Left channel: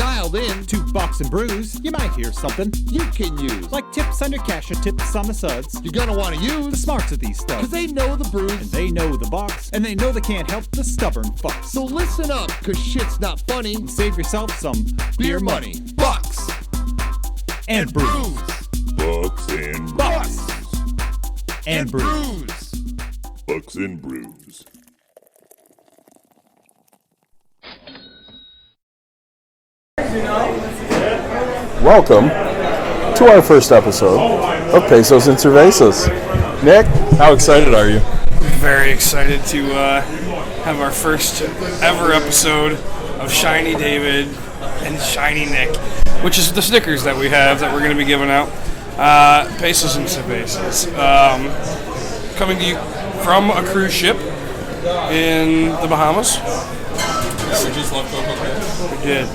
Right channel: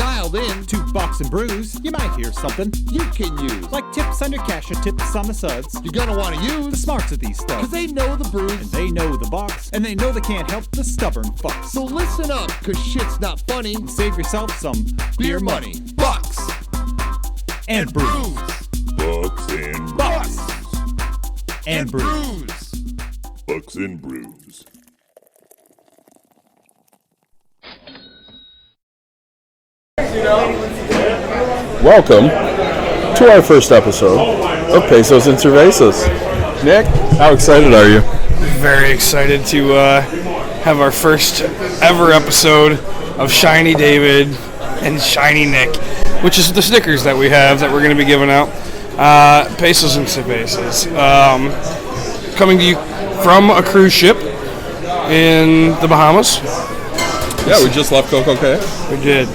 dialed in to Box and Brews, you might hear something you can use. like tips on your cash or tips on the suds. You're gonna want to The use smarts of these stuff. because they know the And brews. they know the box, and they know they can't help the stubborn fucks. So listen up, because shit's not funny. Save yourself some Beer money. Bucks. and brews. Bucks and Bucks brews. and brews. Bucks and brews. Welcome to our first episode of Pesos and Cervezas. Nick, how excited are you? Very excited to have our first ever episode of Shiny David and Shiny Nick, which is the stickers that we have that we're going to be giving out. Pesos and Cervezas. Coming to you from a cruise ship in the Bahamas. Yeah, we just left Coco Cay. We did.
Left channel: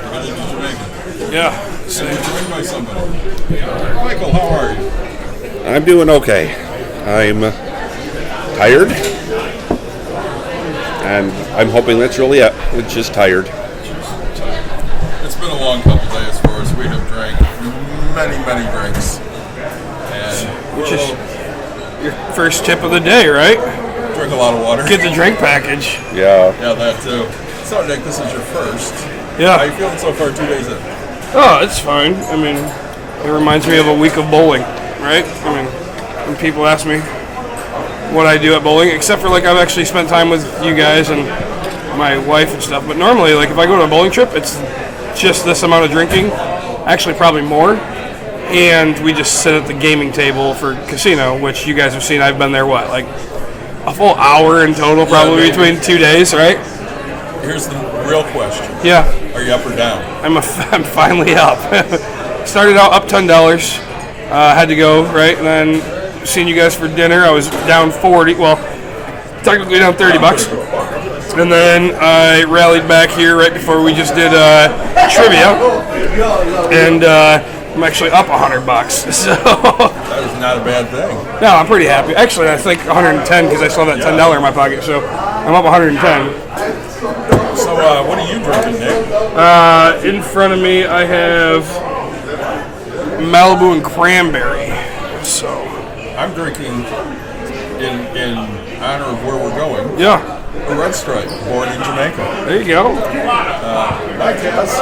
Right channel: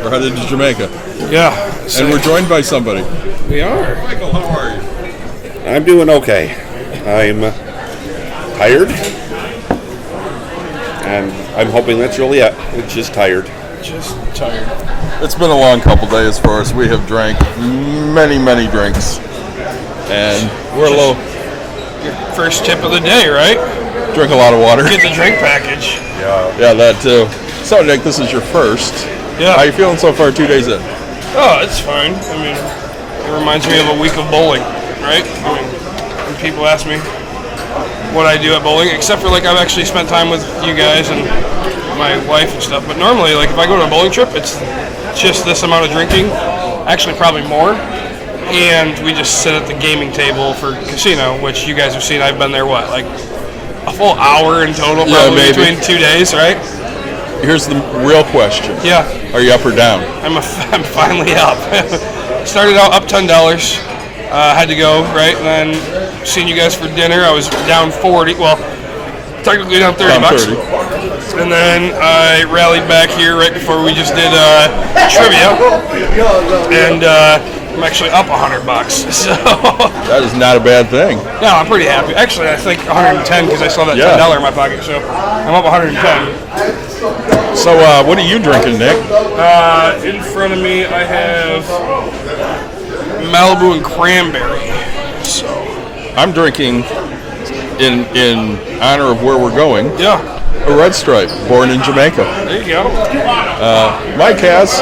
We're headed to Jamaica. Yeah. So And we're joined by somebody. we are. Michael, how are you? I'm doing okay. I'm tired, and I'm hoping that's really it. It's just tired. It's been a long couple days for us. We have drank many, many drinks. And we're a little... Your first tip of the day, right? Drink a lot of water. Get the drink package. Yeah, that too. So, Nick, this is your first. Yeah. How you feeling so far 2 days in? Oh, it's fine. I mean, it reminds me of a week of bowling, right? I mean, when people ask me what I do at bowling, except for like I've actually spent time with you guys and my wife and stuff. But normally, like if I go to a bowling trip, it's just this amount of drinking, actually probably more. And we just sit at the gaming table for casino, which you guys have seen. I've been there, what, like a full hour in total, probably maybe. between 2 days, right? Here's the real question. Yeah. Are you up or down? I'm finally up. Started out up $10. Had to go, right? And then seen you guys for dinner. I was down 40. Well, technically down 30 bucks. 30. And then I rallied back here right before we just did trivia. And I'm actually up $100. So That is not a bad thing. no, I'm pretty happy. Actually, I think 110 because I still have that $10 in my pocket. So I'm up 110. So, what are you drinking, Nick? In front of me, I have Malibu and cranberry. So, I'm drinking, in honor of where we're going, yeah, a Red Stripe, born in Jamaica. there you go. Mike has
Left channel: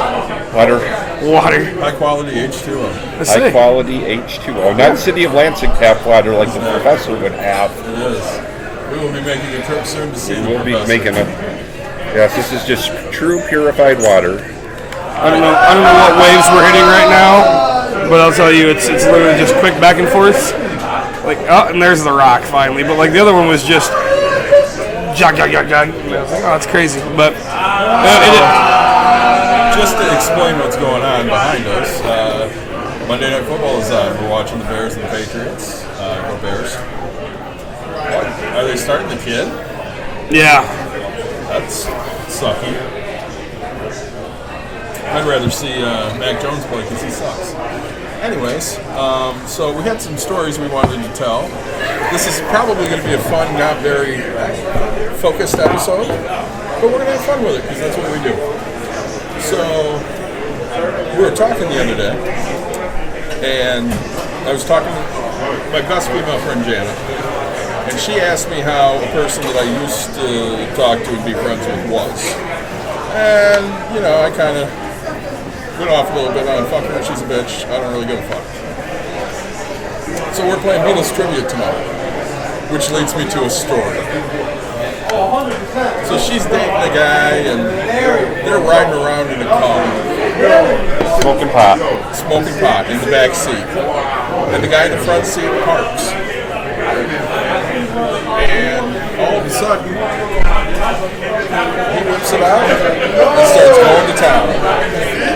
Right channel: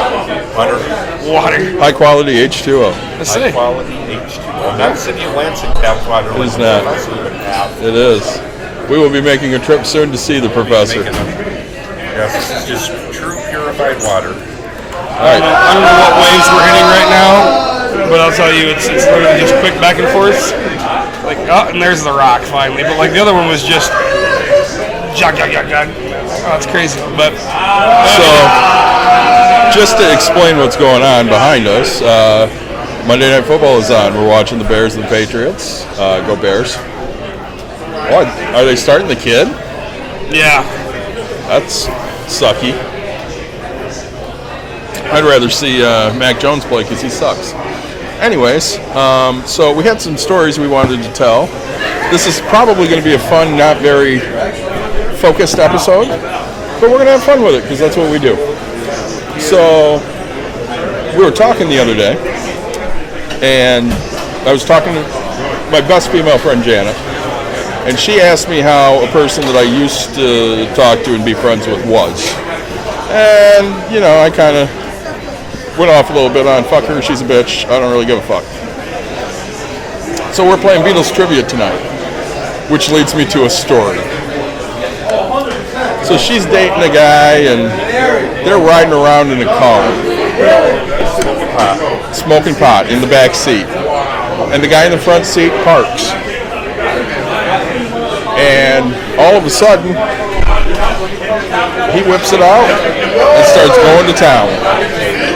Water. high quality H2O. Let's High see. quality H2O. Not City of Lansing tap water like the not. professor would have. It is. We will be making a trip soon to see the professor. Yes, this is just true purified water. I don't know what waves we're hitting right now, but I'll tell you, it's literally just quick back and forth. Like, oh, and there's the rock finally. But like the other one was just jog. Oh, it's crazy. But Just to explain what's going on behind us, Monday Night Football is on. We're watching the Bears and the Patriots. Go Bears. What? Are they starting the kid? yeah, That's sucky. I'd rather see Mac Jones play because he sucks. Anyways, so we had some stories we wanted to tell. This is probably going to be a fun, not very focused episode, but we're going to have fun with it because that's what we do. So we were talking the other day, and I was talking to my best female friend, Janet, and she asked me how a person that I used to talk to and be friends with was. And, you know, I kind of went off a little bit on fuck her, she's a bitch, I don't really give a fuck. So we're playing Beatles trivia tonight, which leads me to a story. So she's dating a guy and they're riding around in a car. Smoking pot in the back seat. And the guy in the front seat parks. And all of a sudden, he whips it out and starts going to town.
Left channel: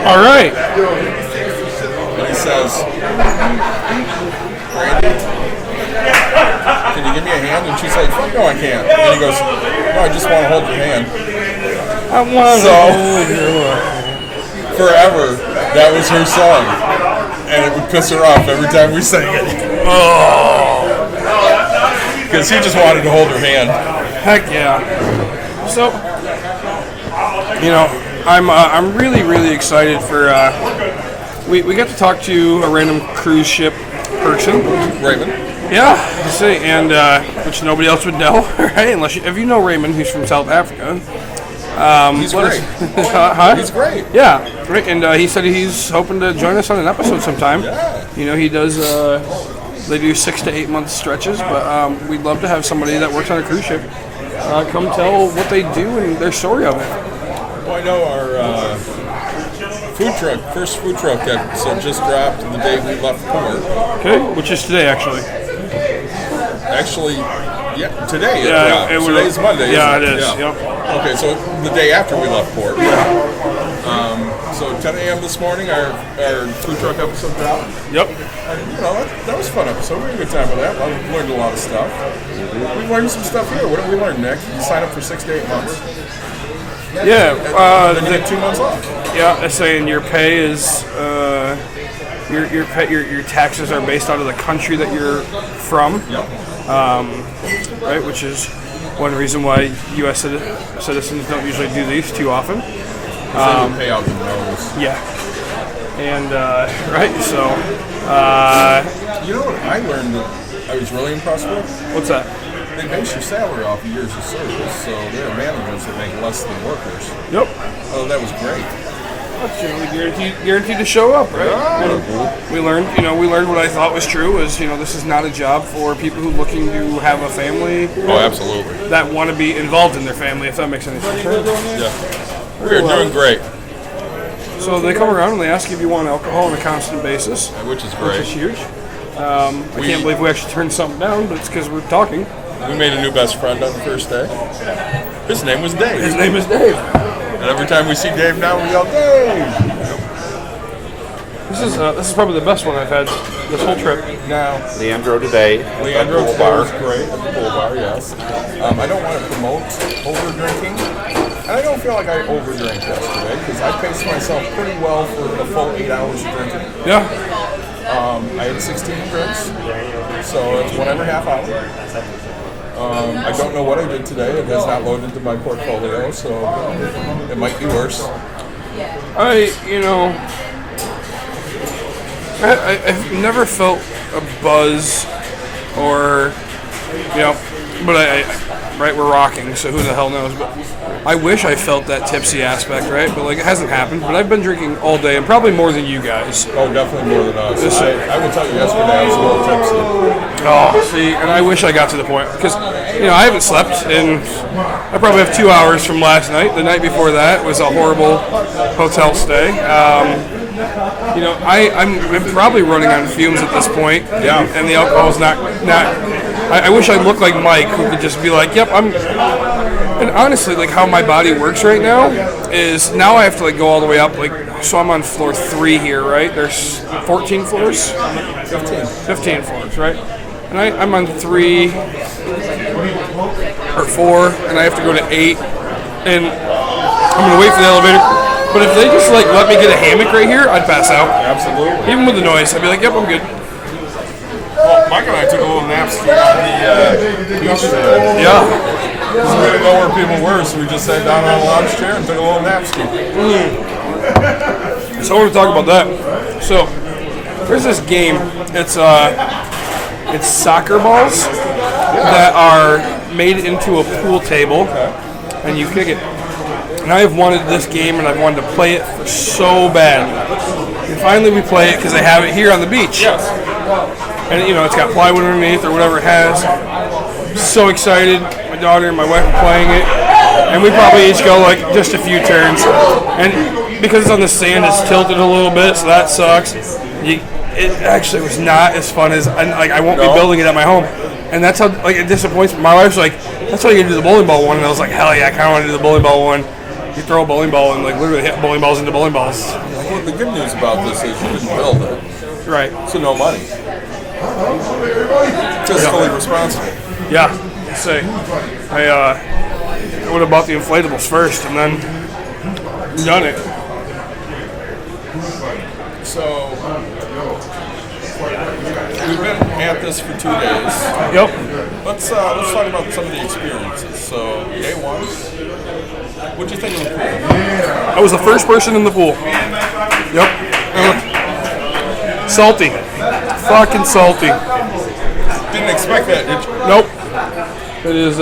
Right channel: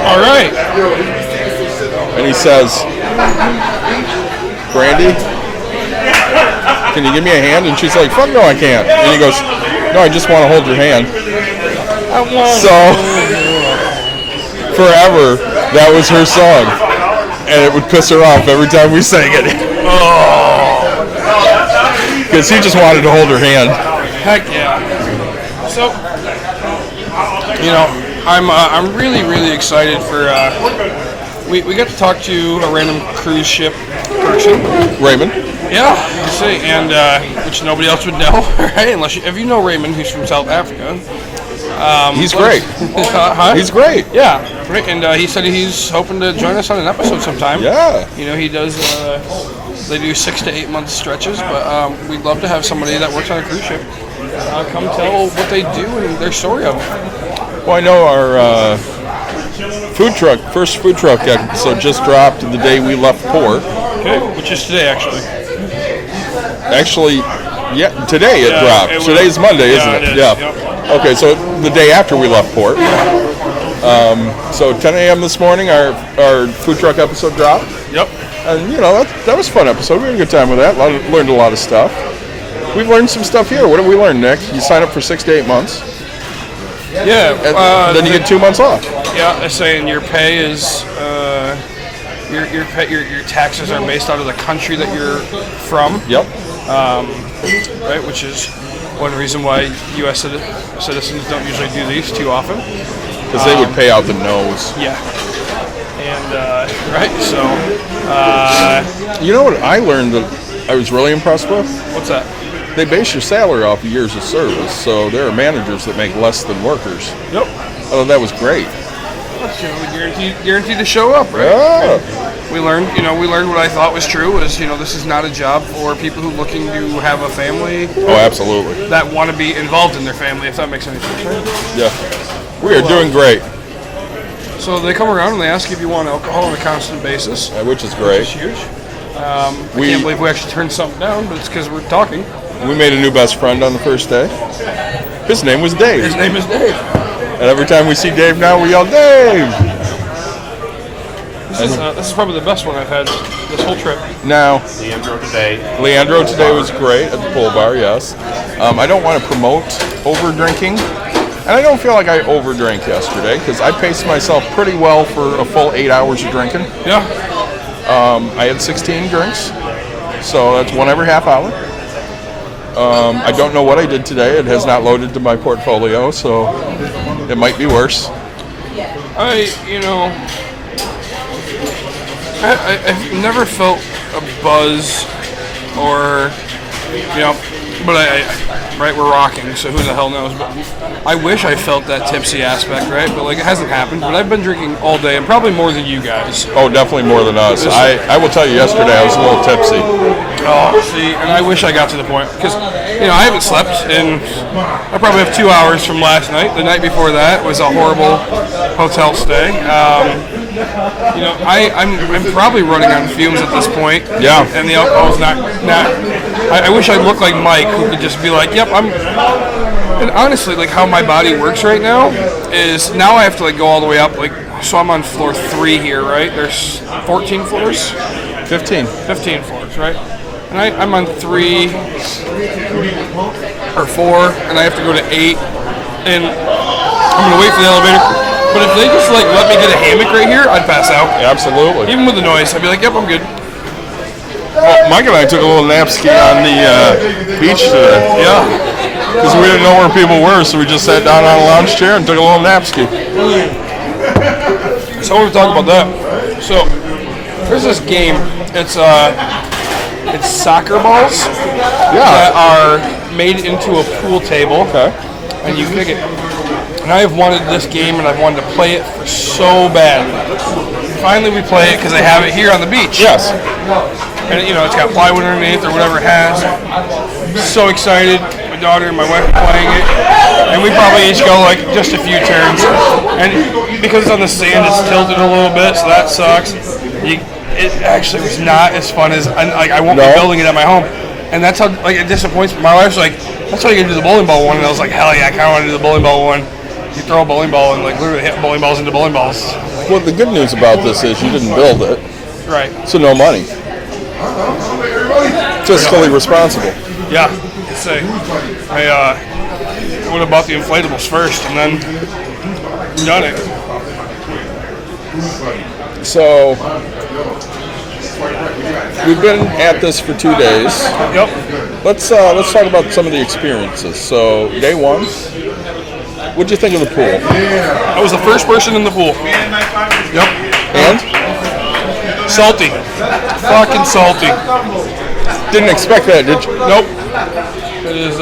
all right. And he says, Brandy, can you give me a hand? And she's like, fuck no, I can't. And he goes, no, I just want to hold your hand. I want So, forever, that was her song. And it would piss her off every time we sang it. Because he just wanted to hold her hand. Heck yeah. So, you know, I'm really, really excited for. We got to talk to a random cruise ship person. Raymond. Yeah, you see, and which nobody else would know, right? Unless if you know Raymond, who's from South Africa. He's great. Huh? He's great. Yeah, right. And he said he's hoping to join us on an episode sometime. Yeah. You know, he does. They do 6 to 8 month stretches, but we'd love to have somebody that works on a cruise ship come tell what they do and their story of it. Well, I know our first food truck episode just dropped the day we left port. Okay, which is today actually. Actually, yeah, today it dropped. Today's Monday, isn't it? It is. Yeah. Yep. Okay, so the day after we left port. So 10 a.m. this morning, our food truck episode dropped. Yep. And, you know, that was a fun episode. We had a good time with that. Learned a lot of stuff. We've learned some stuff here. What did we learn, Nick? You sign up for 6 to 8 months. Yeah. Then you get 2 months off. Yeah, they're saying your pay is your taxes are based out of the country that you're from. Yep. Right, which is one reason why U.S. citizens don't usually do these too often. Because they would pay out the nose. Yeah. And, right, so... you know what I learned that I was really impressed with? What's that? They base your salary off of years of service, so there are managers that make less than workers. Yep. Oh, that was great. That's generally guaranteed to show up, right? Yeah. We learned what I thought was true is, this is not a job for people who are looking to have a family. Oh, absolutely. That want to be involved in their family, if that makes any sense. Right? Yeah. We are doing great. So they come around and they ask if you want alcohol on a constant basis. Which is great. Which is huge. I can't believe we actually turned something down, but it's because we're talking. We made a new best friend on the first day. His name was Dave. His name is Dave. And every time we see Dave now, we yell, Dave! This is probably the best one I've had this whole trip. Now, Leandro today was great at the pool bar, yes. I don't want to promote over-drinking. And I don't feel like I overdrank yesterday, because I paced myself pretty well for a full 8 hours of drinking. Yeah. I had 16 drinks, so that's one every half hour. I don't know what I did today. It has not loaded to my portfolio, so it might be worse. I've never felt a buzz or, but right, we're rocking, so who the hell knows, but I wish I felt that tipsy aspect, right, but it hasn't happened, but I've been drinking all day, and probably more than you guys. Oh, definitely more than us. I will tell you, yesterday I was a little tipsy. Oh, see, and I wish I got to the point, because, I haven't slept, and I probably have 2 hours from last night. The night before that was a horrible hotel stay. I'm probably running on fumes at this point. Yeah. And the alcohol's not. I wish I looked like Mike, who could just be like, "Yep, I'm." And honestly, how my body works right now is now I have to go all the way up. So I'm on floor 3 here, right? There's 14 floors. 15 floors, right? And I'm on 3 or 4, and I have to go to 8, and I'm gonna wait for the elevator. But if they just let me get a hammock right here, I'd pass out. Absolutely. Even with the noise, I'd be like, "Yep, I'm good." Well, Mike and I took a little nap ski on the beach today. Yeah. Because we didn't know where people were, so we just sat down on a lounge chair and took a little nap ski. So I want to talk about that. So there's this game. It's soccer balls that are made into a pool table, and you kick it. And I have wanted this game, and I've wanted to play it for so bad. And finally, we play it because they have it here on the beach. Yes. And it's got plywood underneath or whatever it has. So excited. My daughter and my wife are playing it, and we probably each go just a few turns. And because it's on the sand, it's tilted a little bit, so that sucks. It actually was not as fun as I won't be building it at my home. And that's how it disappoints me. My wife's like, "That's how you can do the bowling ball one," and I was like, "Hell yeah, I kind of want to do the bowling ball one." You throw a bowling ball and literally hit bowling balls into bowling balls. Well, the good news about this is you didn't build it, Right. so no money. Fiscally responsible. Yeah. Say, I would have bought the inflatables first and then done it. So we've been at this for 2 days. Yep. Let's talk about some of the experiences. So day one, What'd you think of the pool? I was the first person in the pool. Yep. And? Salty. Fucking salty. Didn't expect that, did you? Nope. It is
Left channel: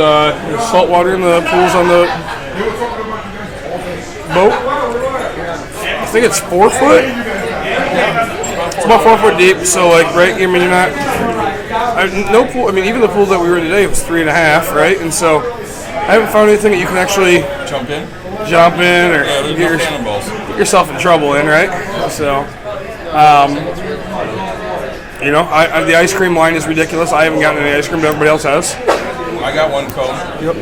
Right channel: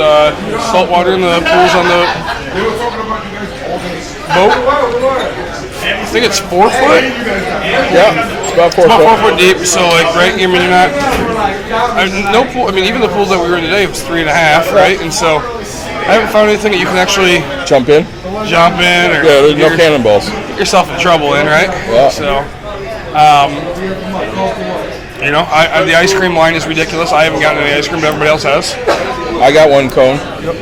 salt water in the pools on the boat. I think it's 4 foot. Yeah, it's about 4 It's about 4 foot. foot deep. So like, right? I mean, you're not. No pool. I mean, even the pool that we were in today was 3.5, right? And so I haven't found anything that you can actually Jump in? jump in or Yeah, there's no get cannonballs. yourself in trouble in, right? Yeah. So, you know, the ice cream line is ridiculous. I haven't gotten any ice cream, but everybody else has. I got 1 cone. Yep.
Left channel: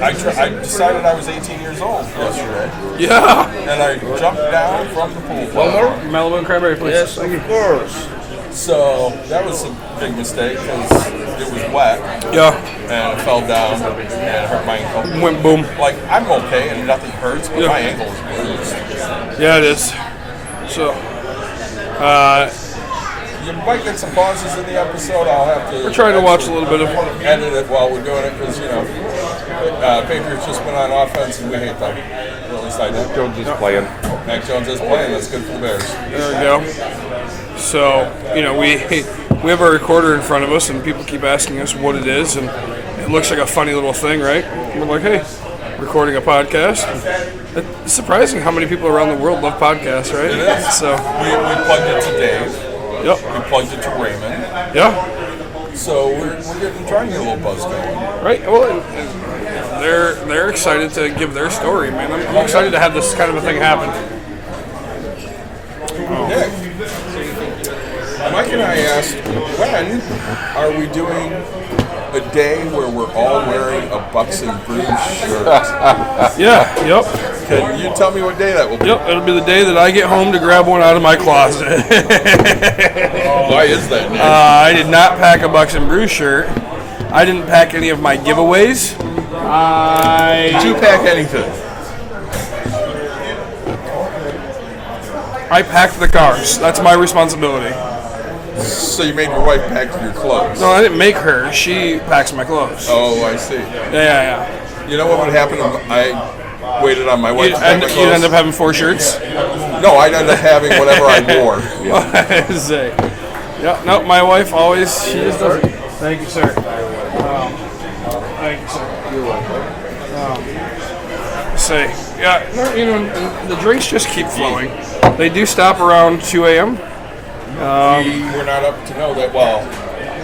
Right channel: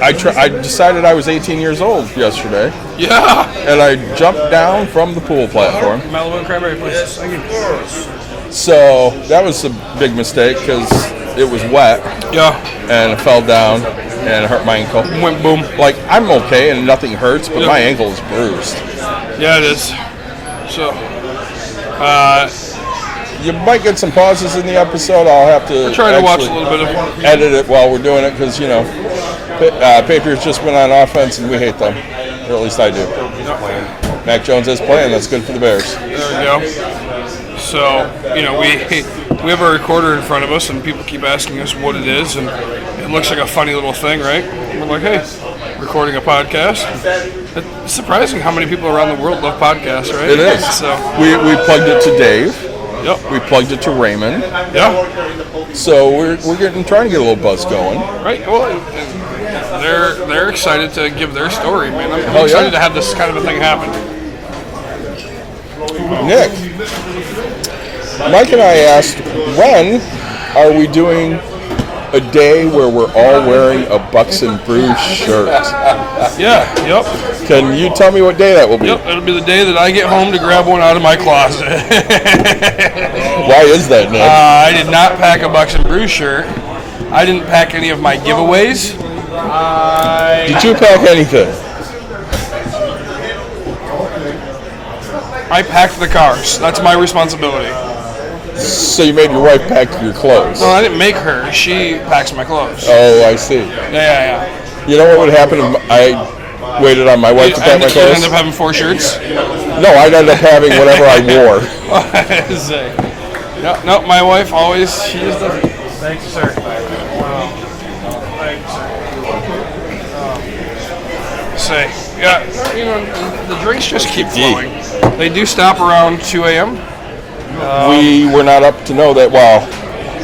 I decided I was 18 years old yesterday, Yeah. and I jumped down from the pool platform. Malibu and cranberry, please. Yes, thank you. So that was a big mistake because it was wet, Yeah. and I fell down and it hurt my ankle. Went boom. Like, I'm okay and nothing hurts, but Yeah. my ankle is bruised. Yeah, it is. So, You might get some pauses in the episode. I'll have to. we're trying to watch a actually little bit of. edit it while we're doing it because, you know, Patriots just went on offense and we hate them. Or at least I do. Mac Jones is playing. That's good for the Bears. There we go. So, you know, we have a recorder in front of us, and people keep asking us what it is, and it looks like a funny little thing, right? And we're like, hey, recording a podcast. It's surprising how many people around the world love podcasts, right? It is. So, We plugged it to Dave. yep. We plugged it to Raymond. Yeah. So we're trying to get a little buzz going. Right. Well, and they're excited to give their story, man. I'm Oh, excited yeah. to have this kind of a thing happen. Nick, Mike and I asked, when are we doing a day where we're all wearing a Bucks and Brews shirt? Yeah. Yep. Can you tell me what day that will be? Yep. It'll be the day that I get home to grab one out of my closet. Why is that, Nick? I did not pack a Bucks and Brews shirt. I didn't pack any of my giveaways. Did you pack anything? I packed the cars. That's my responsibility. So you made your wife pack your clothes? No, I didn't make her. She packs my clothes. Oh, I see. Yeah. You know what would happen if I waited on my wife to pack my You'd clothes? end up having 4 shirts. No, I'd end up having whatever I wore. Say. Yeah, no, my wife always, she just does it. Thank you, sir. Thank you, sir. Say, yeah, no, you know, the drinks just keep flowing. They do stop around 2 a.m. We were not up to know that. Well,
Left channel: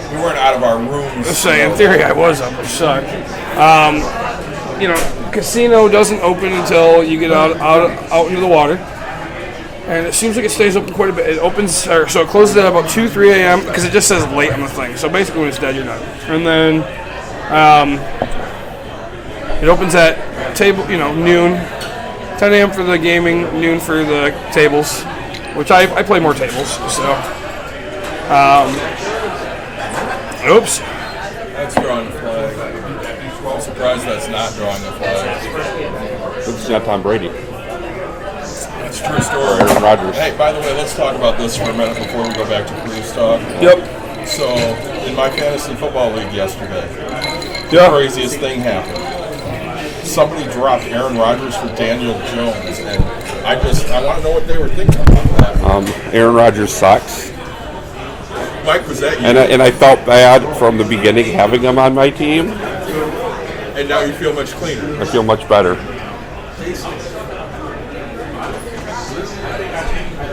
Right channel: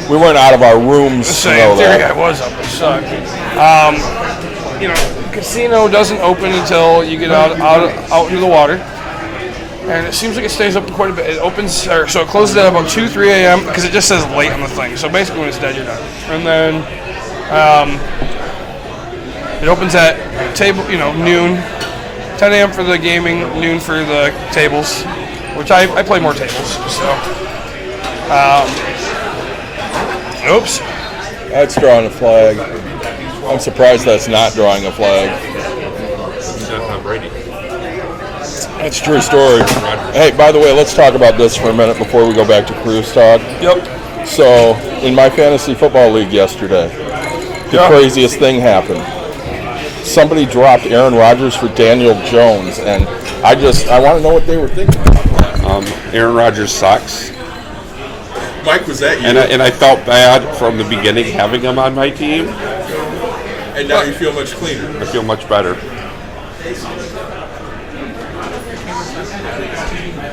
we weren't out of our rooms. to Say, know in theory, that. I was up. It sucked. You know, casino doesn't open until you get out into the water. And it seems like it stays open quite a bit. It opens, so it closes at about 2, 3 a.m. because it just says late on the thing. So basically when it's dead, you're done. And then it opens at noon, 10 a.m. for the gaming, noon for the tables, which I play more tables. So, oops. That's drawing a flag. I'm surprised that's not drawing a flag. It's not Tom Brady. That's a true story. Hey, by the way, let's talk about this for a minute before we go back to cruise talk. Yep. So, in my fantasy football league yesterday, the craziest thing happened. Somebody dropped Aaron Rodgers for Daniel Jones, and I want to know what they were thinking. Aaron Rodgers sucks, Mike, was that you? and I felt bad from the beginning having him on my team. And now you feel much cleaner. I feel much better.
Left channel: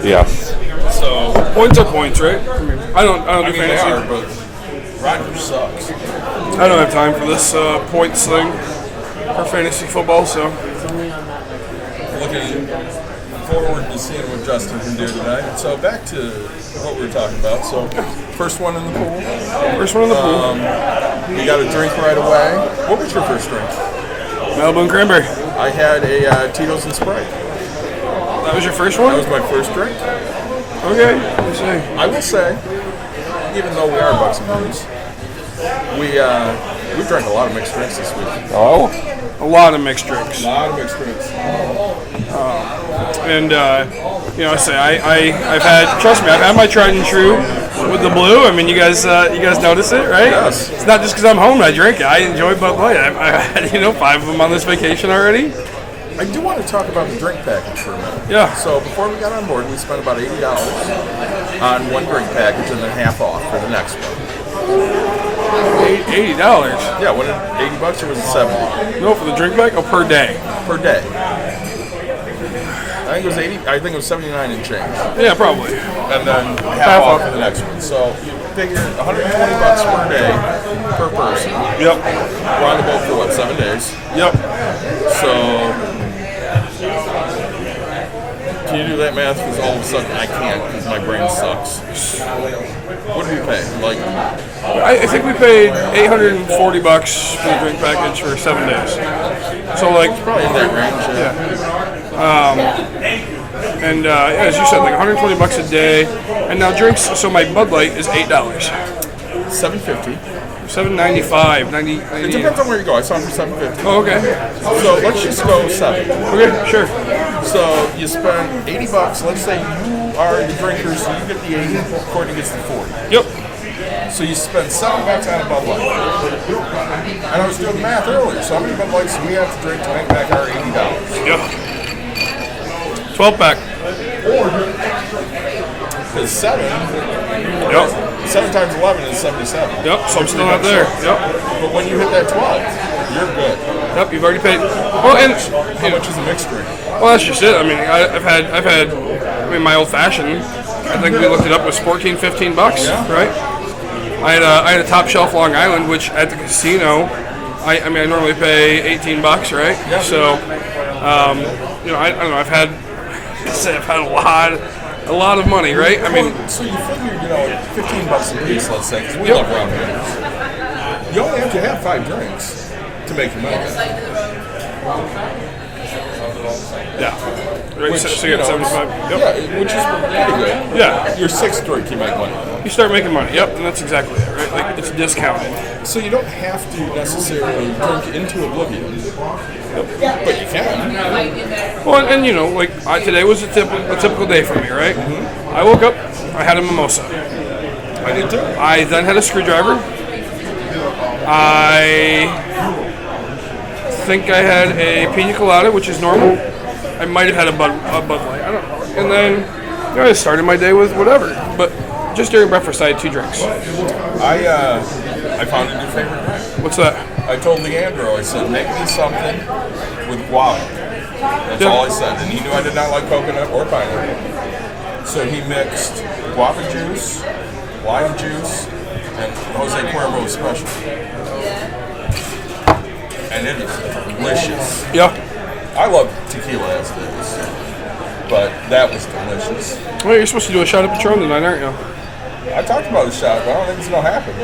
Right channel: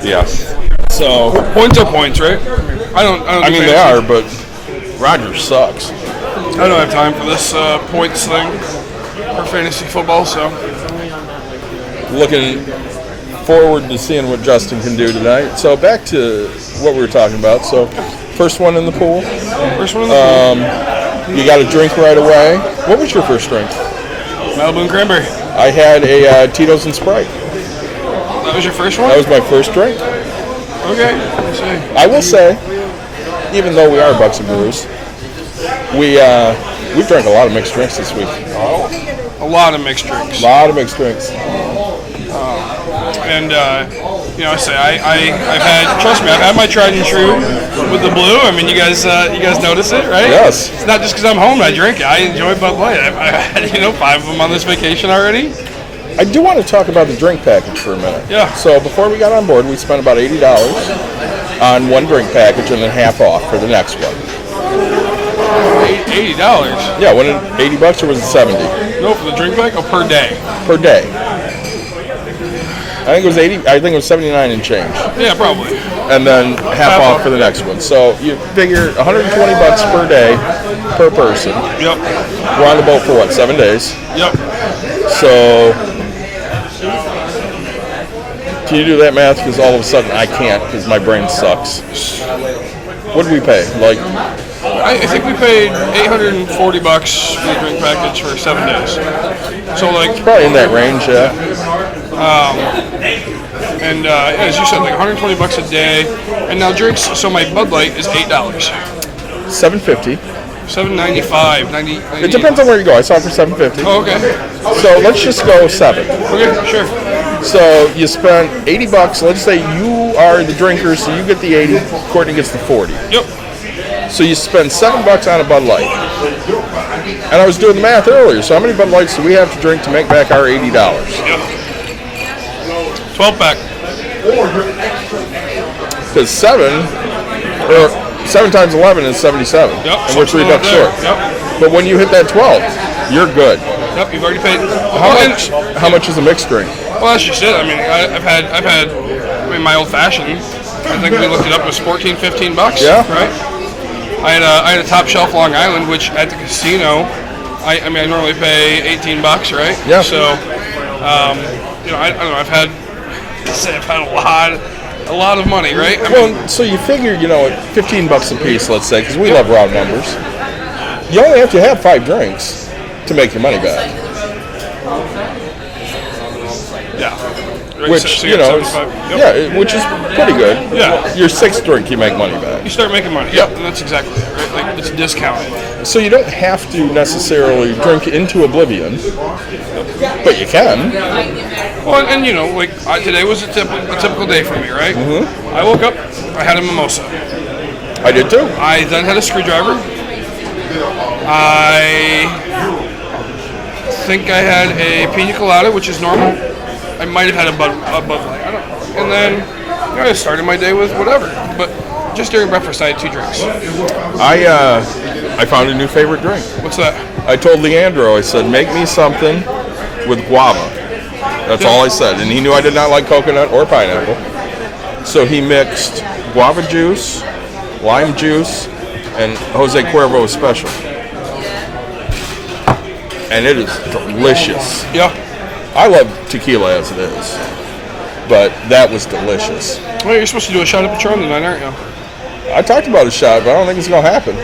Yes. So, Points are points, right? I don't I do mean, they fantasy. are, but Rodgers sucks. I don't have time for this points thing for fantasy football, so Looking forward to seeing what Justin can do tonight. So, back to what we were talking about. So, first one in the pool. first one in the pool. You got a drink right away. What was your first drink? Malibu and cranberry. I had a Tito's and Sprite. That was your first one? That was my first drink. Okay. Let me see. I will say, even though we are Bucks and Brews, we drank a lot of mixed drinks this week. Oh, A lot of mixed drinks. a lot of mixed drinks. And, I say, I've had, trust me, I've had my tried and true with the blue. I mean, you guys notice it, right? Yes. It's not just because I'm home and I drink it. I enjoy Bud Light. I've had 5 of them on this vacation already. I do want to talk about the drink package for a minute. Yeah. So before we got on board, we spent about $80 on one drink package and then half off for the next one. $80. Yeah, when it $80 or was it 70 No, for the drink pack? Oh, per day. per day? I think it was 80. I think it was 79 and change, Yeah, probably. and then half off for the next one. So you figure $120 per day per person. Yep. We're on the boat for what, 7 days? Yep. So can you do that math? Because all of a sudden I can't because my brain sucks. What did we pay? Like, I think we paid $840 for the drink package for 7 days. So like, probably in that range, yeah. and as you said, like $120 a day. And now drinks. So my Bud Light is $8. $7.50. $7.95. 90. It depends on where you go. I saw it for $7.50. Oh, okay. So let's just go 7. Okay, sure. So you spent $80. Let's say you are the drinker, so you get the 80. Courtney gets the 40. Yep. So you spend $7 on a Bud Light. And I was doing the math earlier. So how many Bud Lights do we have to drink to make back our $80? Yep. 12 pack. Because 7 times 11 is 77. Yep. And we're $3 there. short. Yep. But when you hit that 12, you're good. Yep. You've already paid. How much is a mixed drink? Well, that's just it. I mean, I've had my old fashioned. I think we looked it up. It was $14-15. Yeah. Right. I had a top shelf Long Island, which at the casino, I normally pay $18. Right. Yeah. So, I don't know. I've had a lot of money. Right. I mean, Well, so you figure, $15 a piece, let's say, because we love round numbers. You only have to have 5 drinks to make your money back. yeah. Right, Which, so you got 75. Yep. yeah, which is pretty good. Yeah. Your 6th drink, you make money back. You start making money. Yep. And that's exactly it. Right. Like it's discounted. So you don't have to necessarily drink into oblivion, but you can. Well, and today was a typical day for me, right? Mm-hmm. I woke up, I had a mimosa. I did too. I then had a screwdriver. I think I had a pina colada, which is normal. I might have had a Bud Light. I don't know. And then I started my day with whatever. But just during breakfast, I had 2 drinks. I found a new favorite drink. What's that? I told Leandro, I said, make me something with guava. That's all I said. And he knew I did not like coconut or pineapple. So he mixed guava juice, lime juice, and Jose Cuervo Special. And it is delicious. Yeah. I love tequila as it is, but that was delicious. Well, you're supposed to do a shot of Patron tonight, aren't you? I talked about a shot, but I don't think it's going to happen.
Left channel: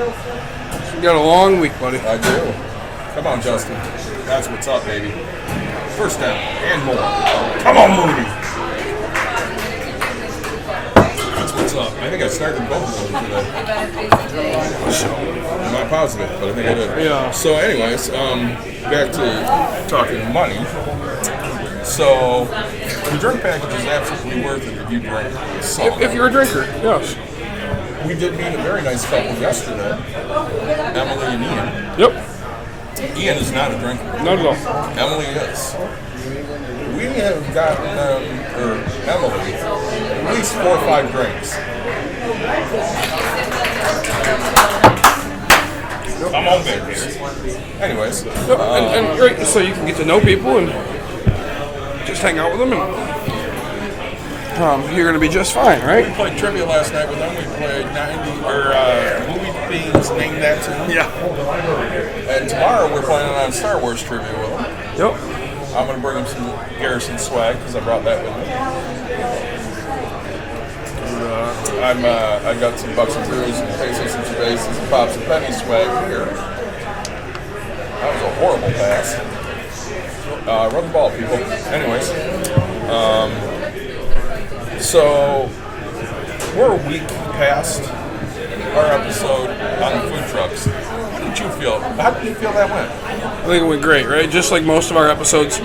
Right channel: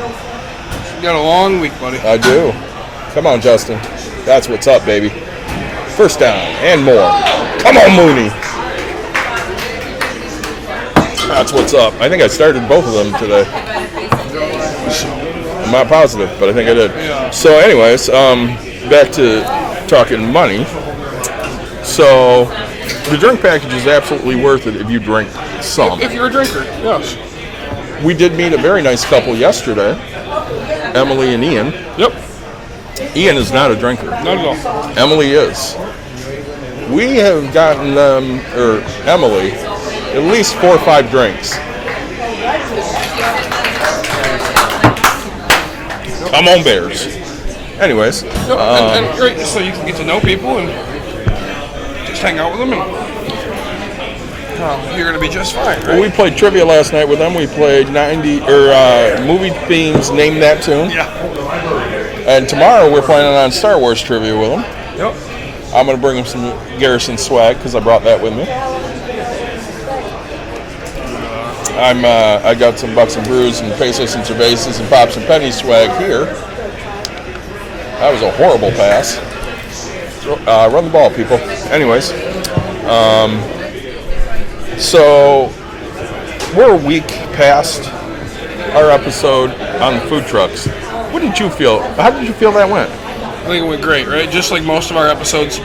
You got a long week, buddy. I do. Come on, Justin. That's what's up, baby. First down and more. Come on, Mooney. That's what's up. I think I started both of them today. I'm not positive, but I think I did. Yeah. So anyways, back to talking money. So the drink package is absolutely worth it if you drink some. If you're a drinker, yes. We did meet a very nice couple yesterday, Emily and Ian. Yep. Ian is not a drinker. Not at all. Emily is. We have gotten them, or Emily, at least 4 or 5 drinks. Come on, Bears. Anyways. Yep. And great, so you can get to know people and just hang out with them, and you're going to be just fine, right? We played trivia last night with them. We played movie themes, Name That Tune. Yeah. And tomorrow we're planning on Star Wars trivia with them. Yep. I'm going to bring them some Garrison swag because I brought that with me. I got some Bucks and Brews and Pesos and Cervezas and Pops and Pennies swag here. That was a horrible pass. Run the ball, people. Anyways, so we're a week past our episode on the food trucks. What did you feel? How did you feel that went? I think it went great, right? Just like most of our episodes,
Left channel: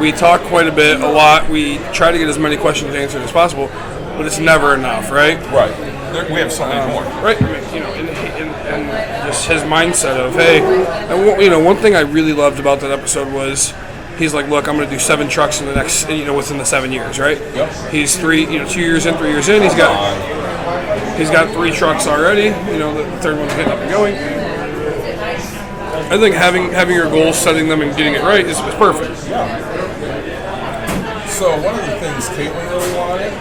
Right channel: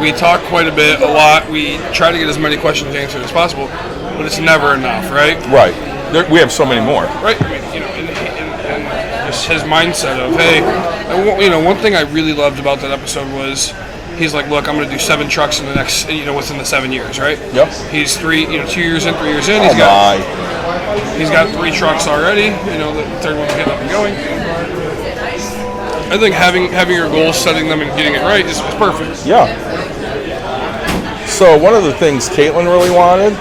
we talk quite a bit, a lot. We try to get as many questions answered as possible, but it's never enough, right? Right. We have so many more. Right. I mean, you know, and just his mindset of, hey, and, you know, one thing I really loved about that episode was he's like, look, I'm going to do 7 trucks in the next, you know, within the 7 years, right? Yep. He's 2 years in, 3 years in. He's got 3 trucks already. You know, the third one's getting up and going. I think having your goals, setting them, and getting it right is perfect. Yeah. So one of the things Caitlin really wanted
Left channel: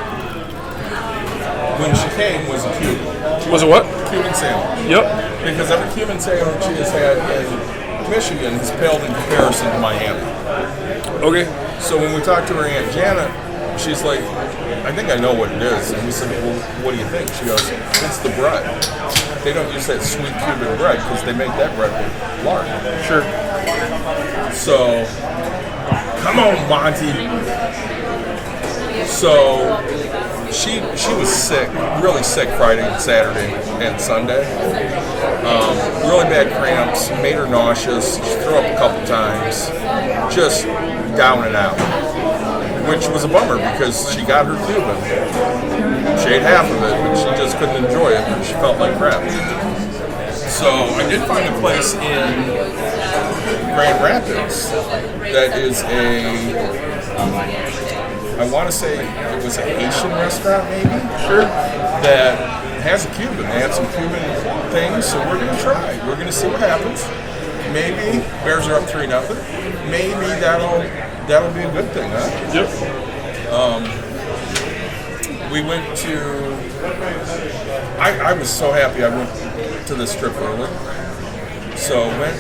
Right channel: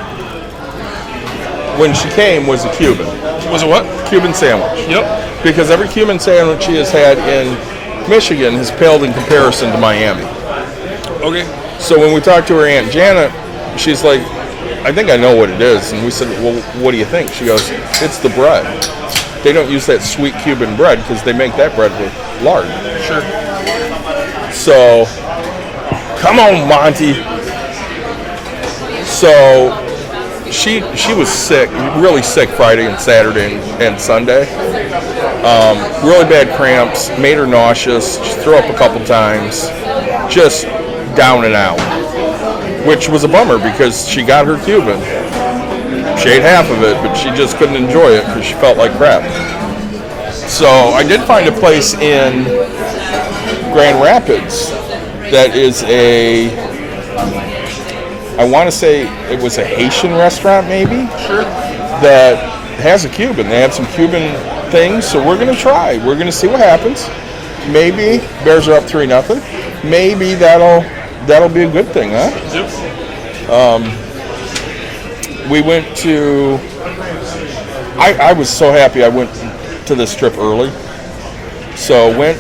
when she came was a Cuban. Was it what? Cuban sandwich. Yep. Because every Cuban sandwich she has had in Michigan has paled in comparison to Miami. Okay. So when we talked to her Aunt Janet, she's like, I think I know what it is. And we said, well, what do you think? She goes, it's the bread. They don't use that sweet Cuban bread because they make that bread with lard. Sure. So, come on, Monty. So, she was sick, really sick Friday and Saturday and Sunday. Really bad cramps, made her nauseous, she threw up a couple times, just down and out. Which was a bummer because she got her Cuban. She ate half of it, but she just couldn't enjoy it because she felt like crap. So I did find a place in Grand Rapids that is I want to say it was a Haitian restaurant maybe? Sure. That has a Cuban. They have some Cuban things, so we're going to try. We're going to see what happens. Maybe Bears are up 3-0. Maybe that'll be a good thing, huh? Yep. We went to, I was so happy I went to this trip early. So went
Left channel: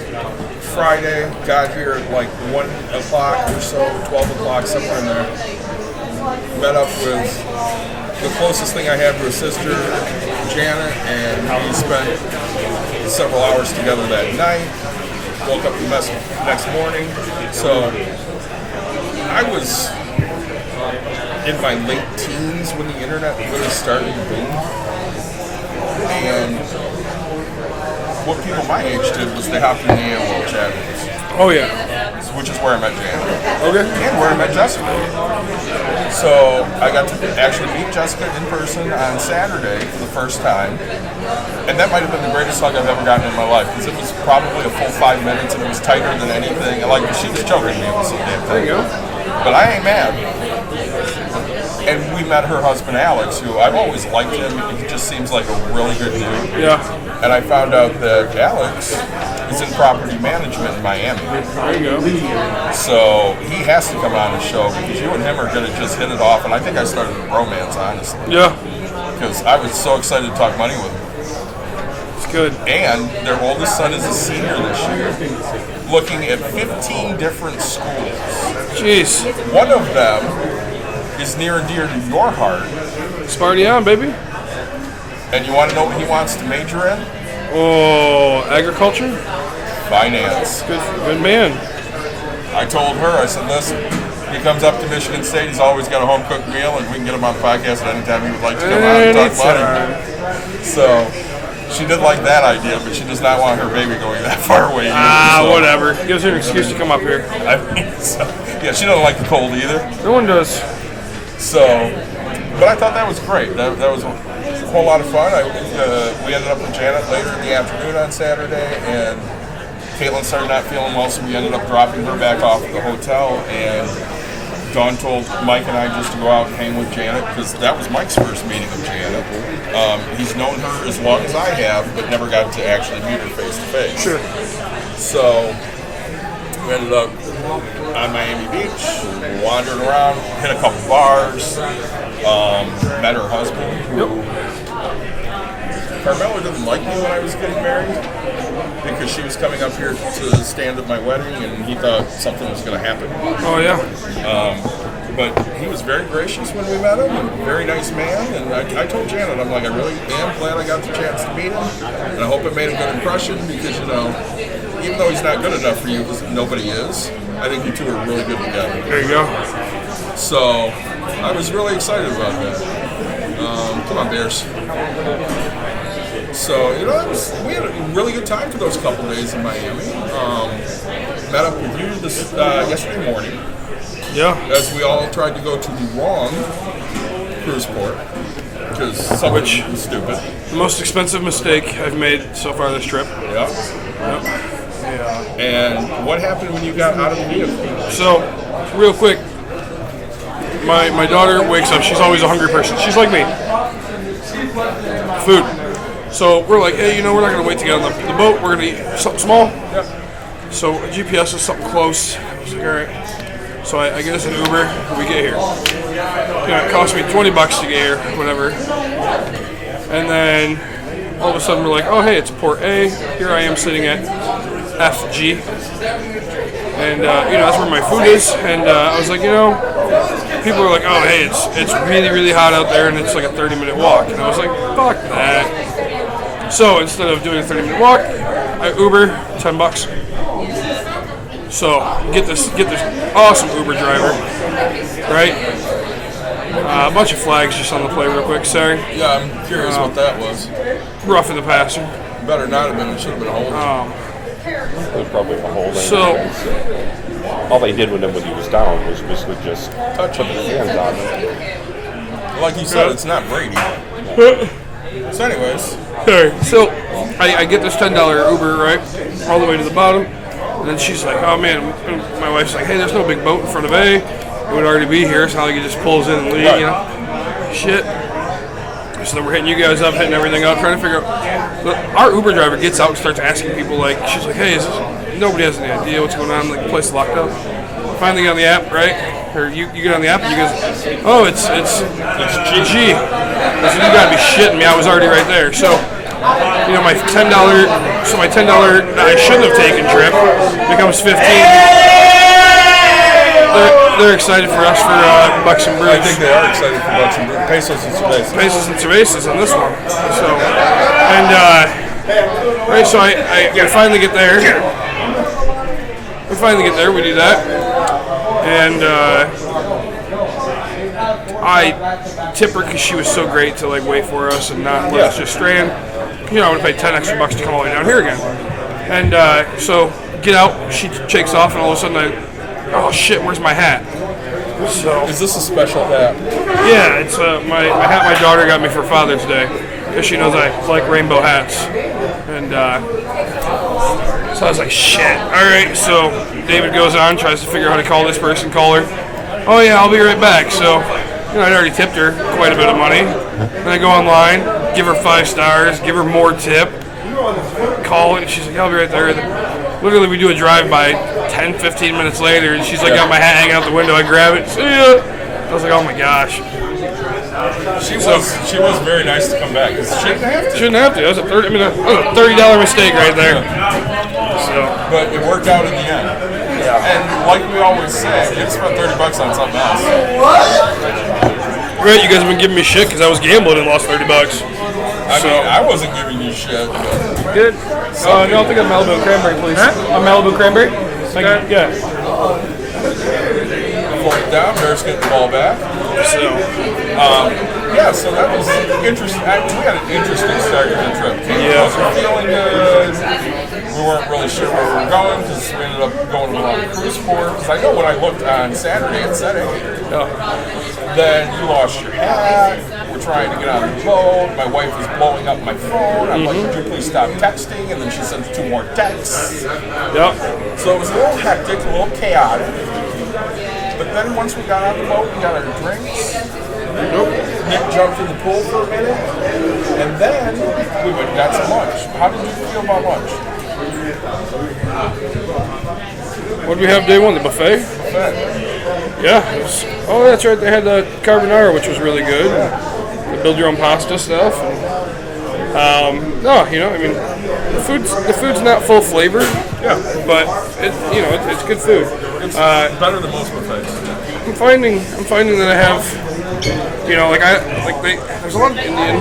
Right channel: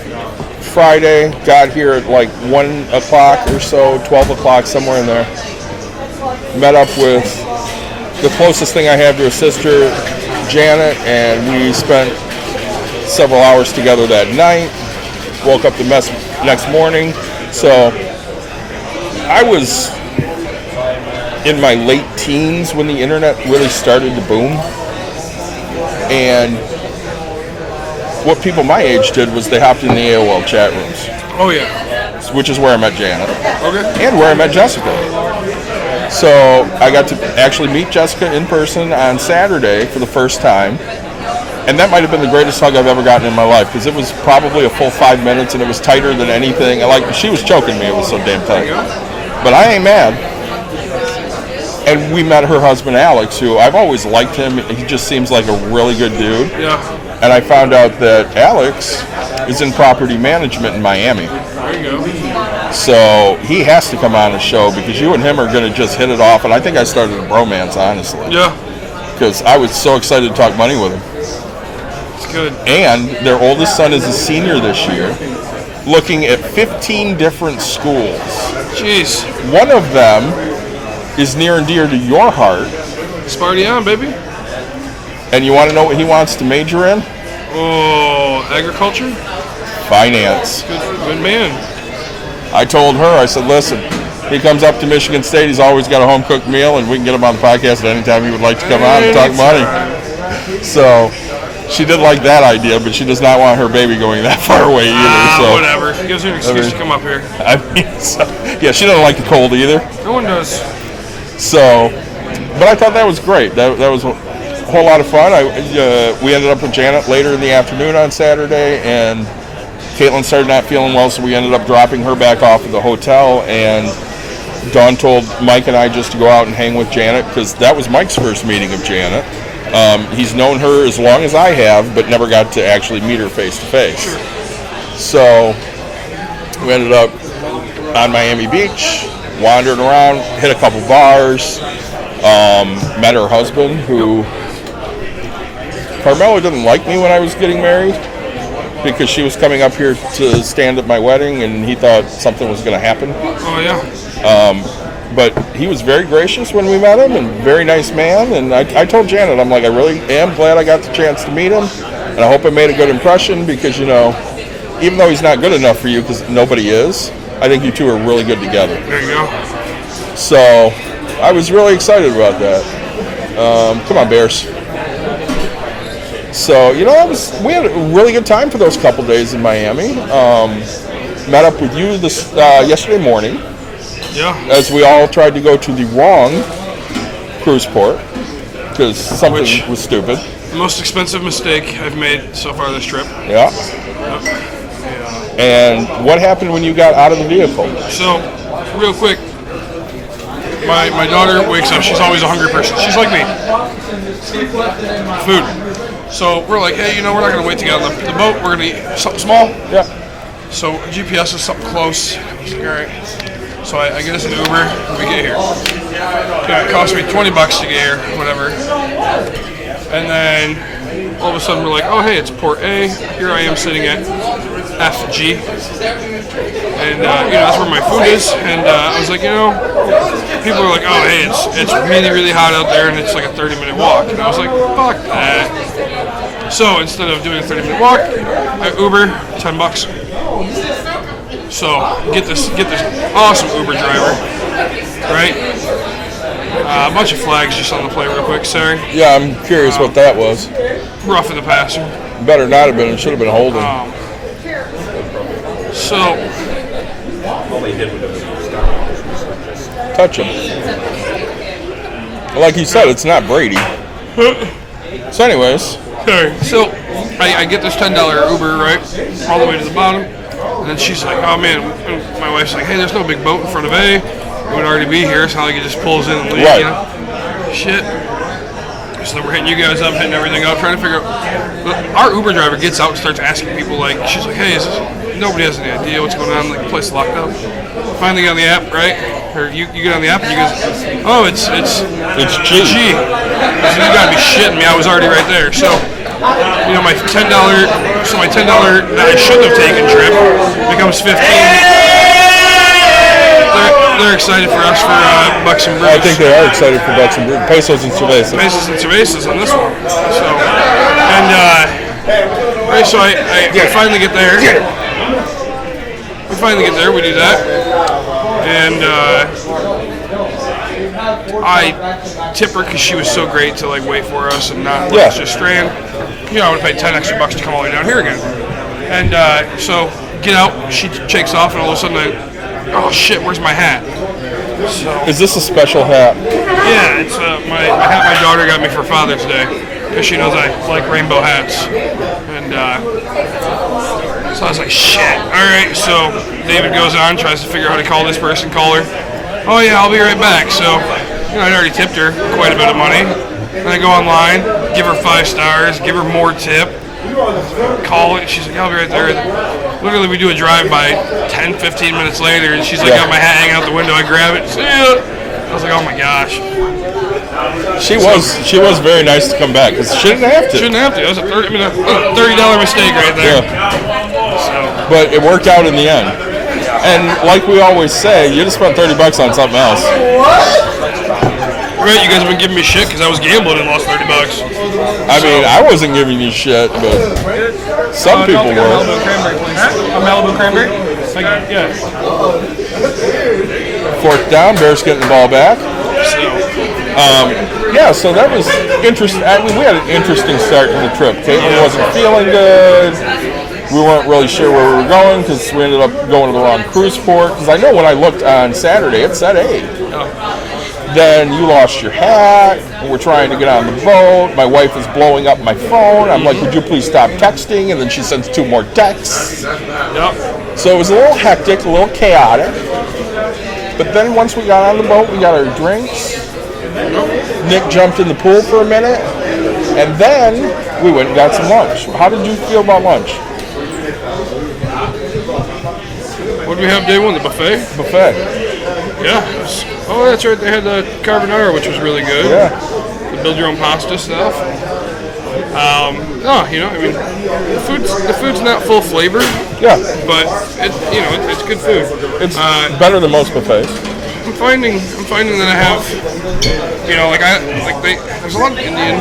Friday, got here at like 1 o'clock or so, 12 o'clock, somewhere in there. Met up with the closest thing I have to her sister, Janet, and we spent several hours together that night. Woke up the next morning. So I was in my late teens when the internet really started to boom. And what people my age did was they hopped in the AOL chat rooms. Oh, yeah. Which is where I met Janet. Okay. And where I met Jessica. So I got to actually meet Jessica in person on Saturday for the first time. And that might have been the greatest hug I've ever gotten in my life because it was probably a full 5 minutes and it was tighter than anything. Like, she was choking me. It was so damn tight. There you go. But I ain't mad. And we met her husband, Alex, who I've always liked him. He just seems like a really good dude. Yeah. And I found out that Alex is in property management in Miami. There you go. So he has to come on the show because you and him are going to just hit it off. And I think I started a bromance, honestly. Yeah. Because I was so excited to talk money with him. It's good. And their oldest son is a senior this year, looking at 15 different schools. Jeez. One of them is near and dear to your heart. Sparty on, baby. And you want to know what he wants to major in? Oh, agriculture? Finance. Good man. I told her, I said, listen, he comes up to Michigan State, he's always got a home-cooked meal, and we can get him on the podcast at any time he would like to come on and talk money. So she did like that idea, but she does not want her baby going that far away either. So, Whatever. Gives her an excuse to come up here. I mean, so, yeah, she doesn't like the cold either. No one does. So, but I thought that was great. That was a whole lot of fun. We ended up with Janet later in the afternoon on Saturday, and Caitlin started not feeling well, so we ended up dropping her back off at the hotel, and Dawn told Mike and I just to go out and hang with Janet, because that was Mike's first meeting of Janet. He's known her as long as I have, but never got to actually meet her face to face. Sure. So we ended up on Miami Beach, wandering around, hit a couple bars, met her husband, who Carmelo didn't like me when I was getting married because she was coming up here to stand at my wedding, and he thought something was going to happen. Oh, yeah. But he was very gracious when we met him, and very nice man. And I told Janet, I'm like, I really am glad I got the chance to meet him, and I hope I made a good impression because, you know, even though he's not good enough for you, because nobody is, I think you two are really good together. There you go. So I was really excited about that. Come on, Bears. So, you know, we had a really good time for those couple days in Miami. Met up with you yesterday morning. Yeah. As we all tried to go to the wrong cruise port. because something Which- was stupid. The most expensive mistake I've made so far this trip. Yeah. And what happened when you got out of the vehicle? So, real quick, my daughter wakes up. She's always a hungry person. She's like me. Food. So we're like, hey, we're not gonna wait to get on the boat. We're gonna eat something small. Yeah. So GPS is something close. I was like, all right. So I get us an Uber. And we get here. It cost me $20 to get here, whatever. And then all of a sudden we're like, oh hey, it's Port A. Here I am sitting at FG. And that's where my food is. And I was like, people are like, oh hey, it's really, really hot out there and it's like a 30-minute walk. And I was like, fuck that. So instead of doing a 30-minute walk, I Uber $10. So get this awesome Uber driver, right? A bunch of flags just on the plate real quick, sorry. Yeah, I'm curious what that was. Rough in the passer. Better not have been. It should have been holding. So All they did with them was down was basically just Touch him. Like you said, it's not Brady. So anyways, sorry. So I get this $10 Uber, right? All the way to the bottom. And then she's like, oh man, and my wife's like, hey, there's no big boat in front of A. It would already be here. It's not like it just pulls in and leaves, Right. Shit. So then we're hitting you guys up, hitting everything up, trying to figure out. Our Uber driver gets out and starts asking people, like, she's like, hey, nobody has any idea what's going on. Like, the place is locked up. Finally get on the app, right? Or you get on the app and you guys, oh, it's G. I said, you gotta be shitting me. I was already right there. So, my $10 that I shouldn't have taken trip becomes 15. They're excited for us for Bucks and Brews. I think they are excited for Bucks and Brews. Pesos and cervezas. Pesos and cervezas on this one. So, and right, so I finally get there. We finally get there. We do that, and I tip her because she was so great to like wait for us and not let us just strand. I would have paid $10 extra to come all the way down here again. And so get out. She shakes off, and all of a sudden oh shit, where's my hat? So Is this a special hat? yeah, it's my hat my daughter got me for Father's Day because she knows I like rainbow hats. And so I was like, shit. All right, so David goes on, tries to figure out how to call this person, call her. Oh yeah, I'll be right back. So I'd already tipped her quite a bit of money. Then I go online, give her 5 stars, give her more tip, call it. She's like, I'll be right there. Literally, we do a drive-by 10, 15 minutes later, and she's like, got my hat hanging out the window. I grab it. See ya. I was like, oh my gosh. She was very nice to come back because she didn't have to. Shouldn't have to. That was a $30 mistake right there. So, But it worked out in the end. And like we always say, you just spent $30 on something else. right, you guys have been giving me shit because I was gambling and lost $30. I mean, I wasn't giving you shit, but Good. some I'll people take a were. Malibu cranberry, please. A Malibu cranberry? Yeah. Fourth down, Bears getting the ball back. Yeah, so that was interesting. I mean, we had an interesting start to the trip. Caitlin wasn't feeling good. We weren't really sure where we were going because we ended up going to the wrong cruise port. Because I know when I looked on Saturday, it said 8. Then you lost your hat. And we're trying to get on the boat. My wife is blowing up my phone. I'm like, would you please stop texting? And then she sends 2 more texts. Yep. So it was a little hectic, a little chaotic. But then once we got on the boat, we got our drinks. Nick jumped in the pool for a minute. And then we went and got some lunch. How did you feel about lunch? What did we have day one? The buffet? Buffet. Yeah. Oh, that's right. They had the carbonara, which was really good. Yeah. The build your own pasta stuff. No, I mean, the food's not full flavor. Yeah. But it's good food. It's better than most buffets. I'm finding that I have, there's a lot of Indian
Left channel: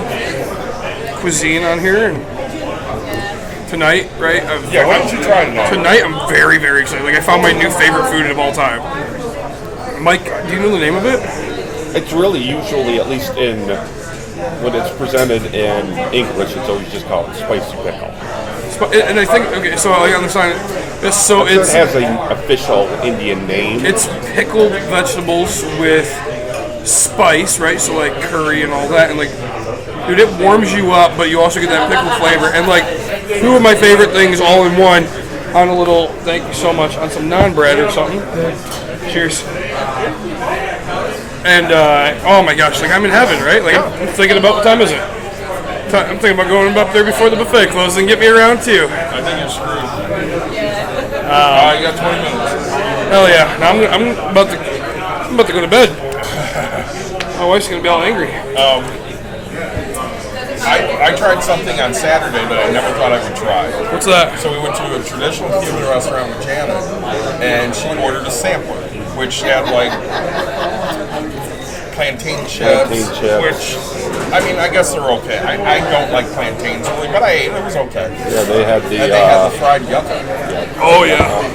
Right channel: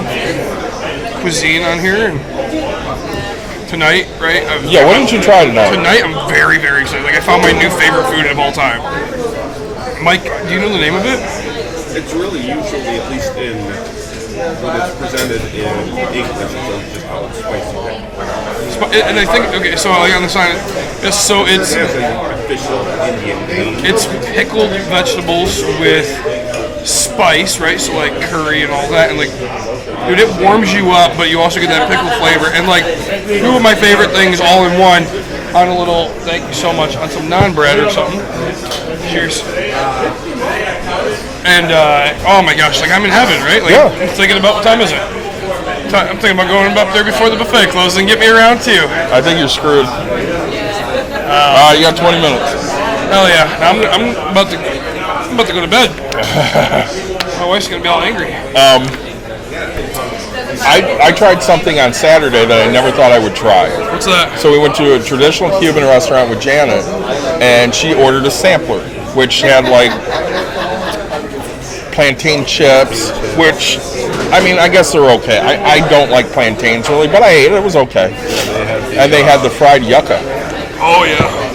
cuisine on here. And tonight, right? Yeah, what did you try tonight? Tonight, I'm very, very excited. Like, I found my new favorite food of all time. Mike, do you know the name of it? It's really usually, at least in when it's presented in English, it's just called spicy pickle. And I think, okay, so like on the sign, so It it's has an official Indian name. it's pickled vegetables with spice, right? So like curry and all that, and like Dude, it warms you up, but you also get that pickle flavor. And like, two of my favorite things all in one on a little, thank you so much, on some naan bread or something. Cheers. And, oh my gosh, like I'm in heaven, right? Like, I'm thinking about, what time is it? I'm thinking about going up there before the buffet closes and get me around too. I think you're screwed. You got 20 minutes. Hell yeah. Now I'm about to go to bed. My wife's going to be all angry. I tried something on Saturday that I never thought I would try. What's that? So we went to a traditional Cuban restaurant with Janet, and she ordered a sampler, which had like plantain chips, which, I mean, I guess they're okay. I don't like plantains really, but I ate it. It was okay. And they had the fried yucca. Oh, yeah.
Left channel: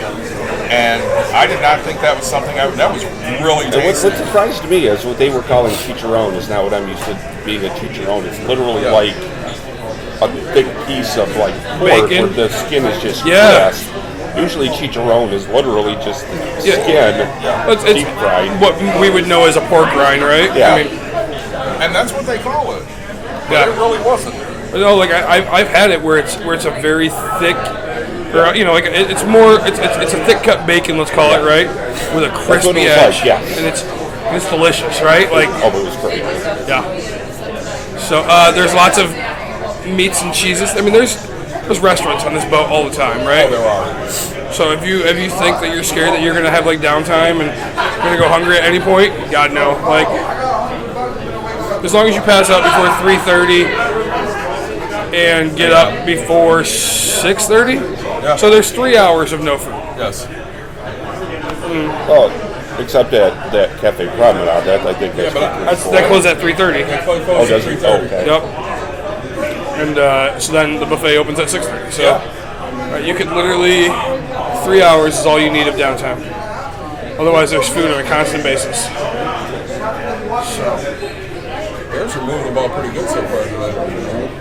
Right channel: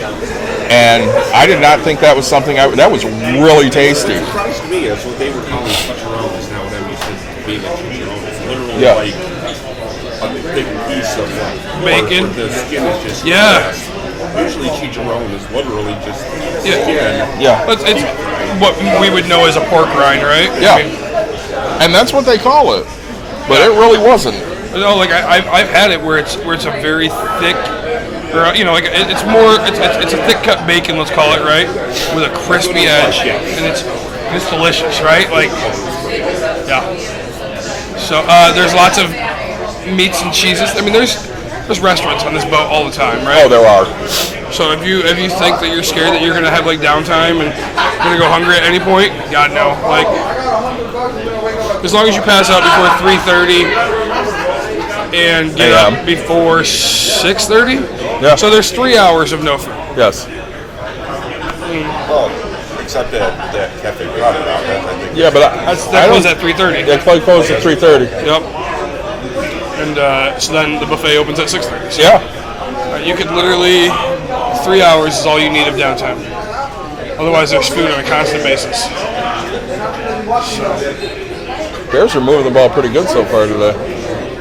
And I did not think that was something that was really tasty. What surprised me is what they were calling chicharron is not what I'm used to being a chicharron. It's literally like a thick piece of like bacon. Pork, the skin is just glass. Usually chicharron is literally just skin. Yeah. It's what we would know as a pork rind, right? Yeah. I mean, and that's what they call it. But it really wasn't. No, like I've had it where it's a very thick, or you know, like it's a thick cut bacon, let's call it, right, with a crispy edge, and it's delicious, right? Like, yeah. So there's lots of meats and cheeses. I mean, there's restaurants on this boat all the time, right? Oh, there are. So if you think that you're scared that you're gonna have like downtime and you're gonna go hungry at any point, God no. Like, as long as you pass out before 3:30 and get up before 6:30. Yeah. So there's 3 hours of no food. Yes. Oh, except that Cafe Prada now. That I think. Yeah, but That closes at 3:30. That closed at 3:30. Yep. And so then the buffet opens at 6:30. So you could literally 3 hours is all you need of downtime. Otherwise, there's food on a constant basis. So. Bears are moving the ball pretty good so far today.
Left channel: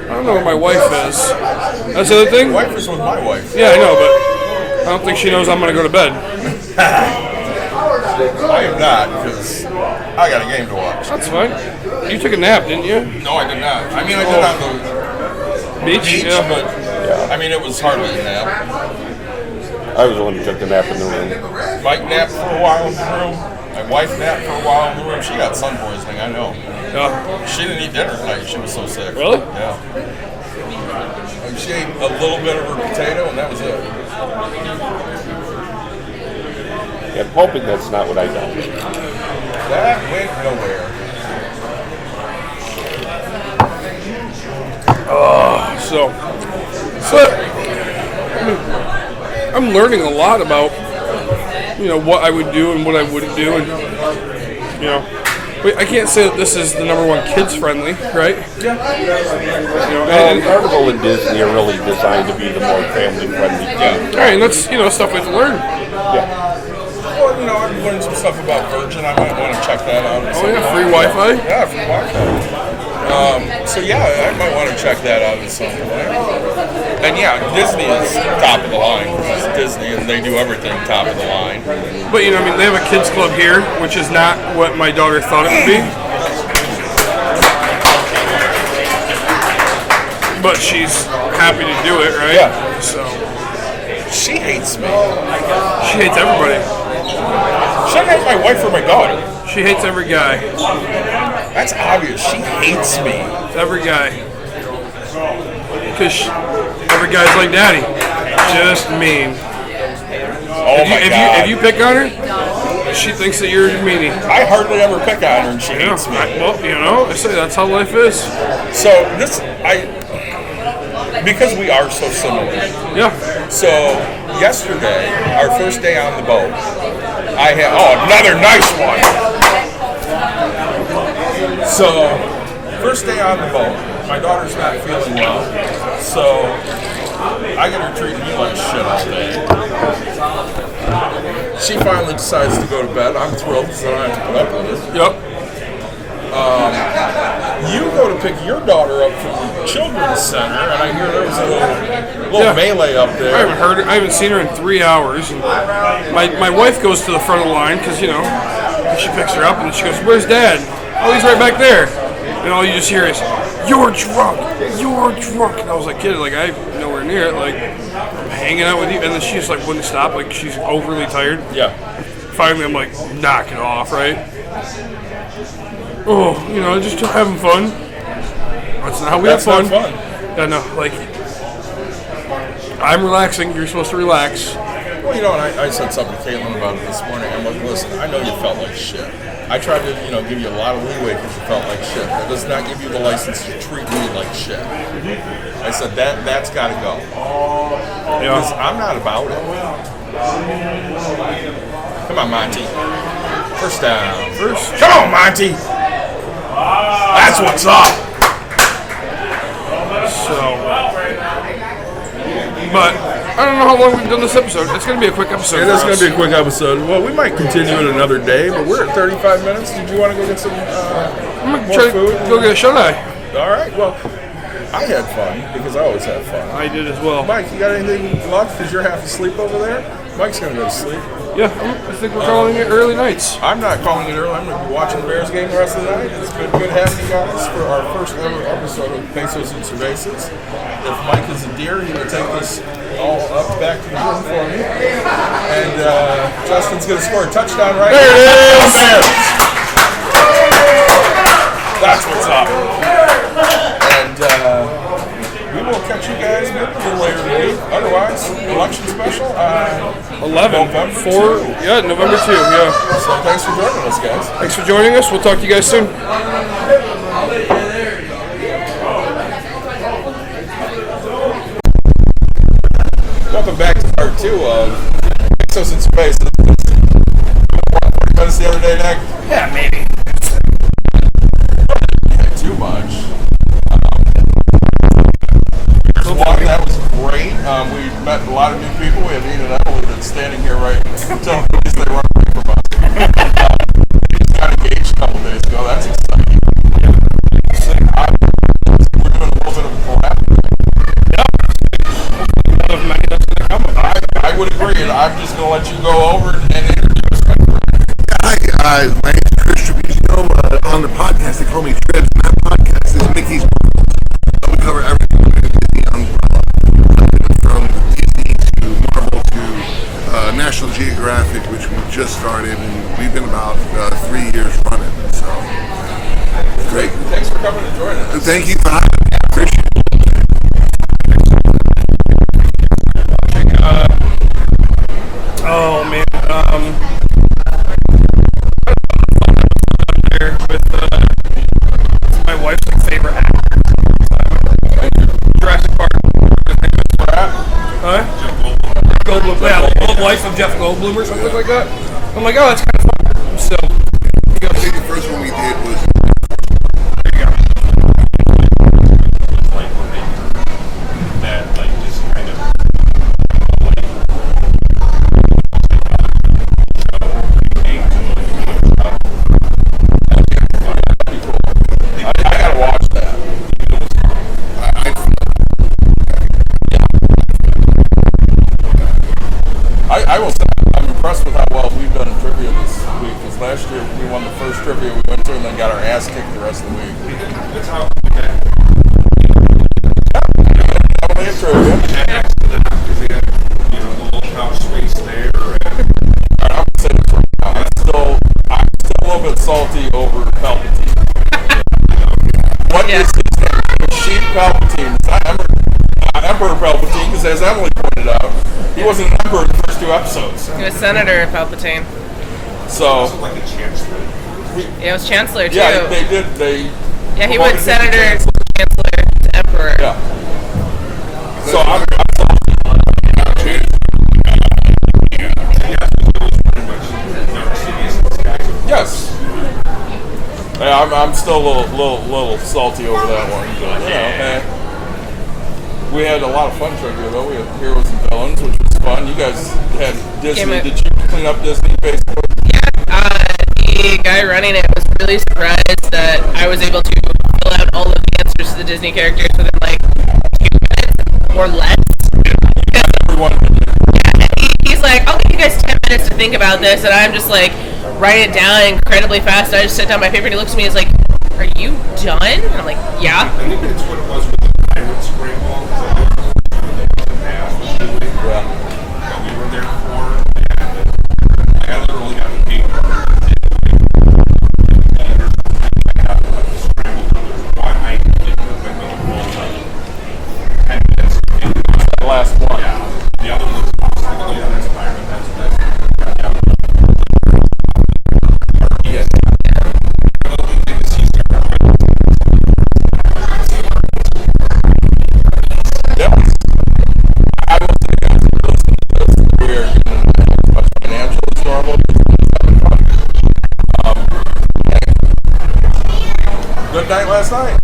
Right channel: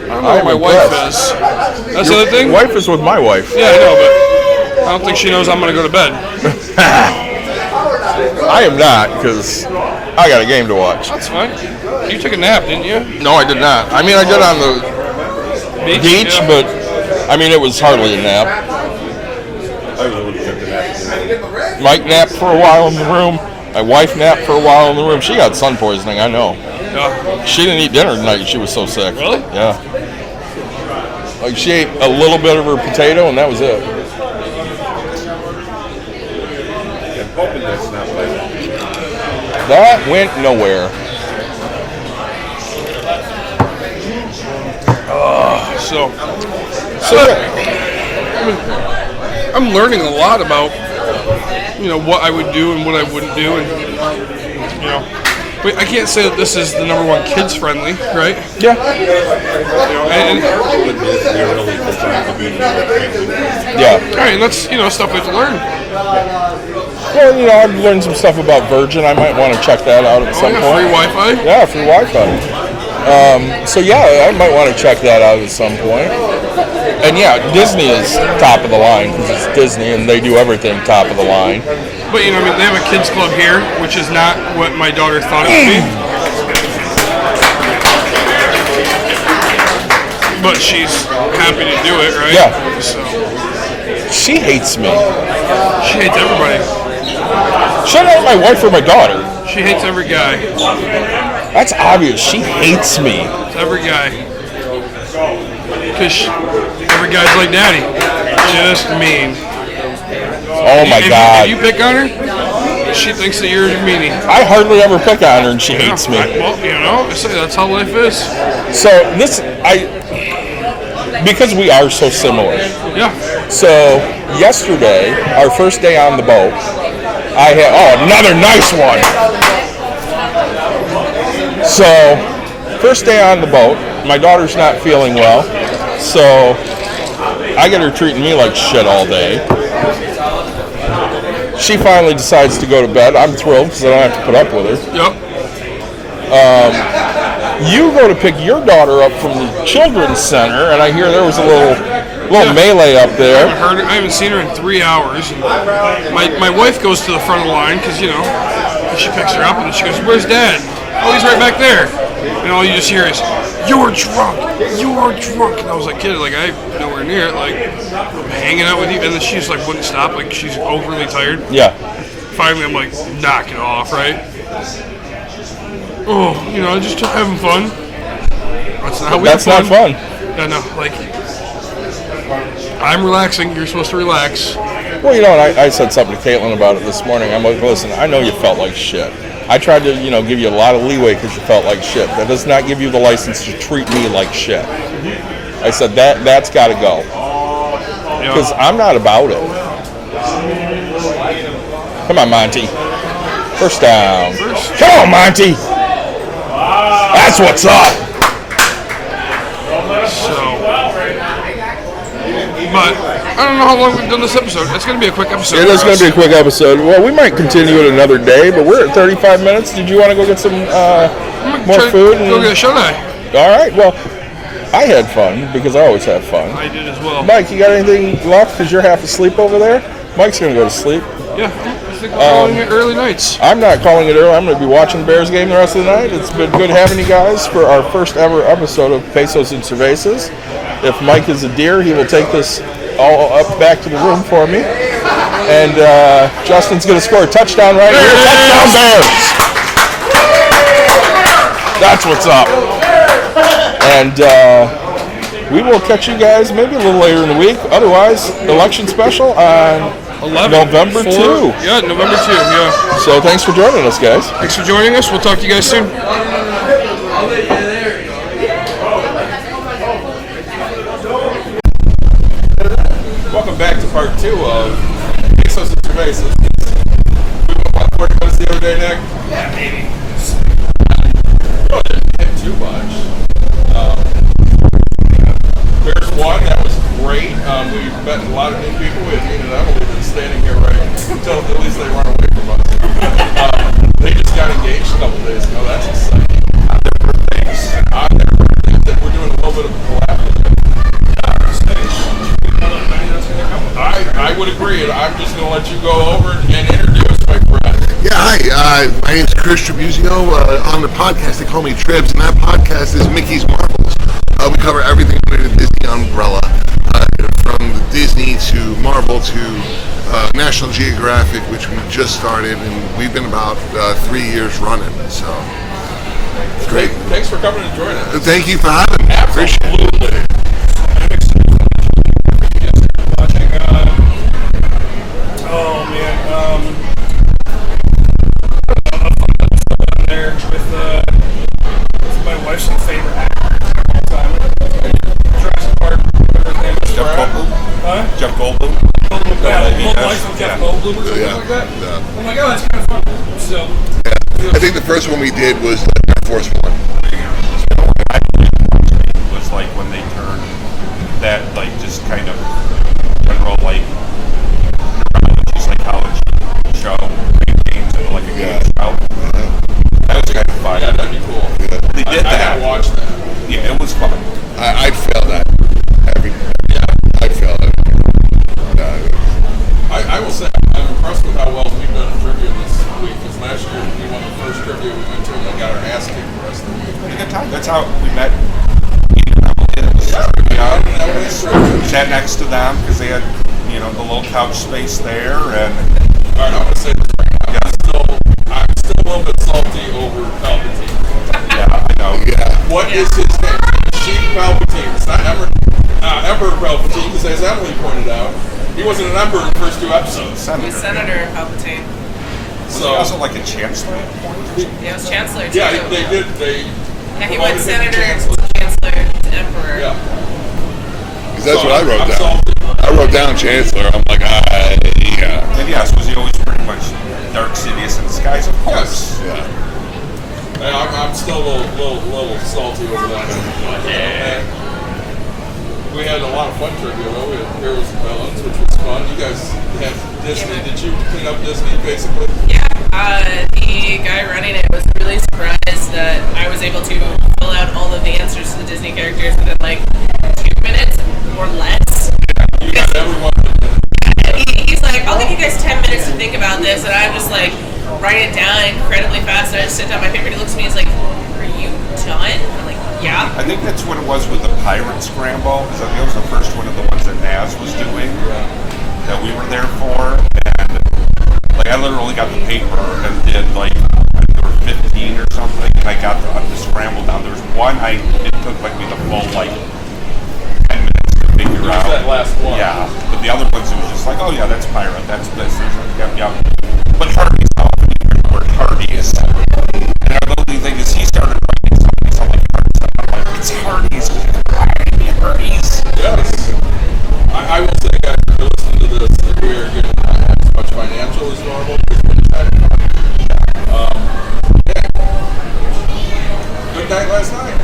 I don't know where my wife is. That's the other thing? Your wife is with my wife. Yeah, I know, but I don't think she knows I'm going to go to bed. I am not, because I got a game to watch. That's fine. You took a nap, didn't you? No, I did not. I mean, I did on the beach, Yeah. but I mean, it was hardly a nap. I was the one who took the nap in the room. Mike napped for a while in the room. My wife napped for a while in the room. She got sun poisoning, I know. Yeah. She didn't eat dinner tonight. She was so sick. Really? Yeah. Like, she ate a little bit of her potato, and that was it. I'm hoping that's not what I got. That went nowhere. So I'm learning a lot about, you know, what I would do and what I wouldn't do, and you know, but I can't say that this is the number one kids friendly, right? Yeah. You know, and But Disney really designed to be the more family friendly. Yeah. all right, and that's, you know, stuff we have to learn. Well, you know, I've learned some stuff about Virgin. I might want to check that out at Oh, some yeah, point. free Wi-Fi. Yeah, free Wi-Fi. So yeah, I might want to check that out at some point. And yeah, Disney is top of the line because it's Disney and they do everything top of the line. But you know, I mean, they have a kids club here, which is not what my daughter thought it would be. But she's happy to do it, right? Yeah. So She hates me. she hates everybody. She doesn't hate my wife or my daughter. She hates every guy. That's obvious. She hates me. It's every guy. Because every guy's like daddy. Just mean. Oh my God. If you pick on her, she thinks that you're a meanie. I hardly ever pick on her and she hates me. Well, you know, I say that's how life is. So because we are so similar. Yeah. So yesterday, our first day on the boat, I had another nice one. So first day on the boat, my daughter's not feeling well, so I get her treating me like shit all day. She finally decides to go to bed. I'm thrilled because I don't have to put up with her. Yep. You go to pick your daughter up from the children's center, and I hear there was a little melee up there. I haven't seen her in 3 hours. And my wife goes to the front of the line because, you know, she picks her up and she goes, "Where's Dad?" "Oh, he's right back there." And all you just hear is, "You're drunk. You're drunk." And I was like, "Kid, like I'm nowhere near it. Like I'm hanging out with you." And then she just like wouldn't stop. Like she's overly tired. Yeah. Finally, I'm like, knock it off, right? Oh, just having fun. That's not how we have fun. That's not fun. Yeah, no, like, I'm relaxing. You're supposed to relax. Well, and I said something to Caitlin about it this morning. I'm like, listen, I know you felt like shit. I tried to, give you a lot of leeway because you felt like shit. That does not give you the license to treat me like shit. I said, that's got to go. Because I'm not about it. Come on, Monty. First down. Come on, Monty. That's what's up. But I don't know how long we've done this episode. It's going to be a quick episode. It is going to be a quick episode. Well, we might continue it another day, but we're at 35 minutes. Did you want to go get some more food? Go get a shut-eye. All right. Well, I had fun because I always have fun. I did as well. Mike, you got anything left because you're half asleep over there? Mike's going to go to sleep. Yeah, I think we're calling it early nights. I'm not calling it early. I'm going to be watching the Bears game the rest of the night. It's been good having you guys for our first ever episode of Pesos and Cervezas. If Mike is a deer, he will take this all up back to the room for me. And Justin's going to score a touchdown right here. Touchdown Bears! That's what's up. And we will catch you guys maybe a little later in the week. Otherwise, election special on 11. November 2. Yeah, November 2, yeah. So thanks for joining us, guys. Thanks for joining us. We'll talk to you guys soon. Welcome back to part 2 of Pesos and Cervezas. We went, what, 40 minutes the other day, Nick? Yeah, maybe. Really didn't hit too much. Bears won. That was great. We met a lot of new people. We have Ian and Emily that's standing here right until at least they run away from us. They just got engaged a couple days ago. That's exciting. I've never heard things. I've never heard things. We're doing a little bit of a collab. I would agree, and I'm just going to let you go over and introduce my friend. Yeah, hi. My name's Chris Tribuzio. On the podcast, they call me Tribs, and that podcast is Mickey's Marvels. We cover everything under the Disney umbrella, from Disney to Marvel to National Geographic, which we just started, and we've been about 3 years running. So, it's great. Thanks for coming and joining us. Thank you for having me. Appreciate it. Oh man, I don't know how fun episode on there with my wife's favorite actors of all time. Jurassic Park, whatever his name is. Jeff Goldblum. Life of Jeff Goldblum or something like that. Yeah. I'm like, oh, that's kind of fun. So, I think the first one we did was Air Force One. There you go. I believe it was like when they turned that, like, just kind of general, like, just psychology show, great games, and like a good show. That'd be cool. They did I gotta that. watch that. Yeah, it was fun. I'd fail that every day. Yeah. I'd fail that. I will say, I'm impressed with how well we've done in trivia this week, because last year we won the first trivia we went to and then got our ass kicked the rest of the week. That's how we met. Sat next to them because they had, the little couch space there. And all right, I'm gonna say this right now. I'm still a little bit salty over Palpatine. yeah, I know. Yeah. What is his name? It's Sheik Palpatine. It's not Emperor Palpatine, because as Emily pointed out, he wasn't an emperor in the first 2 episodes. He was Senator Palpatine. So Was it like a chancellor? He was Chancellor too. yeah, they did. Yeah, he promoted went him to Senator Chancellor. to Chancellor to Emperor. Yeah. That's So what I I'm wrote down. salty. I wrote down Chancellor. I'm like, yeah. And yes, was he always pretty much Dark Sidious in disguise? Of course. Yes. Yeah, I'm still a little salty over that one. And we had a lot of fun trivia though. We had Heroes and Villains, which was fun. You guys had Disney. Did you clean up Disney basically? Yeah, the guy running it was really surprised that I was able to fill out all of the answers to the Disney characters within like 2 minutes or less. Yeah, you got everyone. Yeah, and he's like, I'll give you guys 10 minutes to think about this, and I'm just like writing it down incredibly fast. And I just sit down my paper and he looks at me and is like, are you done? And I'm like, yeah. I think that's what it was with the Pirate Scramble. So that was the first one of the ones that Naz was doing that we were there for. And like I literally got the paper and did like there were 15 or something. And I got the scramble down. There's one it took like me the full like 10 minutes to figure out. That last one. Yeah. But the other ones it was just like, oh yeah, that's Pirate. That's this. Yeah. But Hardy's how often you hear the word Hardy's. And our lovely thing is he started writing something Hardy's. And I'm like, it's Hardy's. Yes. I will say, guys, if you're listening to this, we are going to not have as much financial as normal because we're just having fun. Yeah. Good night last night.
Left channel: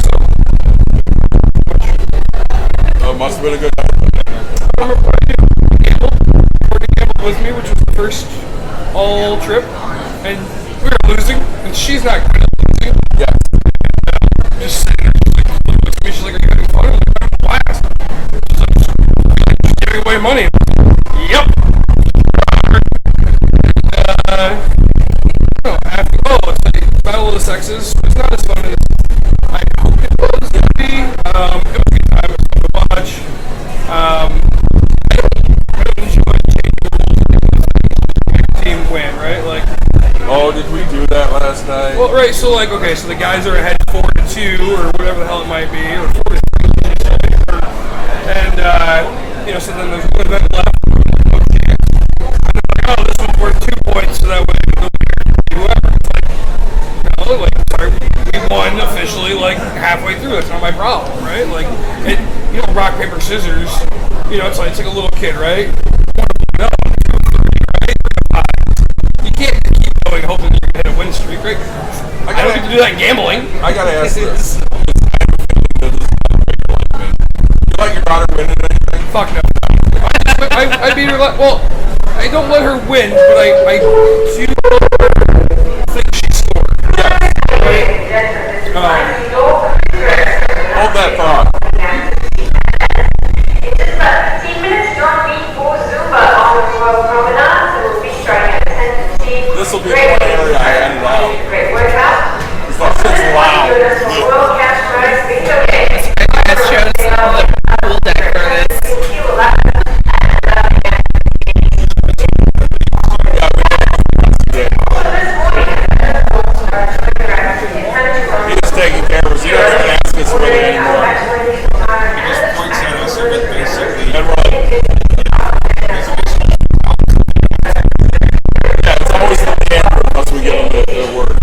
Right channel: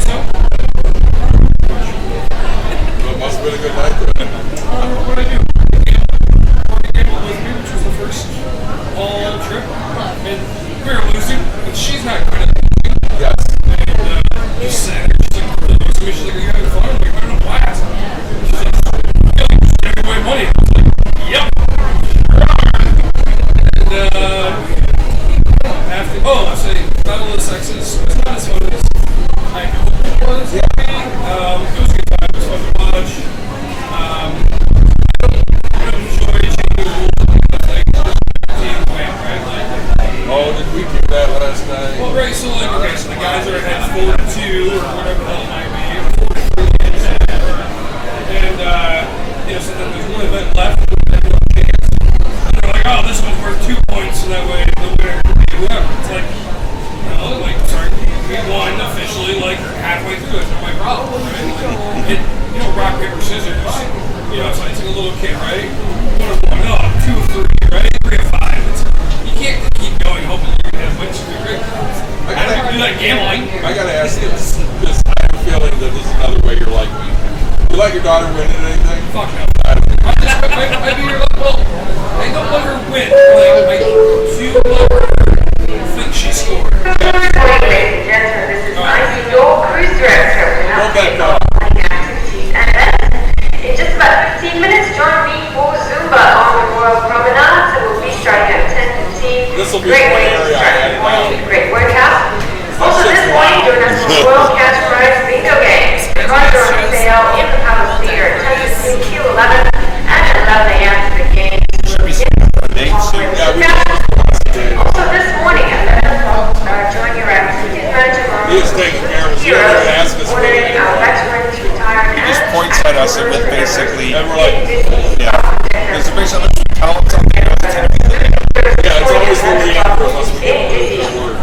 So, Oh, it must have been a good night then. remember what I do? Courtney gambled with me, which was the first all trip, and we were losing, and she's not good at losing. Yes. And just sitting there, she's like, looks at me, she's like, are you having fun? I'm like, I'm having a blast. She's like, I feel like just giving away money. I was like, yep. And, let's say, Battle of the Sexes was not as fun as I hope it was to be. It was a good time, it was fun to watch. I don't enjoy changing the rules of things, just make the team win, right? Like, Oh, did we do that last night? well, right, so like, okay, so the guys are ahead 4-2 or whatever the hell it might be, or 4-3, and, so then there's one event left, and they have no chance. And they're like, oh, this one's worth 2 points, so that way the winner can be whoever. It's like, sorry, we won officially, like, halfway through, it's not my problem, right? Like, rock, paper, scissors, it's like a little kid, right? 1 of 1 up, 2 of 3, right? 3 of 5. You can't keep going hoping you're going to hit a win streak, right? I gotta do that gambling. I gotta ask this, because I have a feeling that this is another way you're like me. You let your daughter win at anything? Fuck no. I beat her, well, I don't let her win, but I do let her think she scored. Yes. Hold that thought. In just about 15 minutes, join me for Zumba on the Royal Promenade. So we'll be starting at 10:15. This will be one area I added out. Great workout. Also, just this loud. morning, join us for Royal Cash Prize Bingo Game. This shows the pool deck for this. Between 11 and 11 a.m. for the game. Yeah, we Also, this morning, join your He was taking care of us. He already asked us what we did. He just points at us and then basically, And we're like, yeah. There's a big something to tell him something. yeah, it's always the Leander unless we get the word.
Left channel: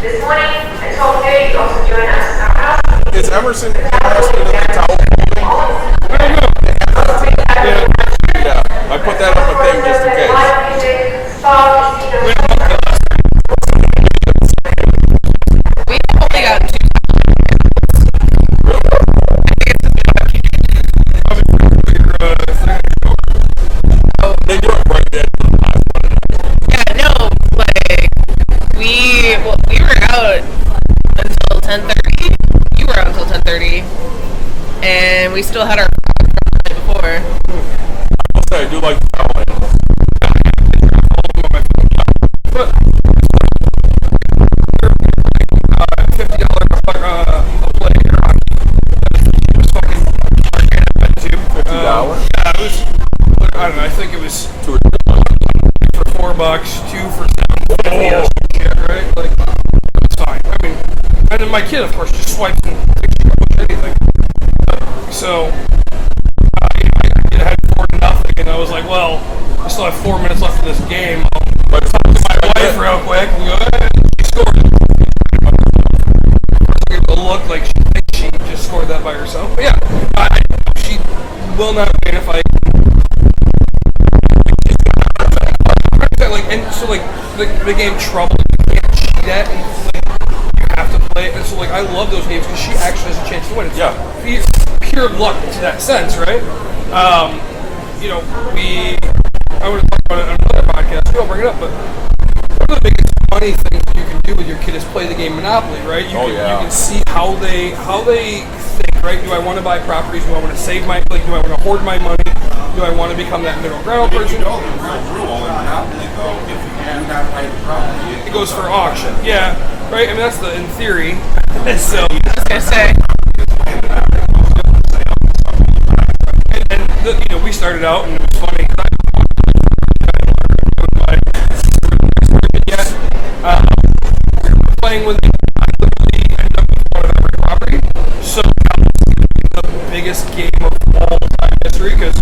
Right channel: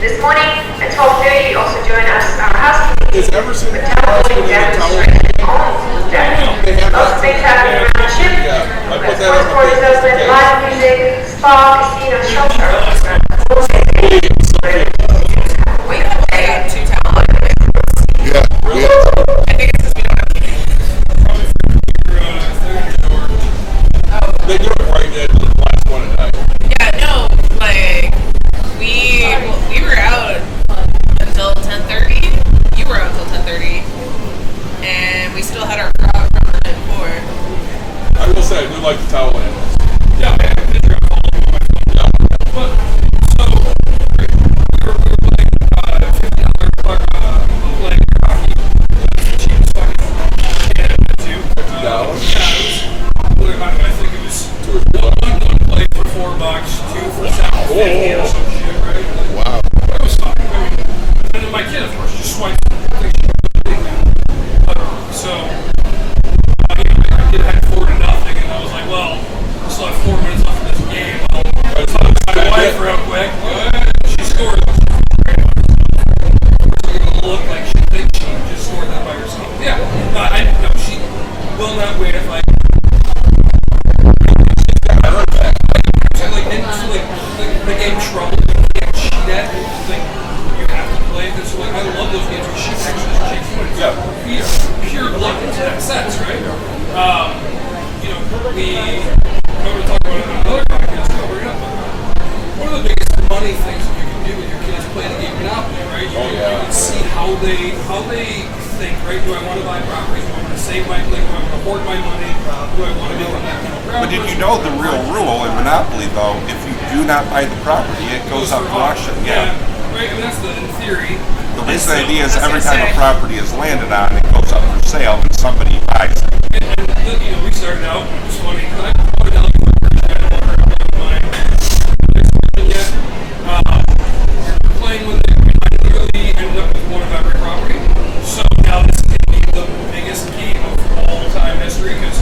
This morning at 12:30, also join us our housekeeping. Is Emerson husband in the towel? They have Also, big that. time of membership. Yeah, I put that on the thing just in case. Live music, spa, casino, shelter. We have only got 2 towel items. Yeah. I think it's because we don't have kids. Oh. They do it right at the last one at night. Yeah, no, like, we were out until 10:30. You were out until 10:30. And we still had our frog from the night before. I will say, I do like the towel animals. Yeah, I did drop all of them on my phone. Yeah. But, so, we were playing $50 play air hockey. That's the cheapest fucking arcade I've been to. $50? Yeah, it was, I don't know, I think it was $2 or $3. one play for $4, 2 for $7.50 or some shit, right? Like, Wow. it was fine. I mean, and then my kid, of course, just swipes and thinks she can push anything. So, I had 4-0, and I was like, well, I still have 4 minutes left in this game. I'll talk to my wife real quick. She scored. Of course, I give it a look like she thinks she just scored that by herself. But yeah, no, she will not win if I. She's got my heart back. The game Trouble, you can't cheat at it. You have to play it. So, I love those games because she actually has a chance to win. Yeah. It's pure luck in that sense, right? I would have talked about it on another podcast too, I'll bring it up, but one of the biggest money things that you can do with your kid is play the game Monopoly, right? You can see how they think, right? Do I want to buy properties? Do I want to save my, like, do I want to hoard my money? Do I want to become that middle ground But if you person? know the real rule in Monopoly, though, if you do not buy the property, it goes up for for auction. Yeah, right. And that's the in theory. The So- idea is I was every gonna time say. the property is landed on, it goes up for sale and somebody buys it. And you know, we started out, and it was funny. I bought an LA like, I started yet. We're playing with it. I literally ended up with one of every property. So now this is going to be the biggest game of all time history because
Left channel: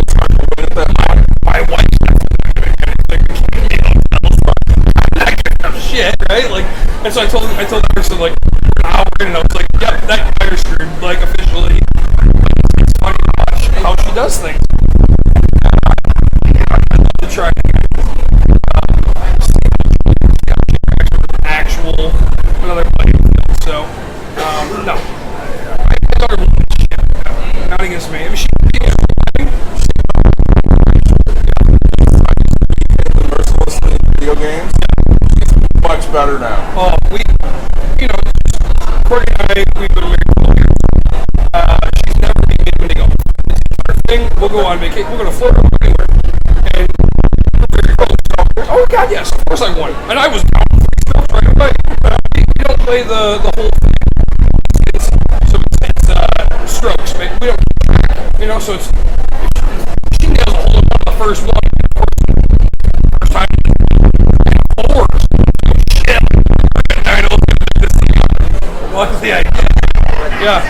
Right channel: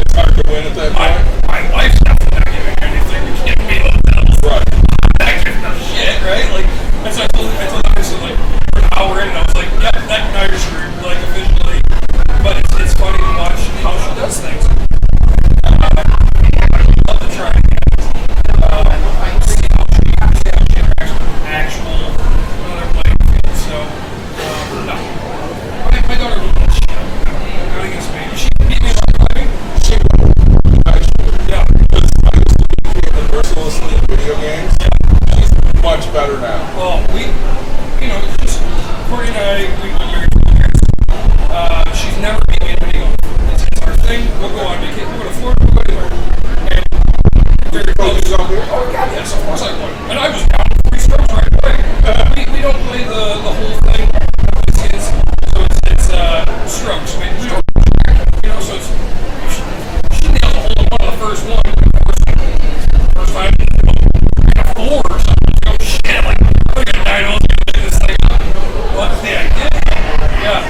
It's hard to win at that point. my wife's definitely not giving me anything. She's giving me hotels. Right. I'm not giving them shit, right? Like, and so I told that person, like, we're in, and I was like, yep, that guy is screwed, like, officially. But it's funny to watch how she does things. I'd love to try it again. See how she interacts with actual another playing field. So, no. My daughter will shit. Not against me. Is she being a playing? She actually. Yeah. Because I used to be the mercilessly in video games. Yeah. She's much better now. Well, you know, it's just, Courtney and I, we've been married 12 years. She's never beat me in video. It's our thing. We'll go on vacation. We'll go to Florida. We'll go anywhere. And we're very close. Oh, God, yes. Of course I won. And I was down 3 strokes right away. We don't play the whole thing. It's strokes. We don't track. You know, so it's, she nails a hole in one on the first one. Of course, first time, I got 4 or something. Oh, shit. Like, we got 9 holes going to make this thing up. What's the idea? Yeah,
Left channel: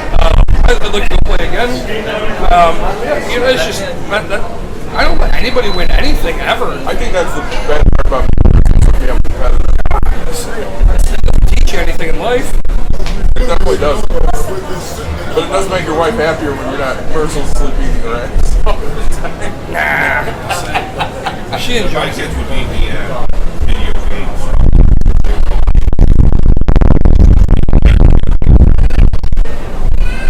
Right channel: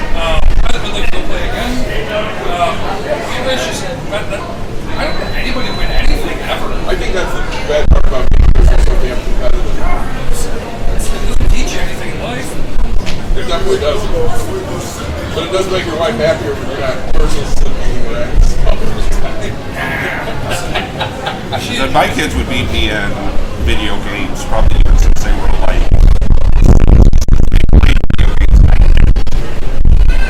I'd like to go play again. You know, it's just, I don't let anybody win anything ever. I think that's the bad part about being so damn competitive. It doesn't teach you anything in life. It definitely does. But it does make your wife happier when you're not mercilessly beating her ass. But my kids would beat me in video games, probably even since they were like,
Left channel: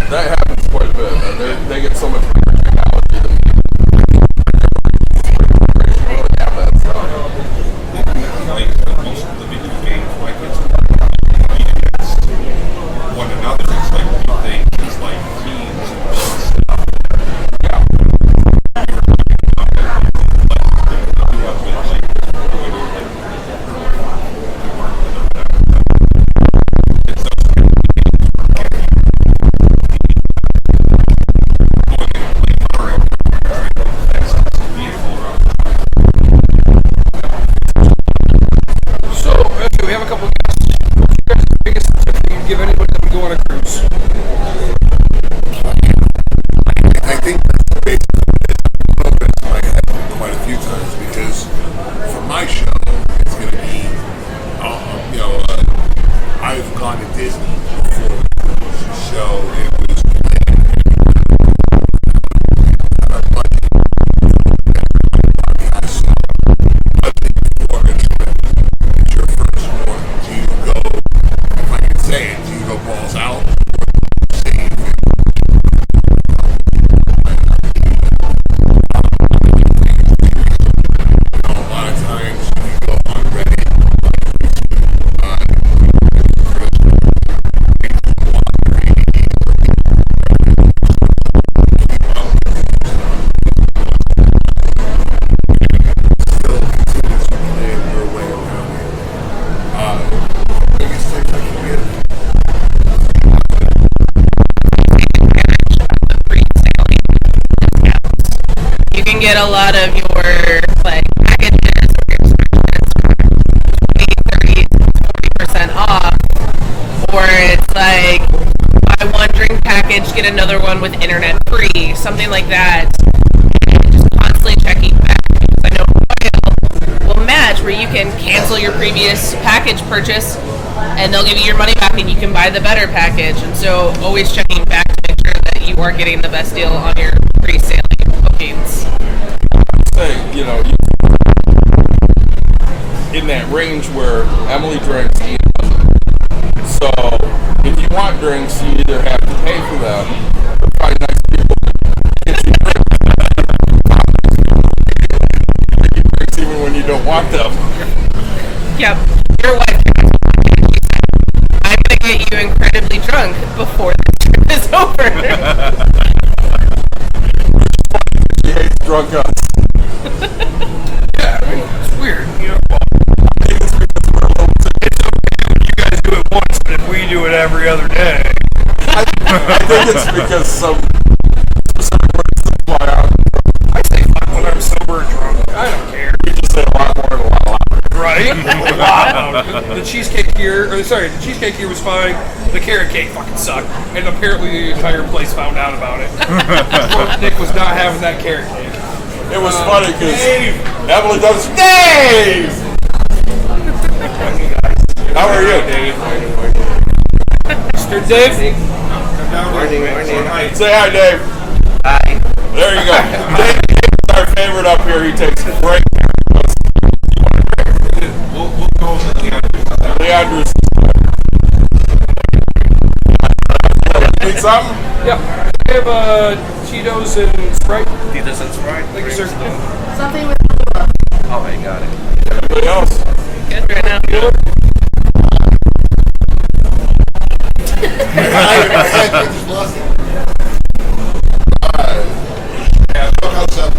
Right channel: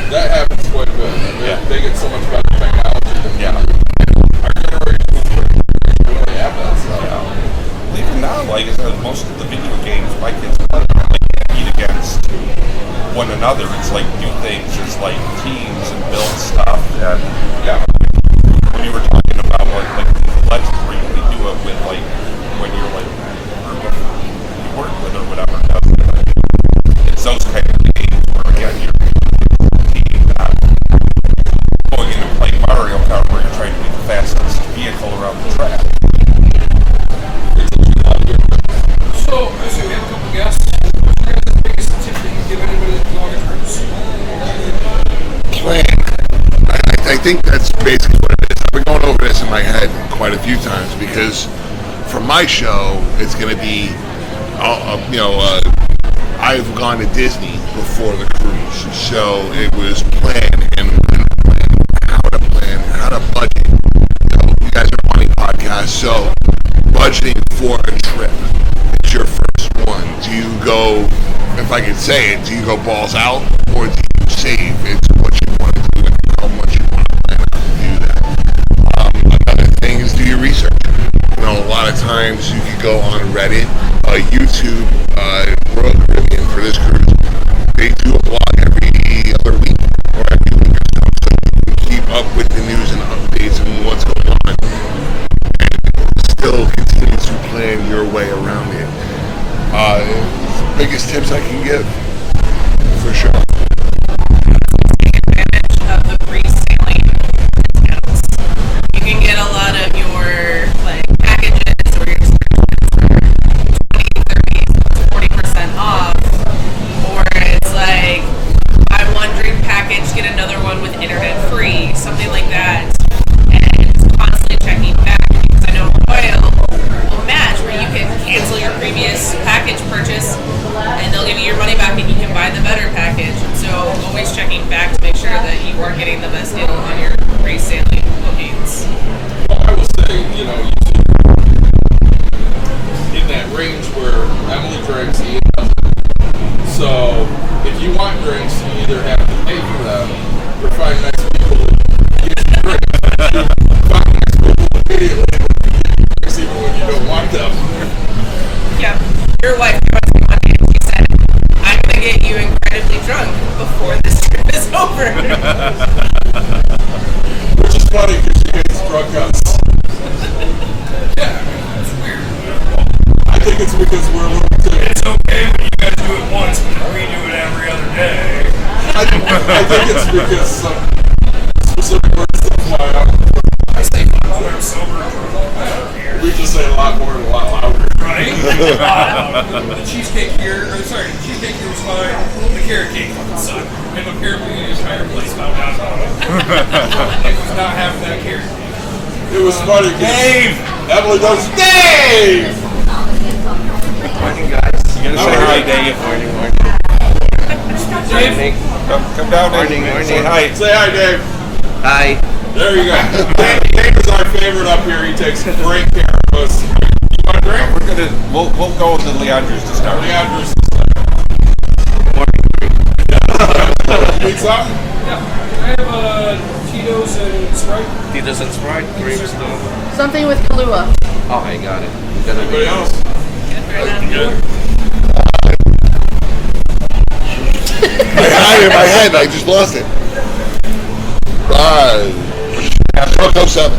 That happens quite a bit. They get so much better technology than our generation really have that stuff. even now, like most of the video games, my kids play, like, compete against one another. It's like do things as like teams and build stuff. And yeah, you were talking about like let's really do it with like when you're like working with or whatever. It's those kind of games where again you're going in and playing Mario Kart where you're trying to make the fastest vehicle around the track. So we have a couple of guests. What's your guys' biggest tip that you can give anybody that would go on a cruise? Plan. I think that's basically what it is. I've been going over this in my head quite a few times because for my show, it's going to be, I've gone to Disney before the cruise, so it was plan and how to budget. You guys are a money podcast, so budgeting for a trip. It's your first one. Do you go, if I could say it, do you go balls out or do you save? It's what you want to do and how much you want to plan out to do that. Another thing is do your research. A lot of times you can go on Reddit, YouTube, Royal Caribbean for this cruise. They do a blog every other week or every week or so you can keep up with the news and updates and what's going on and still continue to plan your way around it. Biggest tips I can give, for sure. Take advantage of the pre-sailing discounts. You can get a lot of your packages or your excursions for 20, 30, 40% off, or it's like buy one drink package, get another one with internet free, something like that, and just constantly checking back because I know Royal will match where you can cancel your previous package purchase and they'll give you your money back and you can buy the better package. And so always checking back to make sure that you are getting the best deal on your pre-sailing bookings. Well, I will say, YouTube in that range where Emily drinks, Ian doesn't. So if you want drinks, you either have to pay for them or find nice people to get you drinks. Find nice people immediately to get you drinks even when you don't want them. Yep. Your wife came up to me one day and she said, I'm going to get you incredibly drunk before this trip is over. over. Which is funny because she hates drunk us. Yeah, I mean, it's weird. You know? I think it's because we're a little too. It's okay when you guys do it once, but if we do it every other day. I think it's because some specific words that fly out. I say fuck when I'm sober. I don't care. We just say a lot more and a lot louder. Right? The cheesecake here, the cheesecake here was fine. The carrot cake fucking sucked. And apparently the entire place found out about it. Nick was not having that carrot cake. It was funny because Emily goes, Dave! Morning, guys. How are you? Dave. Morning, morning. Mr. Dave? Come down. Morning, Dave. morning. Hi. Say hi, Dave. Hi. There you go. Dave is our favorite up here. He takes great care of us. You want a drink? We'll go with the Leandros to start. Leandros. Morning drink. Need something? Yeah. I have Tito's and Sprite. Tito's and Sprite. Drinks. Something with Kahlua. Oh, I got it. Anybody else? Good right now. Good. I had it in my head. I just lost it. Right. Cocoa 7.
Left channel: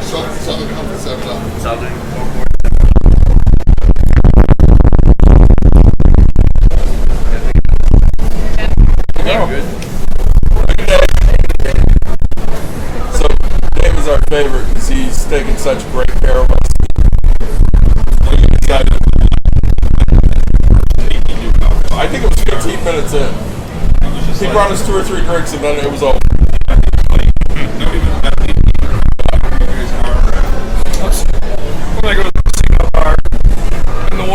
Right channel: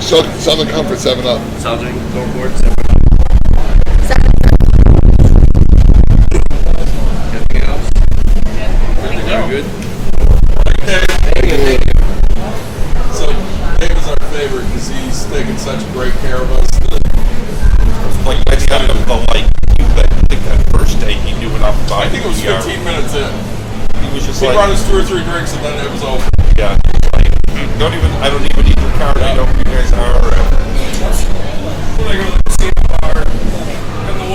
Southern Comfort 7-Up. Southern Comfort 7-Up. Anything else? Good. Dave. So Dave is our favorite because he's taking such great care of us. Like I said, I think that first day he knew enough about I think it was 15 minutes in. He was just He like, brought us 2 or 3 drinks and then it was over. yeah, he was like, I don't even need your card. I know who you guys are. When I go to the casino bar, and the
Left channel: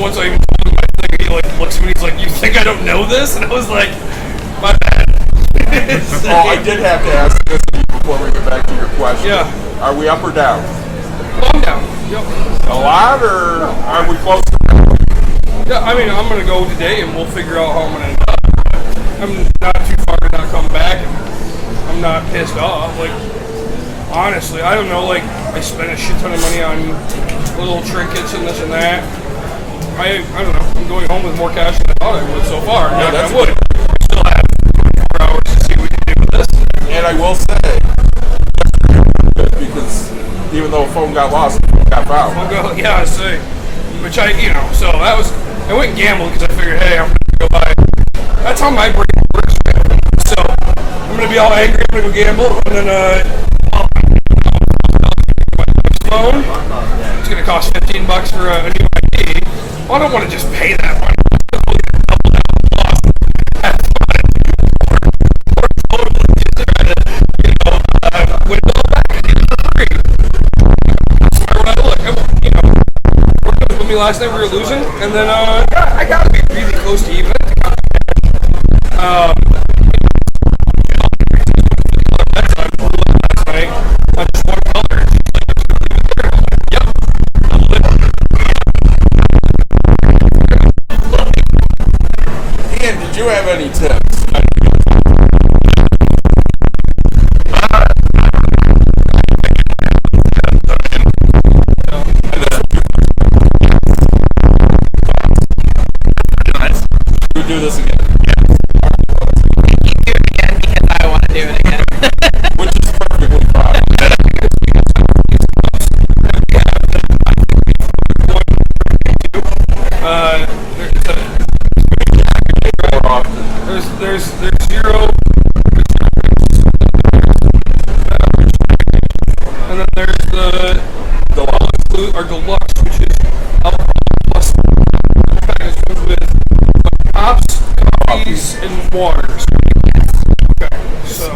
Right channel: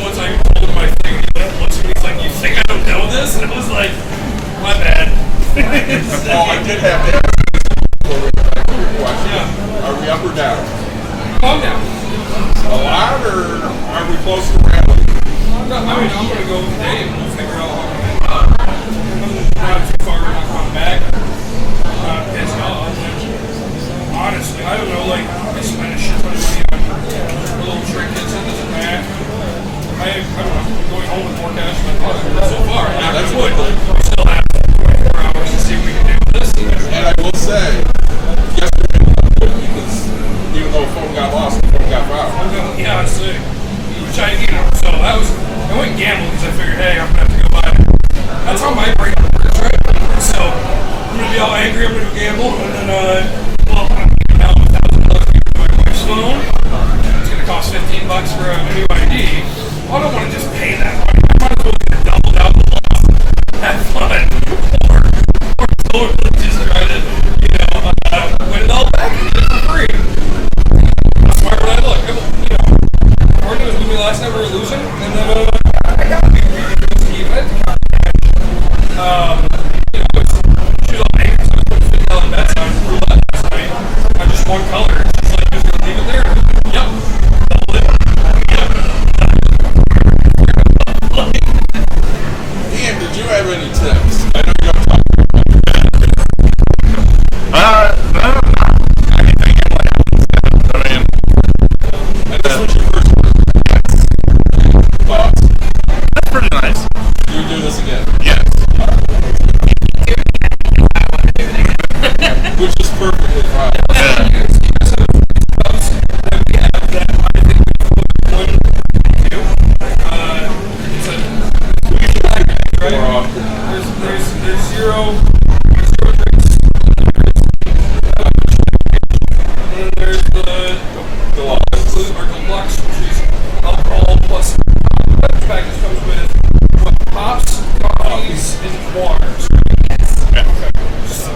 ones I even told him my thing, and he like looks at me, he's like, "You think I don't know this?" And I was like, "My bad." Oh, I did have to ask this of you before we get back to your question. Yeah. Are we up or down? I'm down. A lot, or are we close to random? Yeah, I mean, I'm gonna go today, and we'll figure out how I'm gonna end up. I'm not too far to not come back. I'm not pissed off. Like, honestly, I don't know. Like, I spent a shit ton of money on little trinkets and this and that. I don't know. I'm going home with more cash than I thought I would so far. Yeah, that's good. good. We still have 24 hours to see what we can do with this. And I will say, yesterday was good because even though a phone got lost, the phone got found. Well, yeah, I see. Which so that was, I went gambling because I figured, hey, I'm going to have to go buy. That's how my brain works, right? So, I'm going to be all angry, I'm going to go gamble, and then, well, I'm going to be now $1,000 for my wife's loan. It's going to cost $15 for a new ID. Well, I don't want to just pay that money. I might as well either double down the loss, have fun, or totally just try to, win it all back and get it for free. That's why when I look, working this movie last night, we were losing, and then I gotta be really close to even. She was all angry, so I was putting $50 bets on roulette last night on just one color. She's like, you're just gonna leave it there? And I was like, yep, double it. Ian, did you have any tips? I know you don't talk and this was your first thoughts. That's pretty nice. You would do this again? Yes. You do it again because I want to do it again. Which is perfectly fine. You guys have these clubs that we have that I think we've going to. It's a package, right? More often. There's zero drinks. And then there's the Deluxe. our deluxe, which is alcohol plus that package comes with pops, coffees, and waters. Right? Yes. Okay. So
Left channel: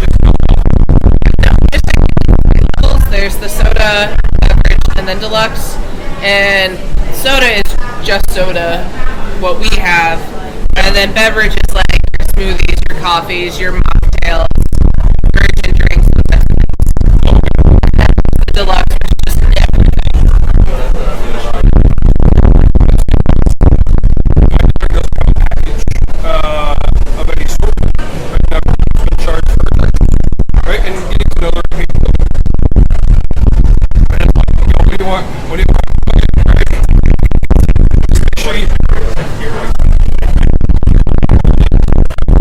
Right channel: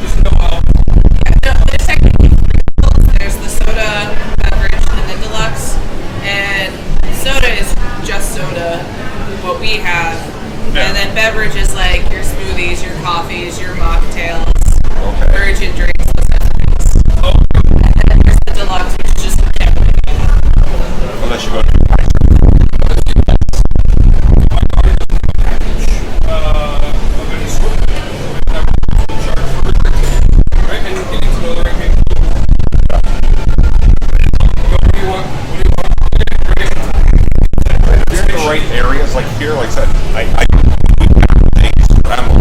there's no alcohol. Yeah, no, there's technically 3 levels. There's the soda, beverage, and then deluxe. And soda is just soda, what we have. And then beverage is like your smoothies, your coffees, your mocktails, virgin drinks, those types of things. And then there's the deluxe, which is just everything. Unless you go to My daughter doesn't have a package of any sort. Like never been charged for a drink. Right? And you need to know the right people. And it's like, what do you want? What do you want? Right? You're in the right areas, like here, like I things travel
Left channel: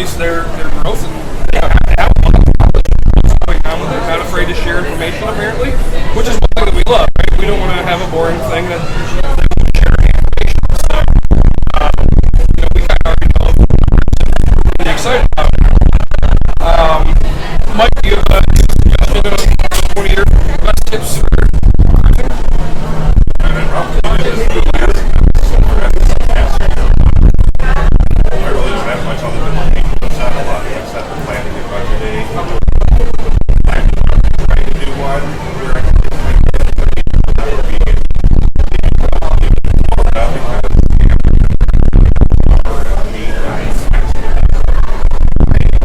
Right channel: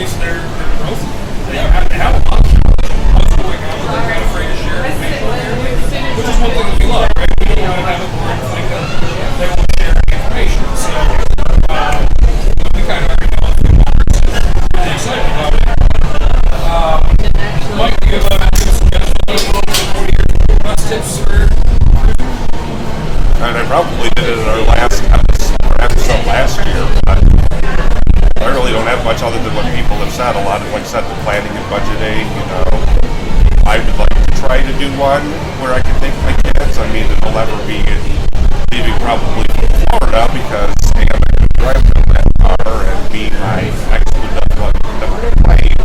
least they're growth. They have a lot of knowledge. What's going on? They're not afraid to share information apparently, which is one thing that we love, right? We don't want to have a boring thing that they won't share any information. So, we kind of already know a few numbers and really excited about it. Mike, do you have a suggestion for your best tips for cruising? And I probably did it in our last episode last year, but I really don't have much other than what people have said. A lot of like said the planning and budgeting. I would like to try to do one where I can take my kids. I mean, it'll never be maybe probably from Florida because I'm not going to drive them that far, and me, I actually would definitely plane.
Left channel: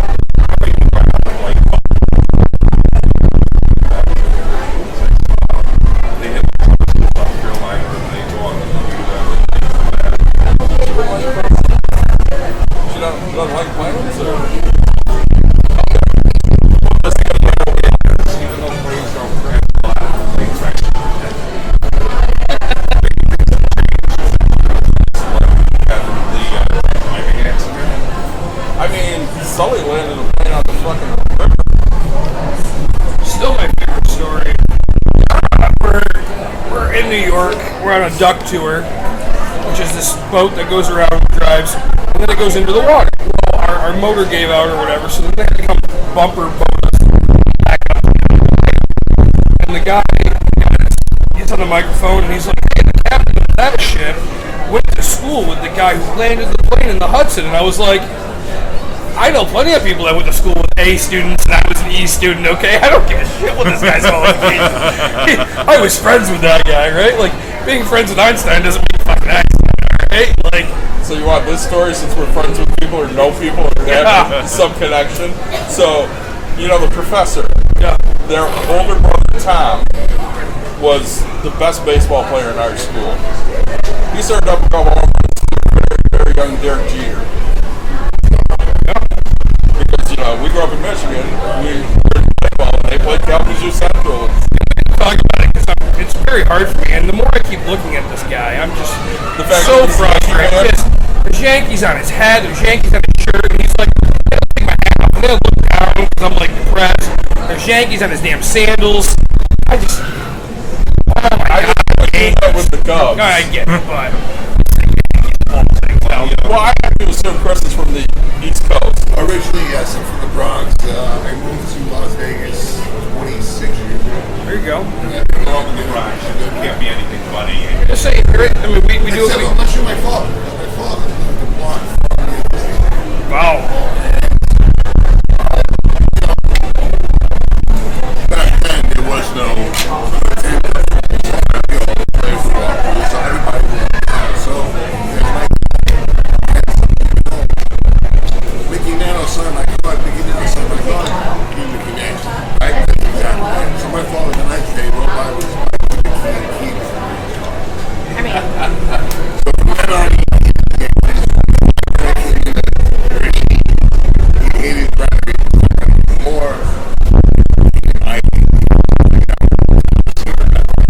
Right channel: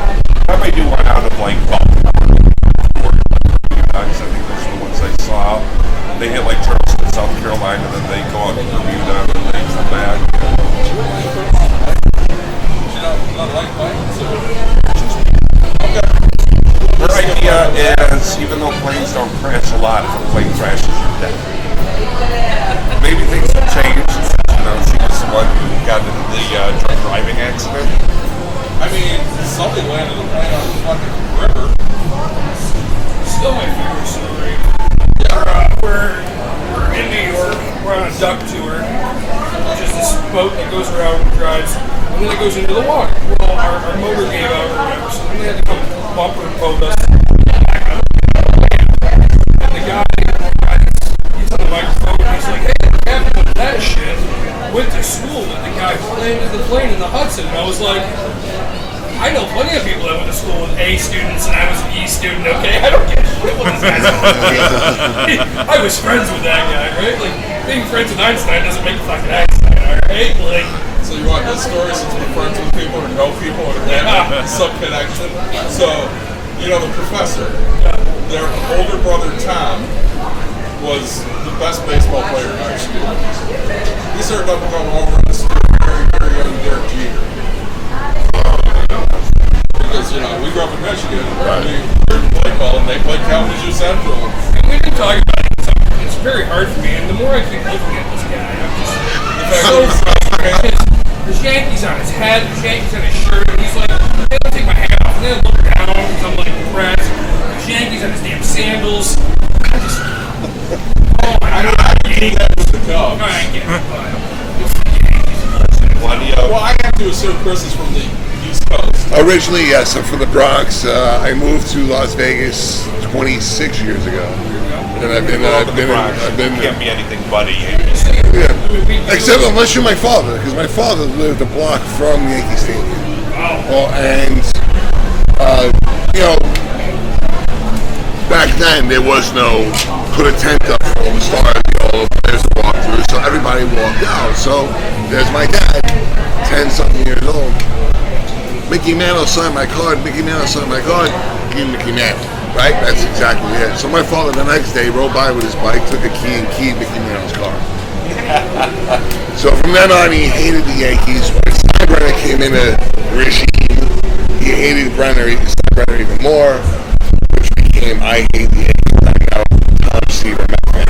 I might do one out of like Baltimore or guys. I mean, there's the ones I saw. They hit like Charleston, South Carolina, and they go on to Bermuda and things like that. You don't like planes? Okay. This idea is, even though planes don't crash a lot, the plane crashes a bit. Maybe things have changed since, she was the one who got into the drunk driving accident. I mean, Sully landed a plane on the fucking river. Still my favorite story. We're in New York. We're on a duck tour, which is this boat that goes around, drives, and then it goes into the water. Well, our motor gave out or whatever, so then they had to come bumper boat us back up to the plane. And the guy gets on the microphone and he's like, "Hey, the captain of that ship went to school with the guy who landed the plane in the Hudson." And I was like, I know plenty of people that went to school with A students, and I was an E student, okay? I don't give a shit what this guy's calling me. I was friends with that guy, right? Like, being friends with Einstein doesn't make fucking Einstein, alright? Like, so you want this story since we're friends with people or know people or have some connection? So, the professor, their older brother Tom was the best baseball player in our school. He started up going over and steer very, very young Derek Jeter. Because, we grew up in Michigan. I mean, we're in play ball, and they played Kalamazoo Central. And we didn't talk about it because it's very hard for me. And the more I keep looking at this guy, I'm just so frustrated. There's Yankees on his head, there's Yankees on his shirt, and he's like, I don't take my hat off, and then I look down because I'm like depressed. There's Yankees on his damn sandals. I just, oh my God. I would do that with the Cubs. I get it, but it's the Yankees. Well, I have to assume Chris is from the East Coast. Originally, yes, I'm from the Bronx. I moved to Las Vegas 26 years ago. There you go. And I've been Can't be anything buddy. except unless you're my father, because my father lived a block from Yankee Stadium. Wow. And back then there was no put a tent up for all the stars, all the players to walk through, so everybody walked out. So there's my dad, 10-something years old. Mickey Mantle signed my card, give me Mickey Mantle, right? That's exactly it. So my father the next day rode by with his bike, took a key and keyed Mickey Mantle's car. So from then on he hated the Yankees. When Steinbrenner came into the regime, he hated Steinbrenner even more, which became I hate the Yankees. I'm now Tom Seaver, Met fan.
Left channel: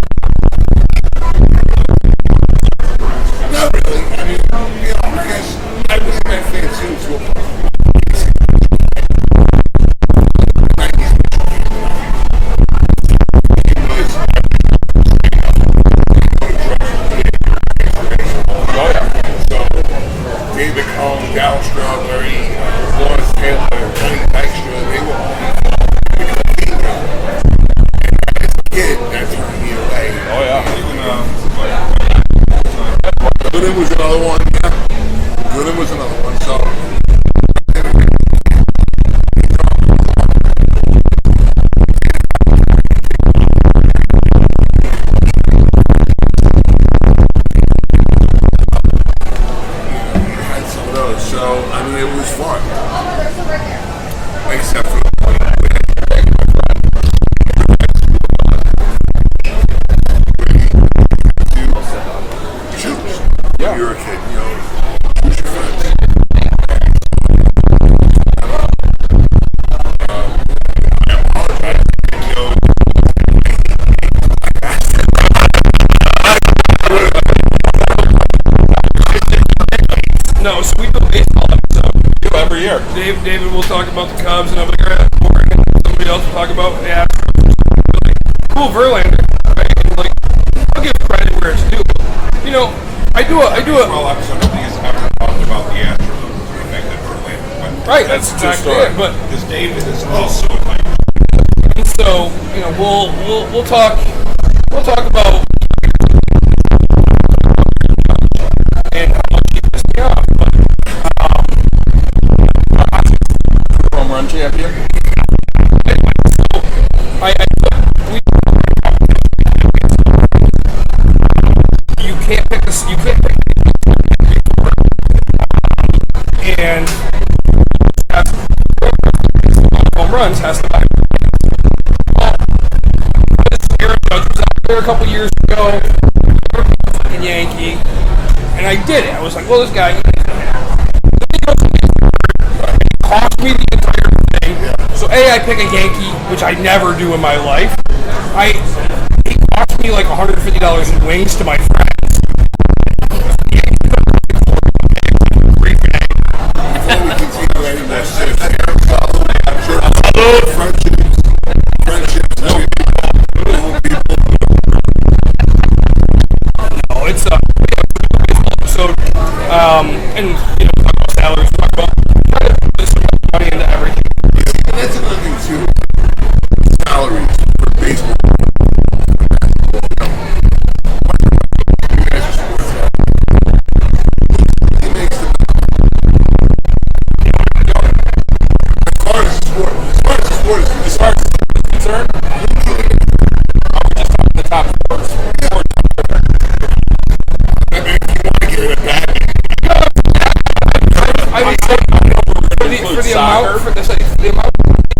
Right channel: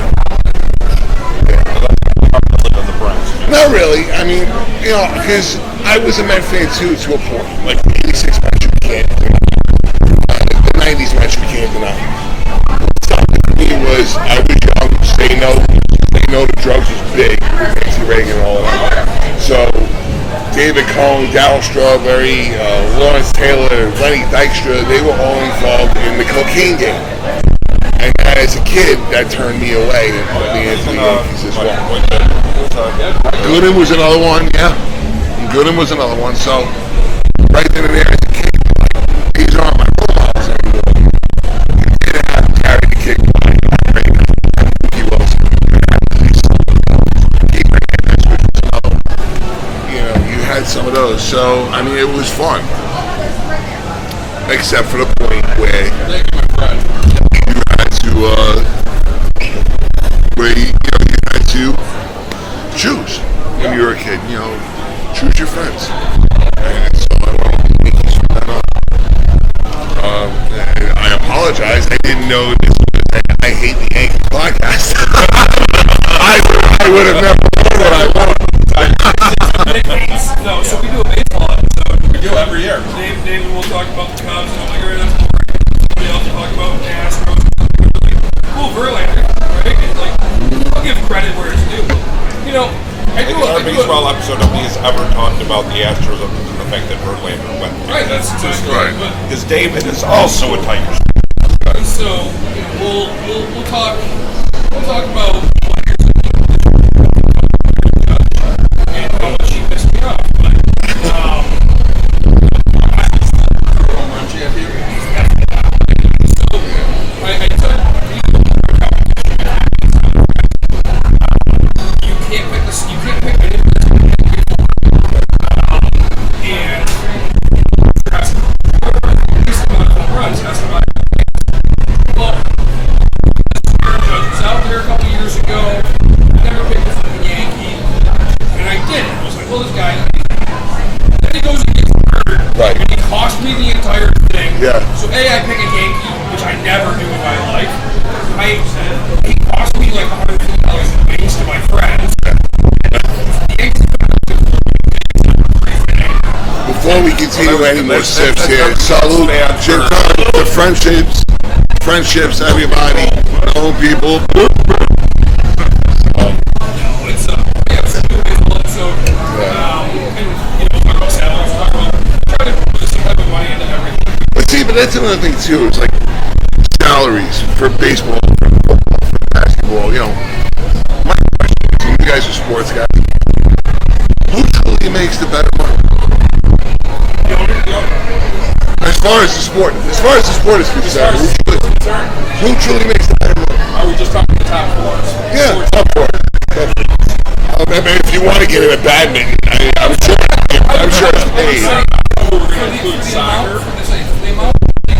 Not really. I mean, because I was a Met fan too, to a point. Like the '86 Mets, we can't deny. The '90s Mets, we can't deny. What stopped it for me was I was young. They know the drugs was big. Nancy Reagan and all that. So David Cohn, Darryl Strawberry, Lawrence Taylor, Lenny Dykstra, they were all involved in the cocaine game. And as a kid, that turned me away and put me into the Yankees as well. Gooden was another one, yeah. Gooden was another one. So right then and there as a kid, like, these aren't my role models anymore. You didn't have to carry the kick by Mookie Wilson. Keep Hernandez, which was another one. You had some of those. So, I mean, it was fun. Except for the point where you had to choose when you were a kid. Choose your friends. And so I apologize. I didn't know this was an I Hate the Yankees podcast. I would have never known what I wanted. No, so we do a baseball episode. We do every year. David will talk about the Cubs, and I'm like, all right, that's boring. And somebody else will talk about the Astros or something really cool. Verlander, right? And like, I'll give credit where it's due. But, you know, I do a baseball episode. Nobody's ever talked about the Astros and the fact that Verlander went. Right, that's exactly right. But because David is also a Tigers. So, you know, we'll talk about and how much he pissed me off. But home run champion. So I took competition against my friends. You can't pick anyone that's going to pick before. And has home runs has to buy. Well, Aaron Judge was out there a couple years ago. Never picked a fucking Yankee, and I did it. I was like, well, this guy. Then he goes and gets hurt, Right. and he cost me the entire thing. Yeah. So I pick a Yankee, which I never do in my life. He cost me like $150 in wings to my friends. And the Yankees took for me. Free bag. Before we continue any more sips here, salute to friendships, everybody, old people. No, it's a baseball episode. And you know, talk about salaries, talk about trying to put some type of money into everything. But see, that's another thing too. It's like salaries for baseball, for football, for basketball. You know, my question is, you guys are sports guys. Who truly makes the better money? As far as the sport is concerned, who truly makes the better money? Are we just talking the top fours? Yeah, top four. I mean, if you want to get into badminton, I'm sure it's paid. I know we were going to include soccer. The amount the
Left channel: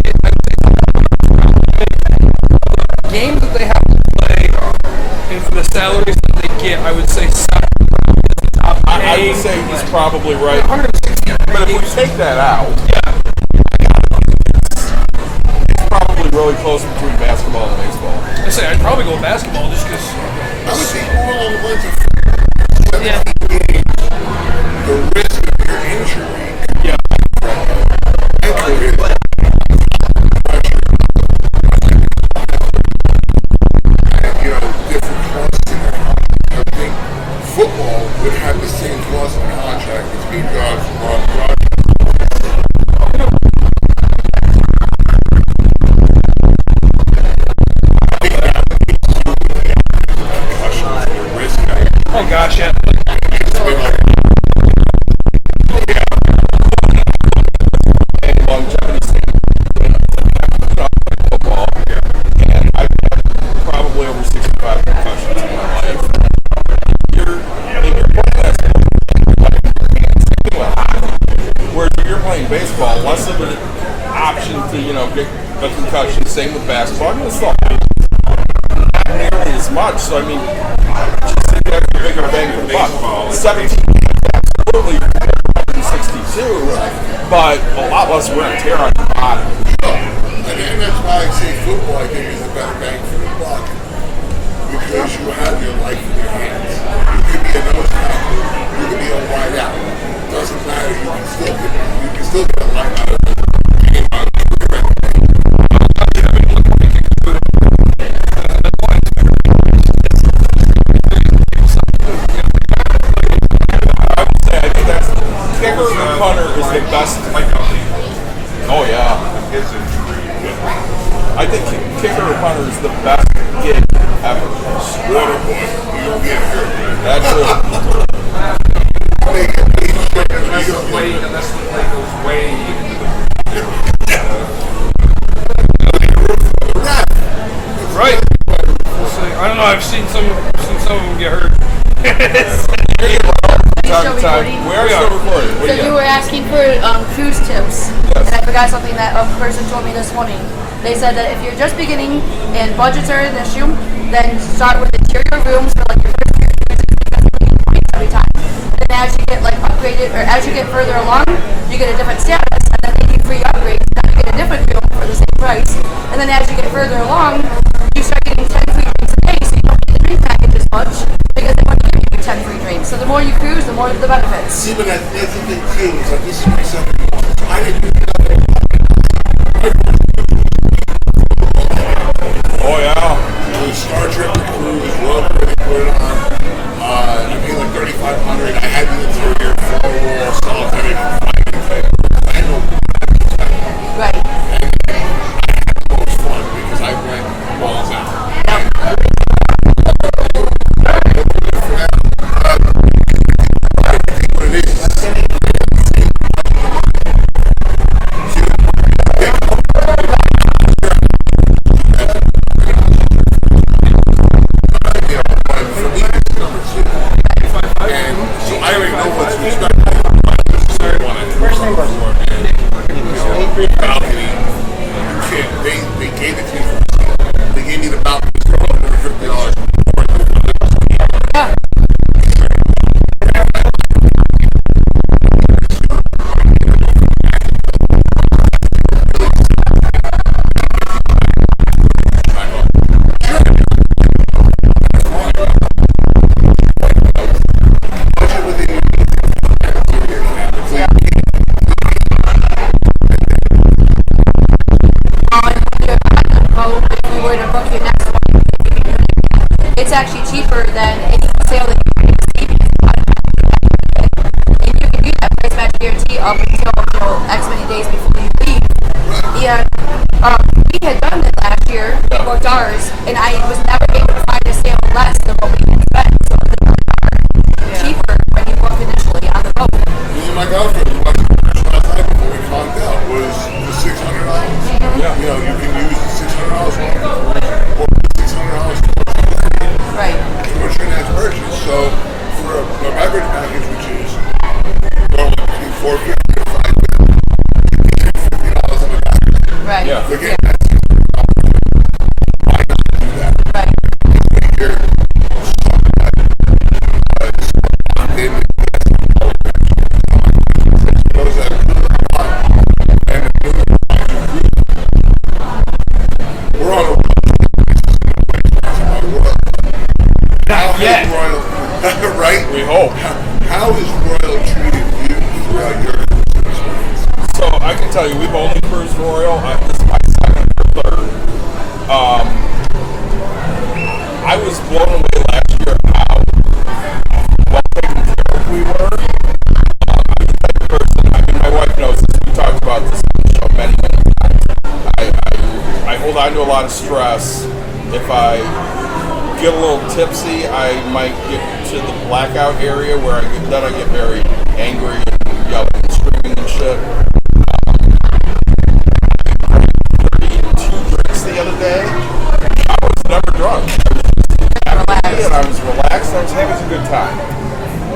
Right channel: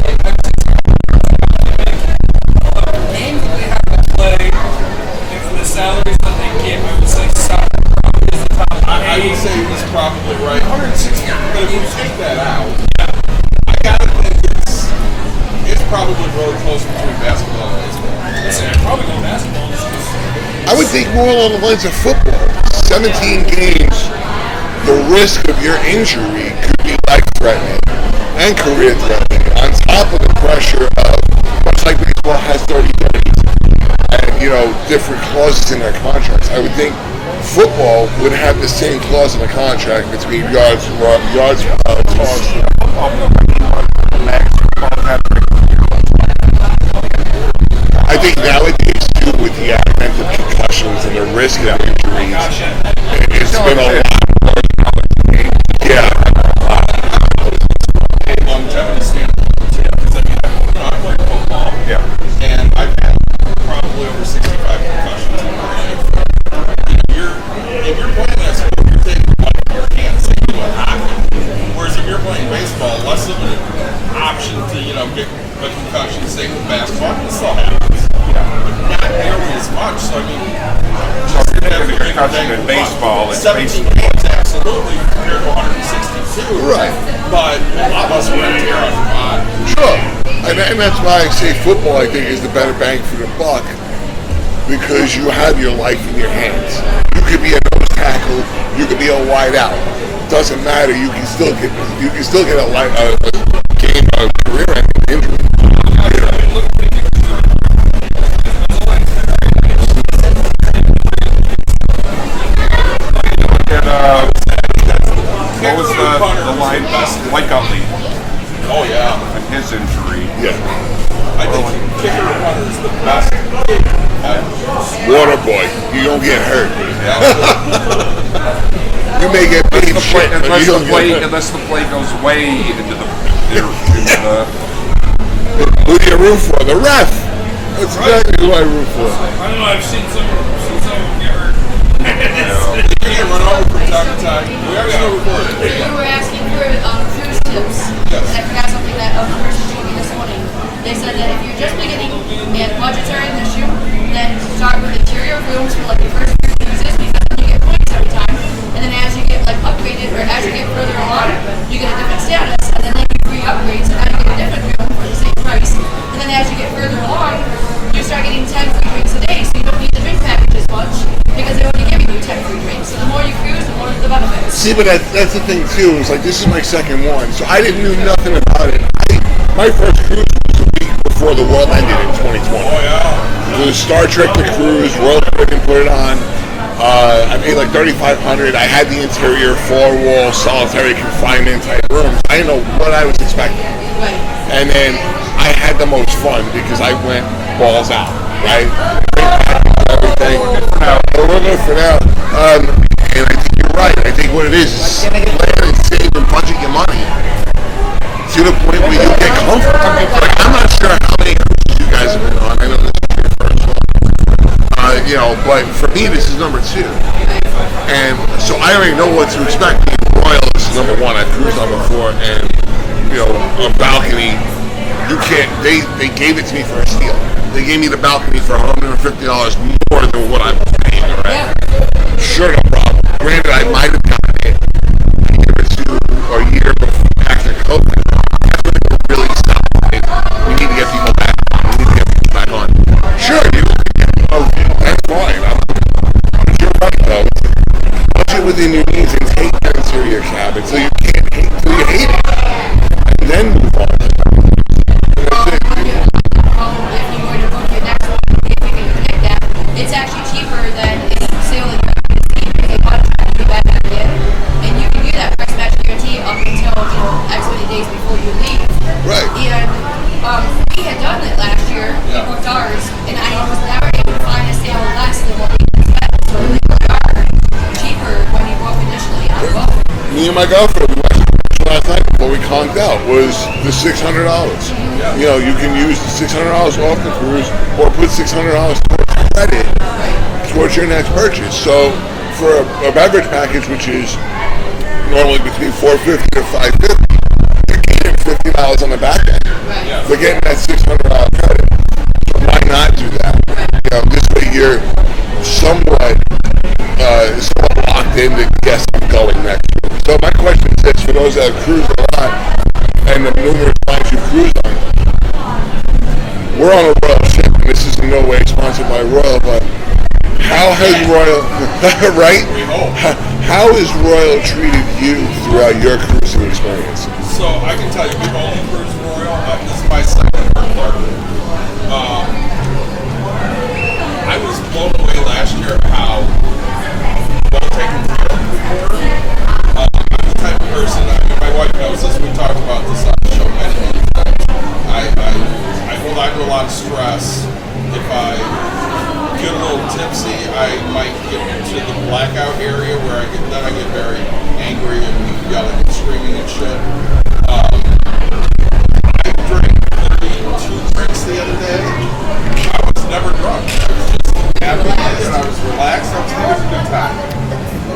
games that they have to play and for the salaries that they get, I would say soccer probably is the top. I would say he's probably right. 160. But if we take that out, Yeah. I gotta think it's probably really close between basketball and baseball. I say I'd probably go basketball just because. I would think more along the lines of football. 17 games, the risk of your injury could be life-threatening and career-threatening, on top of the pressure of, much like baseball has 30-30s, and, you know, different clauses in their contracts. I would think football would have the same clause in the contract between yards, tossed. I think nowadays, too, with the advent of concussions and the risk of injuries, it's been a lot. Yeah. Longevity standpoint, you know, because I mean, I've played football, and I've had probably over 65 concussions in my life. If you're playing that sport, you're taking your life in your hands. Same thing with hockey. Whereas if you're playing baseball, less of an option to, you know, get a concussion. Same with basketball. I mean, it still happens. Not nearly as much. So I mean, just think that's a bigger bang of baseball. 17 games, absolutely, compared to 162. Right. But a lot less wear and tear on your body. Sure. And that's why I say football, I think, is the better bang for the buck, because you have your life in your hands. You could be a nose tackle, you could be a wide out. Doesn't matter. You can still get a game, a career-ending injury. Kicker or punter was the best like Oh yeah, his injury. Yeah. I think kicker or punter is the best gig ever. Water boy, you don't get hurt. That's You may get paid shit, but you don't get hurt. Unless the play goes way into the Who do you root for? The ref. That's exactly who I root for. I don't know. I've seen some of them get hurt. You're getting run over from time to time. We are still recording. So you were asking for cruise tips, and I forgot something that a person told me this morning. They said that if you're just beginning and budgets are an issue, then start with interior rooms for like your first few cruises, because then you get points every time. And then as you get like upgraded, or as you get further along, you get a different status, and then they give free upgrades, and now you get a different room for the same price. And then as you get further along, you start getting 10 free drinks a day, so you don't need the drink package as much, because they're only giving you 10 free drinks. So the more you cruise, the more the benefits. See, but that's the thing too. It's like this is my second one, so I didn't know nothing about it. My first cruise was the week before the world ended in 2020. Oh yeah. It was Star Trek the cruise. Royal Caribbean put it on. I paid like $3,500. I had the interior, four-wall, solitary confinement type rooms. I didn't know what I was expecting. Right. And then I had the most fun because I went balls out, right? Everything. We're good for now. And I think you're right. I think what it is plan and save and budget your money to the point where you get comfortable. Like, I'm not sure how many cruises you guys have been on. I know this is your first one. But for me, this is number 2. And so I already know what to expect. Royal, this is number 1. I've cruised on before, and a balcony. You can't. They gave it to me for a steal. They gave me the balcony for $150 more than what I was paying already. Sure, no problem. Granted, I might have gotten it a year or 2 or a year before after COVID. That's when they were really stopped. We need to get people back on. We need to get people back on. Sure, you can get that's fine. But you're right, though. Budget within your means and hate your interior cabin so you can't hate till you hate it. And then move on. If you were to book your next one, if you can predict that, it's actually cheaper than any sale that you're going to see because a lot of times you back in. And you can do that price match guarantee up until X many days before you leave. Right. And we had done it last year. We booked ours, and I was never able to find a sale less than what we had spent. So they really are cheaper when you book initially on the boat. Me and my girlfriend, we watched a commercial last night before we conked out, was the $600. You can use the $600 off the cruise or put $600 towards credit towards your next purchase. So for a beverage package, which is normally between $450 to $550, you're gaining $50 on the back end. Right. They're getting that $600 credit. So why not do that? Right. This way you're somewhat locked in that yes, I'm going next year. So my question is this, for those that have cruised a lot and the numerous times you've cruised on, we're on a Royal ship, and this is in no way sponsored by Royal, but how has Royal, right? We hope. How has Royal treated you throughout your cruising experience? So I can tell you, we've only cruised Royal. This is my second or third. I was blown away last year how well taken care of we were. I'm the type of person, my wife knows this, we talked about this on the show many, many times. I hold on to a lot of stress. If I get a little tipsy, I might get to the blackout area where I get very angry and yelling and screaming and shit. I drank 32 drinks the other day. I was never drunk. I was just happy and I was relaxed. I was having a good time.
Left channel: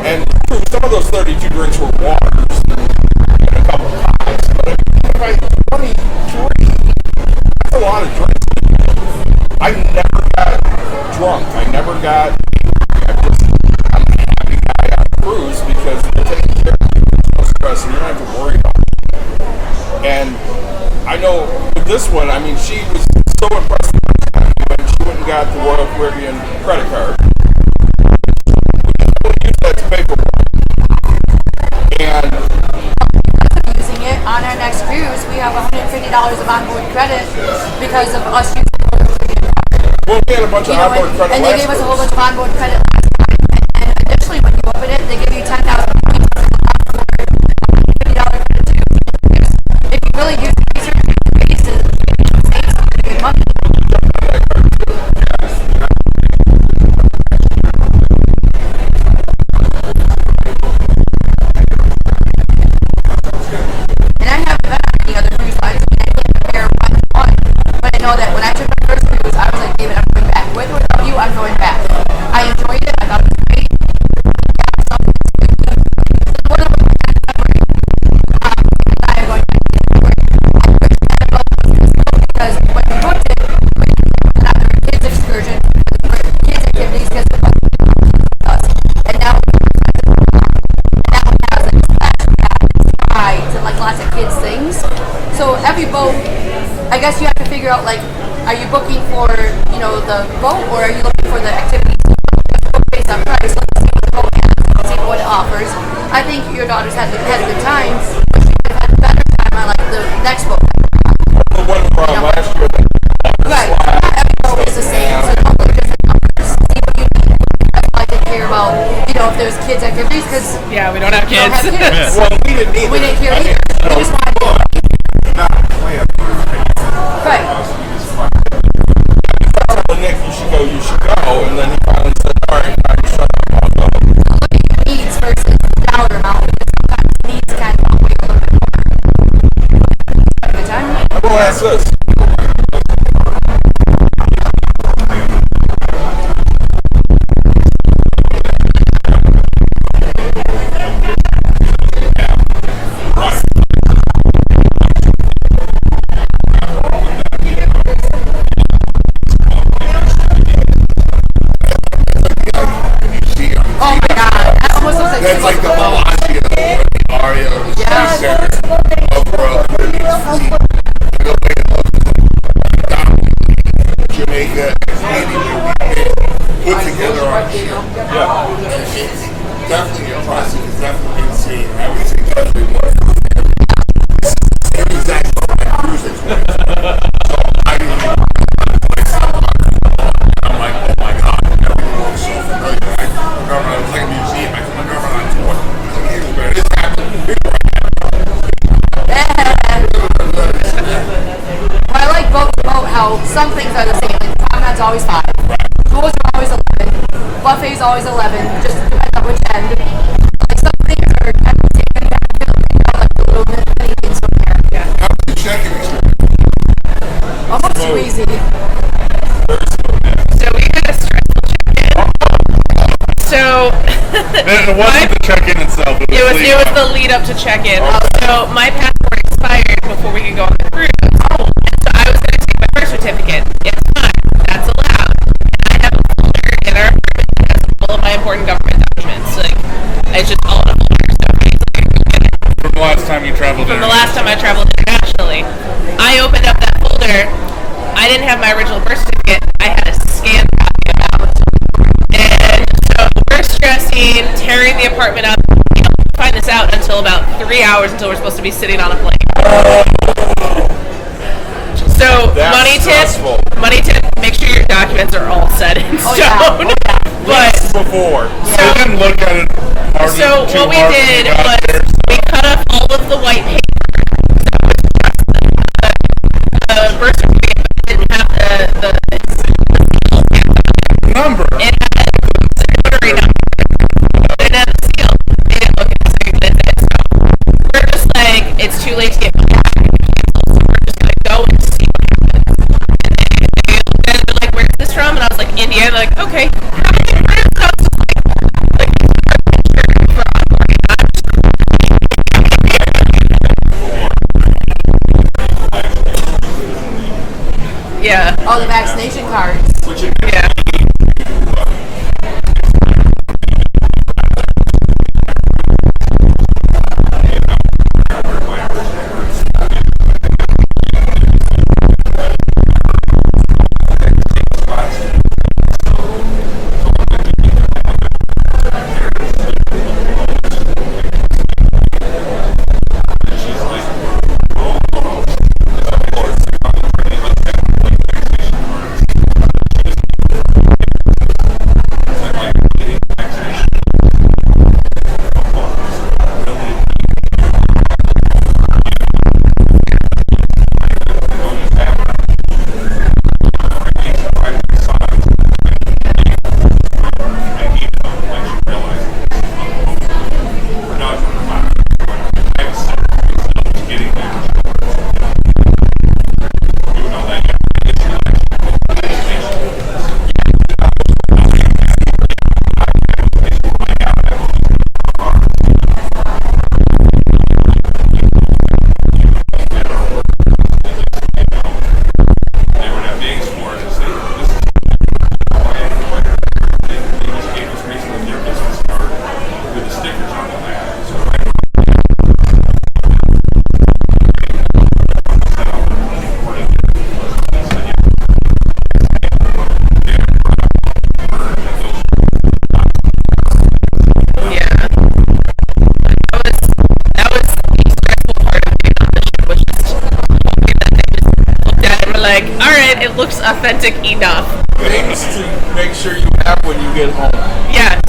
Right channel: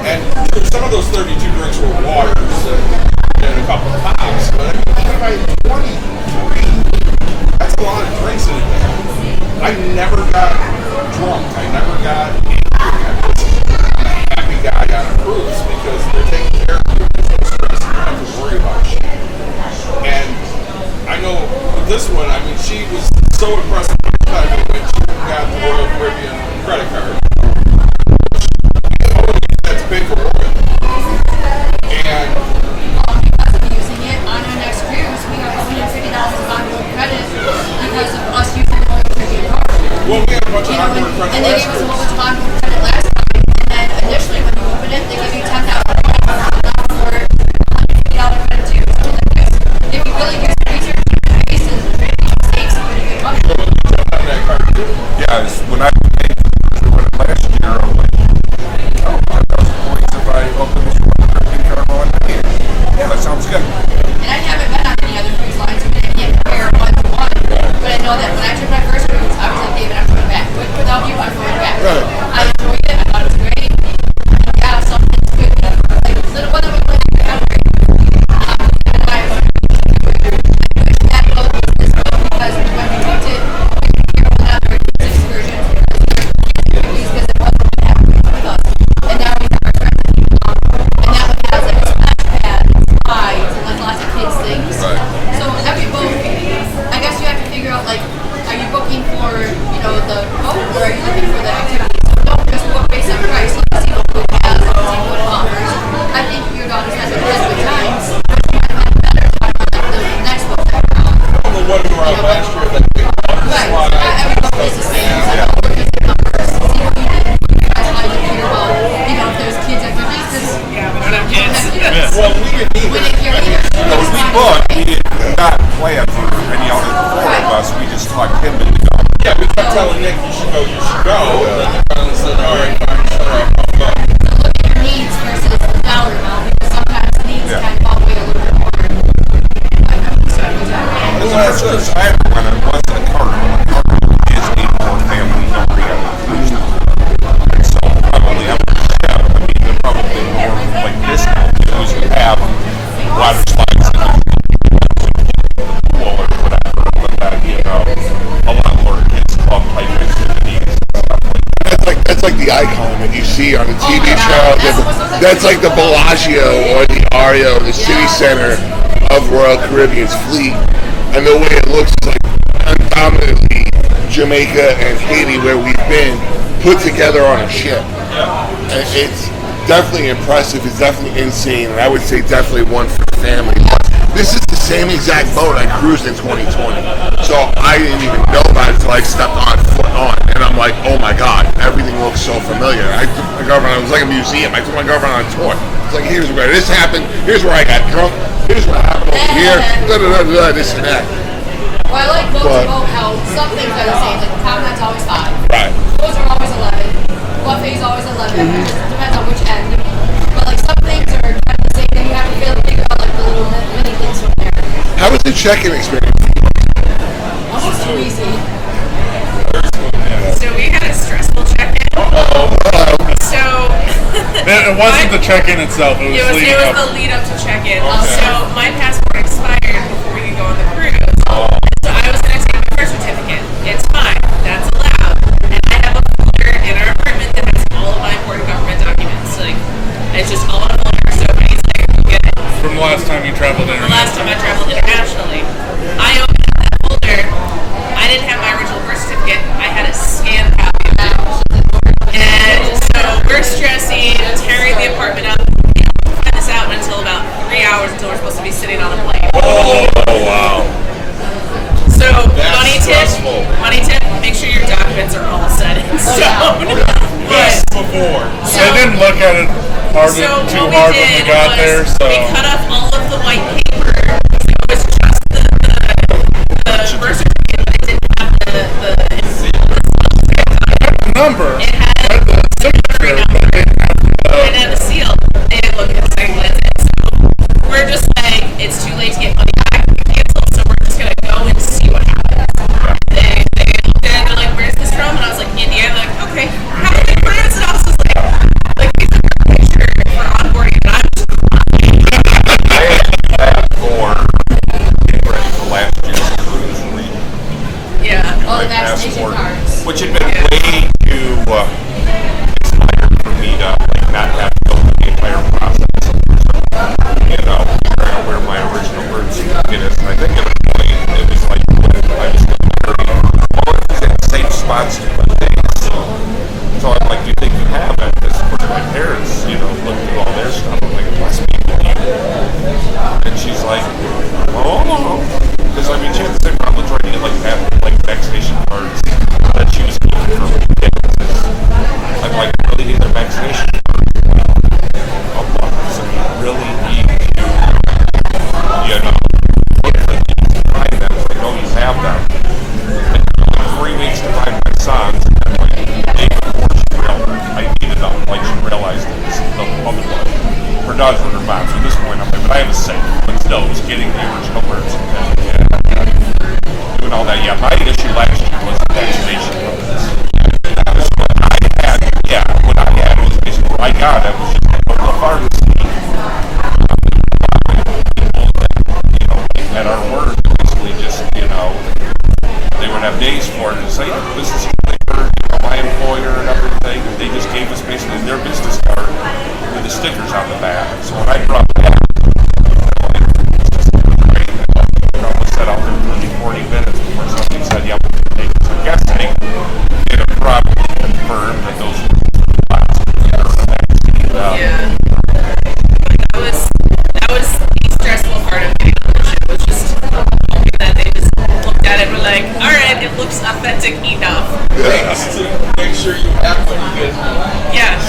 And true, some of those 32 drinks were waters and a couple of pops, but even by 23, that's a lot of drinks in a day. I never got drunk. I never got angry. I'm a happy guy on a cruise because they're taking care of you. There's no stress and you don't have to worry about shit. And I know with this one, she was so impressed with my when she went and got the Royal Caribbean credit card. We only use that to pay for Royal. And because of using it on our next cruise, we have $150 of onboard credit because of us using the Royal Caribbean card. Well, we had a bunch of onboard credit and last they gave us a time. whole bunch of onboard credit last time. And then initially, when you open it, they give you 10,000 points for $150 credit too. If you really use research and bases, you save some pretty good money. You jumped on that card too? Yeah, when I paid for it last year, I was like, points if I open this one. Yeah, that sounds good. And I haven't been on any other cruise lines. I can't compare one to one. But I know that when I took my first cruise, I was like, David, I'm going back. With or without you, I'm going back. I enjoyed it. I thought it was great. Yeah, something's good. Like the one that we went on February, and I wish that boat was this boat because when we booked it, we went out for kids' excursions, kids' activities because it wasn't happening with us. And now we have our friends that come along. And that one has like a splash pad and slides and like lots of kids' things. So every boat, I guess you have to figure out like, are you booking for, the boat or are you looking for the activities? So don't just book based on price. Let's see what the boat has and period. No, we booked. We did not plan for any other four of us. We just talked him into going. Yeah, we kept telling Nick, you should go, and then he finally said, all right, fine, shut up, I'll go. So look at your needs versus the dollar amount, because sometimes needs can outweigh a little bit more. Well, that's this. I remember when I was in a car. Disney for family, no reason. So probably I'm going to have, I mean, they're probably more like this now, because you have water slides and pool or whatever, but that, a lot more kids club like this and stuff like that. That's like the icon that you see on the TV show. That's like the Bellagio or the Aria or the city center of Royal Caribbean's fleet. And the way it looks is like predominantly Jamaica and Haiti, where we've been, put together on a ship. And it's definitely impressive. It's definitely insane. And I would say definitely one for the family. This is the same exact boat I cruised in 2020. So I didn't even know about it until I stepped on foot on. And I'm like, oh my God, everything looks so familiar. I took my girlfriend, it was like a museum. I took my girlfriend on a tour. It's like, here's where this happened. Here's where I got drunk. Here's what happened here. This and that. Well, I like boat to boat how some things are the same. Like the Conrad's always 5. Right. Tours are always 11. Buffet's always 11. It just depends on which end. But like some things are kind of the same thing. You have to figure out like the little mini things from there. Yeah. How was the check-in experience? Almost too easy. So we had a stressful check-in. So It wasn't the check-in itself. It was the lead up to check-in. So my passport expired before we could go on the cruise. And so I was going to take my birth certificate. It's fine. That's allowed. And I have a folder in our apartment that has all of my important government documents. Like, it's just all in a folder. So he's like, go get it. From the last time you traveled From the last time I traveled internationally. I opened up that folder. I didn't have my original birth certificate. I had a scanned copy of it. And so we're stressing, tearing the apartment up. We don't find this out until about 3 hours until we're supposed to be sitting on a plane. So money tip, make sure your documents are all set in stone. But before. I didn't look at it so what we did was we cut off all of the white paper. So it was just the birth certificate, but it didn't have the seal stamped on it. Number. It had the notary number. But it had the seal. They didn't look at it, so that's it. So we're just like, it's too late to get money back if we cancel, so we're just gonna go and see what happens. And they looked at it, they're like, where's this from? And I was like, India. They're like, okay, have a good cruise. And I was just like these are our picture for onboarding, and I'm just crying. Yeah. All the vaccination cards. Which had been way too expired for me to not have to go through the entire process. Where my original birth certificate is. I think at a point it was like I was all in the same spots in the day. So I'm like, we think you have it. This put it right there. It's, look at all this. I'm like, must be and she's like, oh, because I mean, she was sitting around trying to have vaccination cards that she was keeping for ridiculous. Like really need their vaccination cards. Really need to, look for these and buy them. I know you have them. And 3 weeks to find my sons, and then like day before I needed them. Like she realized it was the moment for not for her box at this point. I was sick, but still was getting the original birth certificate. Doing all that. Yeah, my issue last year was the vaccination. That was what I had. Yeah, what I had was basically what I got. I was just the pharmacy. People that, like at our order, basically just, they would have days for it and say, this is who they were, my employer and everything. They just gave us basically their business card with the stickers on the back. So when I brought that, set out for 40 minutes before somebody said, yeah, we'll take this gas tank. They had a problem confirmed that those lots Yeah. But that was the stressful part of getting on the ship, was just hoping that they just looked at it and were like, alright, it looks authentic enough. Make sure you have when you get home. Yeah.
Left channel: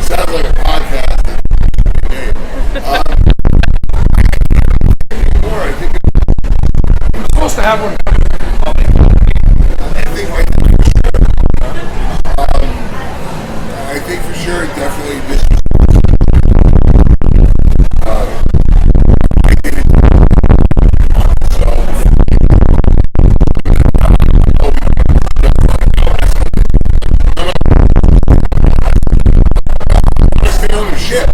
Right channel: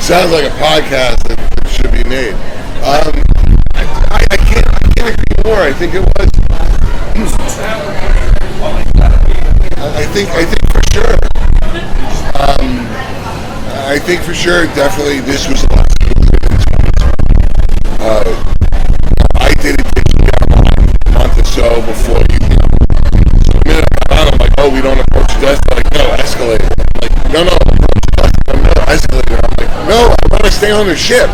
Sounds like a podcast that should be made. I I can't agree more. I think it was. It was supposed to happen. I think for sure. I think for sure, definitely, this was a lot. I did it digitally a month or so before you. The minute I'm on, I'm like, oh, we don't approach the desk. They're like, no, escalate. I'm like, no, escalate. I'm like, no, I want to stay on the ship.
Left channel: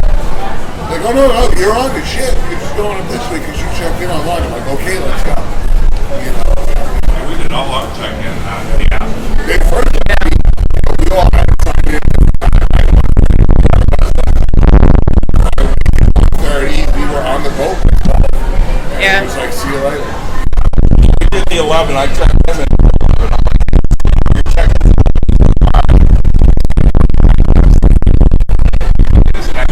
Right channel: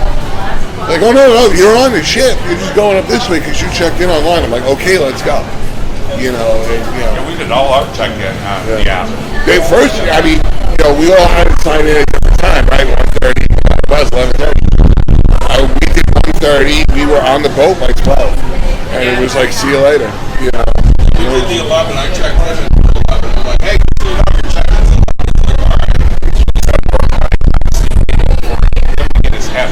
Like, oh no, you're on the ship. You're just going up this way because you checked in online. I'm like, okay, let's go. You know, We did all our check-in on the app. They first, I mean, we all had to sign in at a different time, right? 1:30. It was 11:30. We did 1:30. We were on the boat by 12, and it was like, see you later. You know. We did the 11. I checked in at 11. I'm like, hey, see you your check-in's 11. He's like, all right.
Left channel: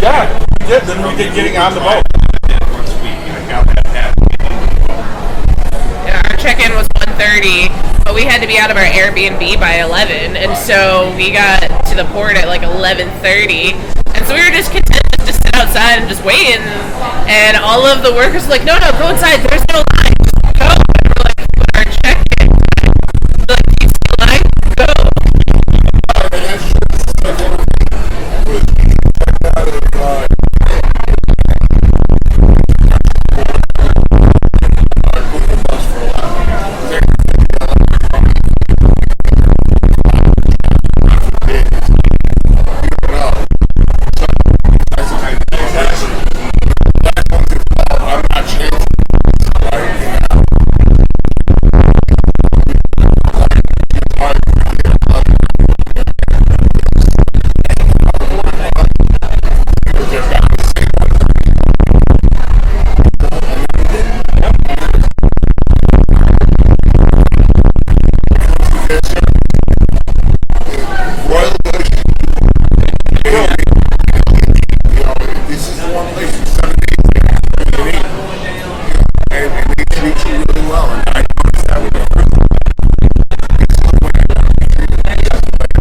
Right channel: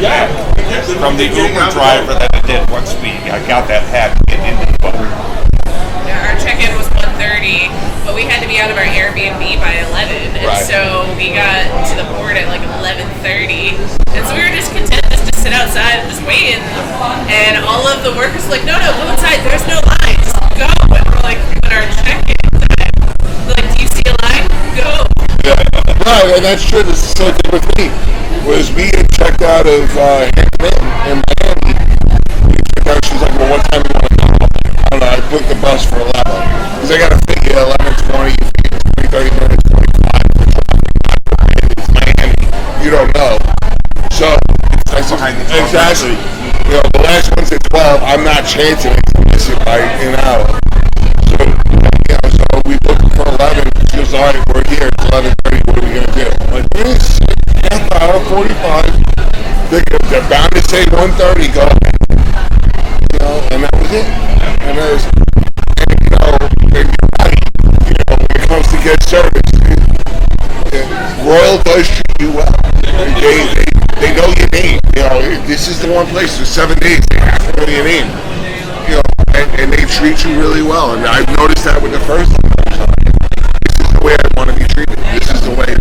Yeah, we did. From the getting on the boat that it did once I got that hat getting into the boat. Yeah, our check-in was 1:30, but we had to be out of our Airbnb by 11, and so we got to the port at like 11:30, and so we were just content just to sit outside and just wait, and all of the workers were like, no, go inside, there's no line, just go, and we're like, but our check-in time, they're like, do you see a line? Go. Yeah, no, and that's true. This is the same thing with me. Was we had checked out of in Miami. We checked out. She's like, well, what time do you want to go? I don't know. I booked the bus for 11 because I got to figure 11, 20, 30 minutes, 25 for traffic. God forbid, it's Miami. You don't know. So exactly. The last one's at 12. I'm not chancing it to miss it by an hour. So we booked it for 11. She was all right. We're here. It's 11:30. What are we gonna do? I'm like, this half hour, 45. They're bound to say 1:30. Go ahead. And that was it. And that was, and you're right. When it comes to guest service, Royal does treat you well. They know your name. This is the one place. For 7 days, they have to know your name. And they treat you really well. And I've noticed that with the first one. This is the way I want to be treated. This is the way.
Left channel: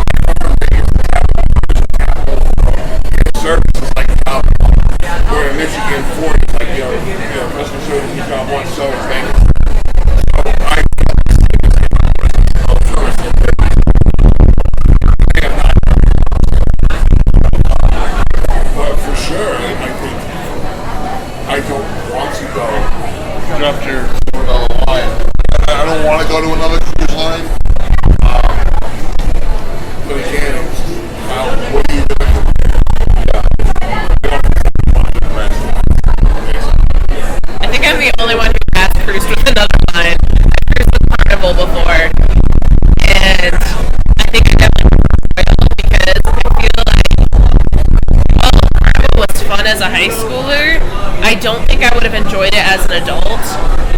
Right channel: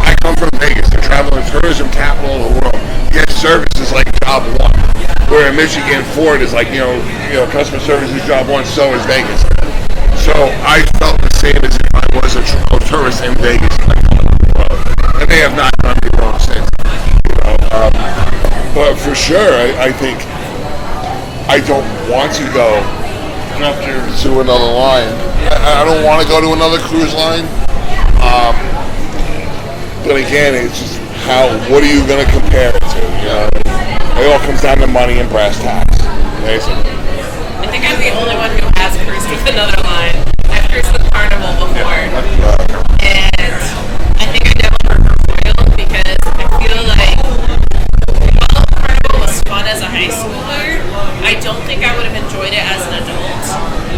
I come from Vegas, the travel and tourism capital of the world. Guest service is like job one. Where in Michigan, Ford is like, customer service is job one, so is Vegas. So I felt the same as if I was a tourist in Vegas. And they have not done me wrong since. But for sure, I think I don't want to go to another line. I don't want to go to another cruise line. But again, it's just what are you going to compare it to? It all comes down to money and brass tacks. Basically. I think I'm the only one who has cruised with another line. I've cruised with Carnival before, and I think I definitely prefer Royal because I feel like, while Carnival was fun as a high schooler, I don't think I would have enjoyed it as an adult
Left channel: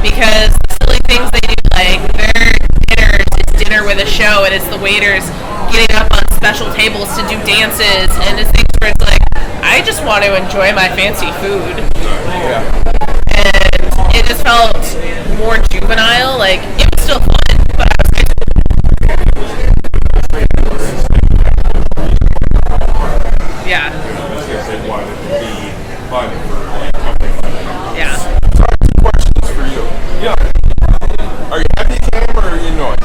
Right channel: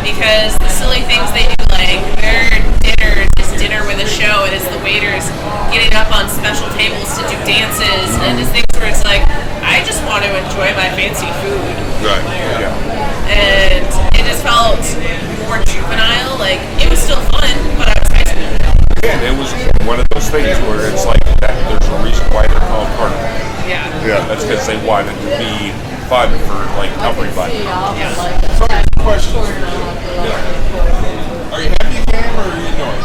because the silly things they do, like their dinners is dinner with a show, and it's the waiters getting up on special tables to do dances, and it's things where it's like, I just want to enjoy my fancy food. Right. Yeah. And it just felt more juvenile. Like, it was still fun, but I was high school. And it was one of those things where it's like that. There's a reason why they're called Carnival. Yeah. That's because they wanted to be fun for like company fun. Yeah. So I have 2 questions for you. Yeah. Are you happy you came or are you annoyed?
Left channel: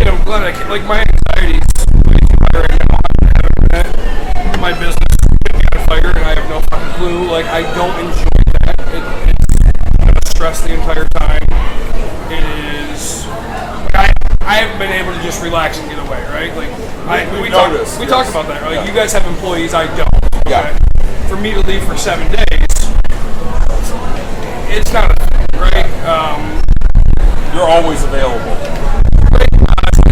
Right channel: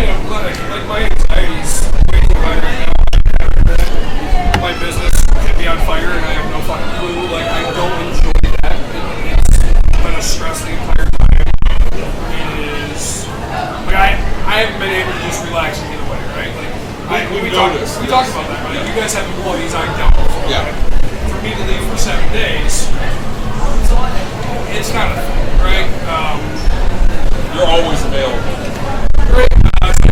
I'm glad my anxiety's way too high right now. I haven't been. My business could be on fire and I have no fucking clue. Like, I don't enjoy that. It's been a stress the entire time. It is. Like, I haven't been able to just relax and get away, right? Like, we talked about that. Like, you guys have employees, I don't. Yeah. For me to leave for 7 days, it's not a thing, right? You're always available. Right. So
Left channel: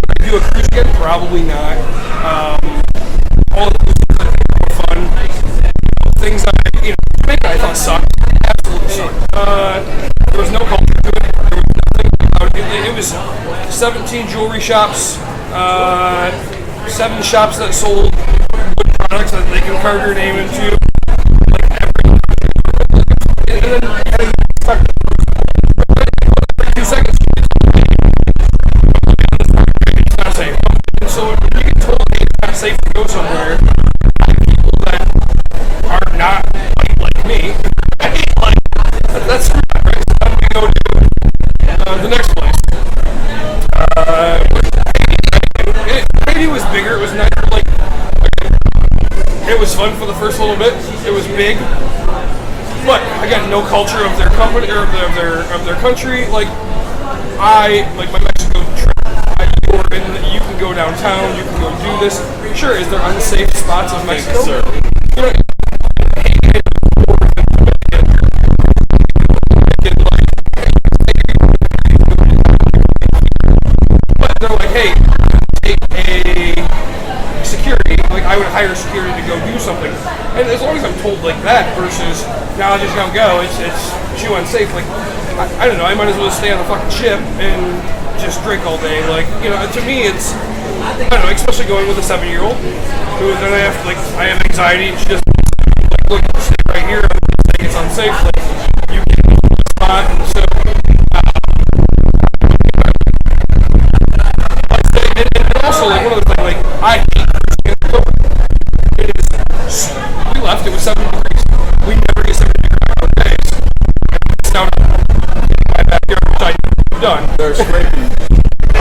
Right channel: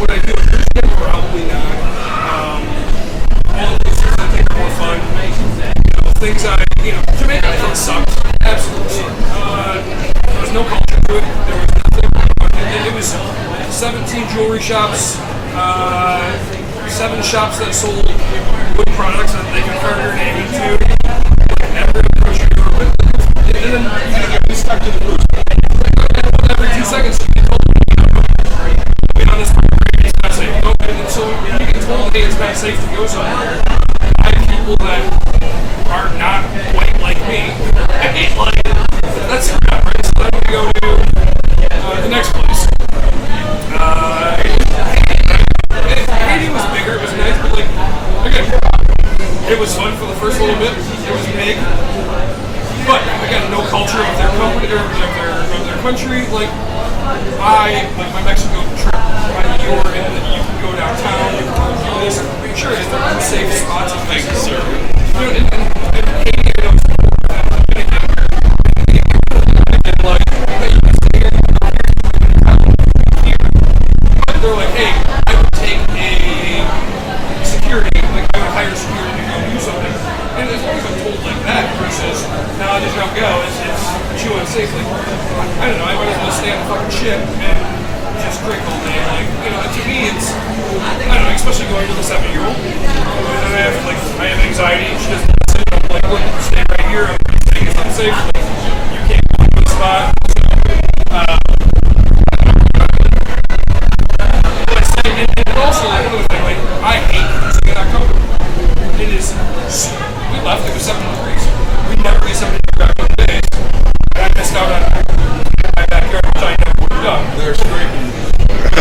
would I do a cruise again? Probably not. All the things I think are more fun. Things Jamaica I think sucked. Absolutely. There was no culture to it. There was nothing about it. It was 17 jewelry shops, 7 shops that sold wood products that they converted your name into. Like every country. And then kind of get stuck to the cruise. was fun for the first little bit. It was big, but I got no culture of their company or of their country. Like my Mexico trip, you can go downtown, you can go do this. Sure, is there unsafe spots in Mexico? You know, in Haiti, I know it's more than Dominican. And like, hey, you can stay here, you can go here, you can go here. But they're like, hey, I would take a security, like I would hire security to go do something. And as long as I'm told like that versus, nah, just don't go, it's too unsafe. Like, I don't know, I might as well stay on a fucking ship and just drink all day. Like, you know, to me it's, I don't know, especially going with a 7-year-old. And I have anxiety, and she doesn't listen. I'm like, look, stay right here, I'm saying it's unsafe. Like, you can't go to the spot. So, like say, and also like another thing, like I hate cruising in October. It is, we left, it was 7 degrees. We never get 7 degrees back on days. And I missed out on getting my backyard, which I never would have done. They're scraping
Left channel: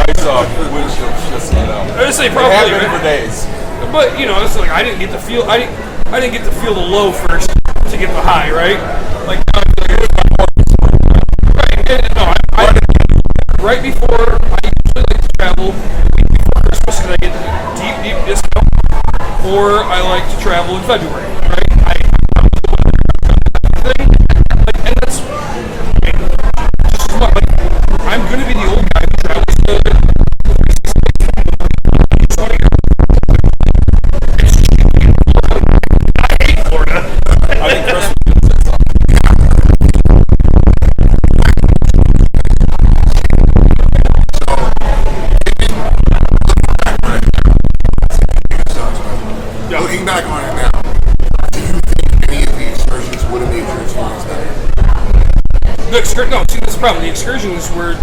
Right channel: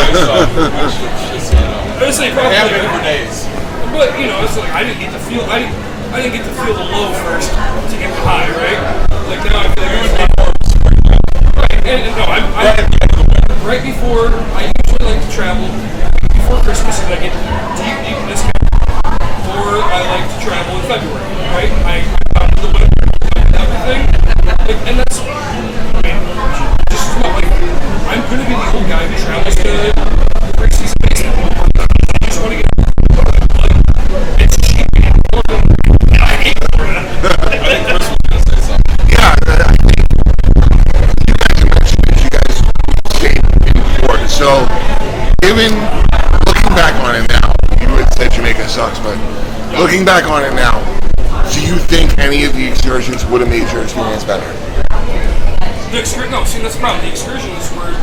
ice off the windshield. I would say probably for days. But you know, it's like I didn't get to feel the low first to get the high, right? Like now I feel like I just get more of a spring. Right, and no, right at the end of the winter. Right before, I usually like to travel before Christmas because I get deep discount, or I like to travel in February, right? I'm out of the winter, I'm done with everything. Like, and that's, I mean, just not like, I'm gonna be the old guy who travels to the preseason baseball. I just want to get like, it's cheap in Florida. I hate Florida. I think Chris was gonna say something. Yeah, I think you guys mentioned that you guys came before. So, looking back on it now, you would say Jamaica sucks, but looking back on it now, do you think any of the excursions would have made your experience better? No, see, that's the problem. The excursions were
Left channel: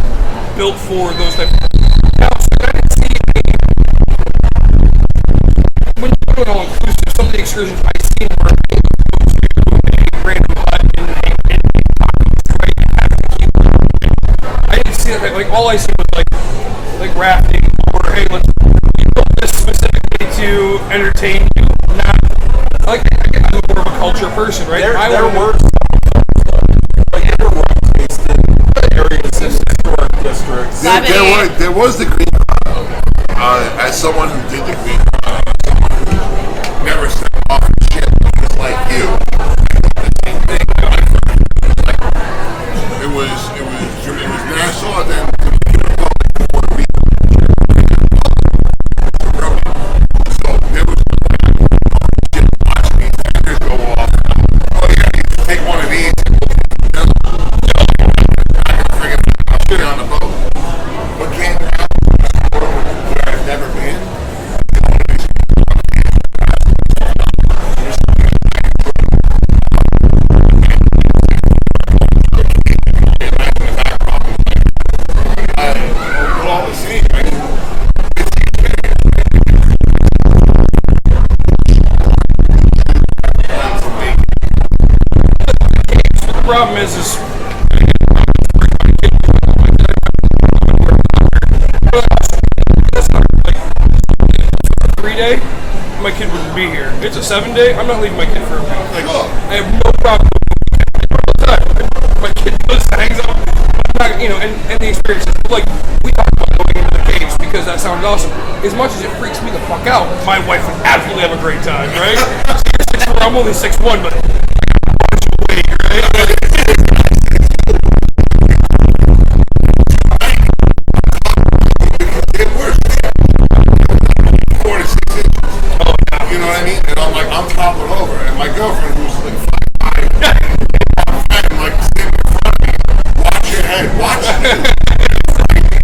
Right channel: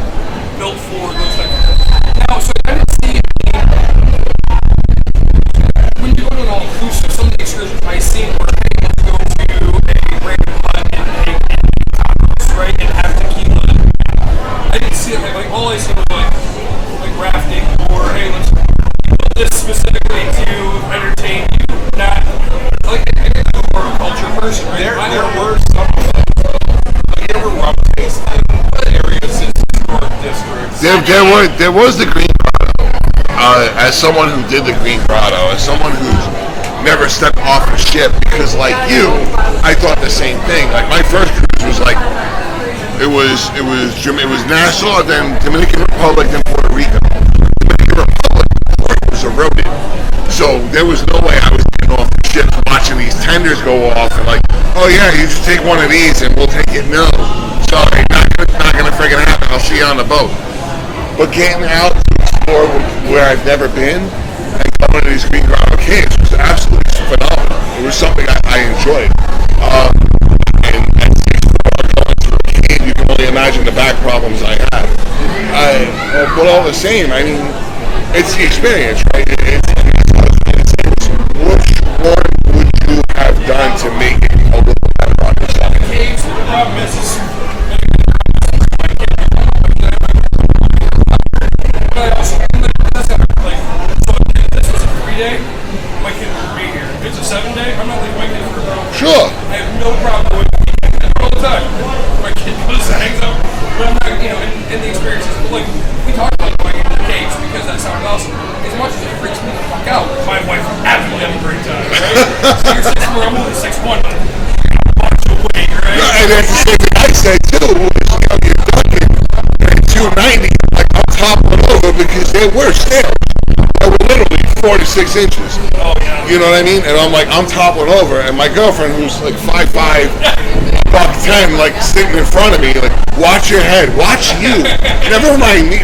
built for those type of... Now, so I didn't see any... When you go to an all-inclusive, some of the excursions I seen were, hey, let's go to a random hut and make tacos, right, and have tequila. And I didn't see that. Like, all I see was, like rafting, or, hey, we built this specifically to entertain you, not... Like, I'm more of a culture person, right? There were some of those, like, there were rum tasting areas in historic districts. There was the Green Grotto. As someone who did the Green Grotto, as someone who's never stepped off a ship, because like you, I thought the same thing. Like my first cruise was like, it was Nassau, then Dominican Republic, then Puerto Rico. Dominican Republic was eroded, so there was no way I was getting off the ship watching these tenders go off and like, oh yeah, you just take one of these and we'll take it. No, sorry, not gonna friggin' happen. I'll see you on the boat. But getting out to explore where I've never been and coming to these Green Grotto caves was absolutely phenomenal. It was something I enjoyed. And going to a cave, you can only imagine the back problems I had. But all the same, I mean, it's the experience, right? Which one would you have done to make it a little better on the side? The caves, the problem is that's not like, so if this was a 3-day, my kid would be here. If it's a 7-day, I'm not leaving my kid for a problem. Sure. I have no problem going a weekend. I do it all the time. My kid goes and hangs out. But I'm not, you know, and the experiences. But like, we talk about going into the caves because that sounds awesome. As much as it freaks me the fuck out, my wife would absolutely have a great time, right? So you're 6'4", I'm only 6'1", but I got a bunch of weight, right? Yeah, and that's the same thing I said too. Was, you know, you're Duncan and 290. Like I'm toppling over because they were stairs. They were literally 4 to 6 inches. Oh yeah. You know what I mean? And I'm like, I'm toppling over, and my girlfriend, who's like 5'5", about 10, like sitting in front of me, like, watch your head, watch you. Never mind me.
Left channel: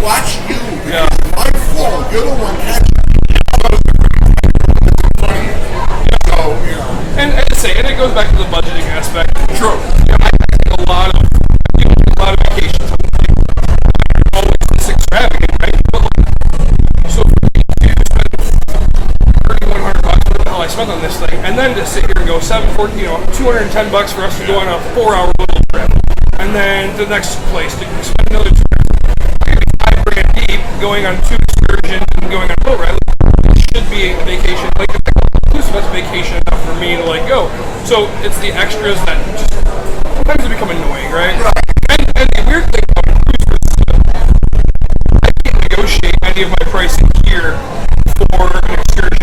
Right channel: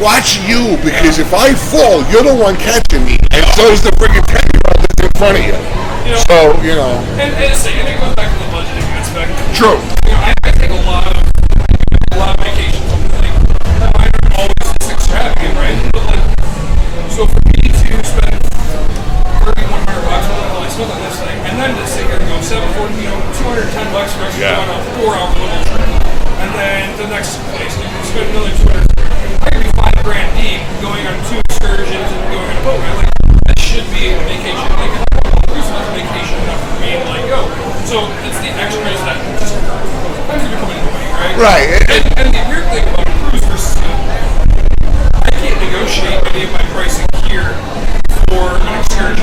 Watch you, because if I fall, you're the one catching me, and so is the freaking 10-year-old that's in front of you. So, you know. And it goes back to the budgeting aspect. True. You know, I take a lot of vacations. Like, mine are always this extravagant, right? But like, so for me to spend $3,100, what I spent on this thing, and then to sit here and go $210 for us to go on a 4-hour little trip, and then the next place to spend another $200. I could be $5,000 deep going on 2 excursions and going on a boat ride. Like, this should be a vacation. Like, if I go So it's the extras that just sometimes they become annoying, right? Right. And the weird thing about cruise versus I can't negotiate any of my pricing here for an excursion.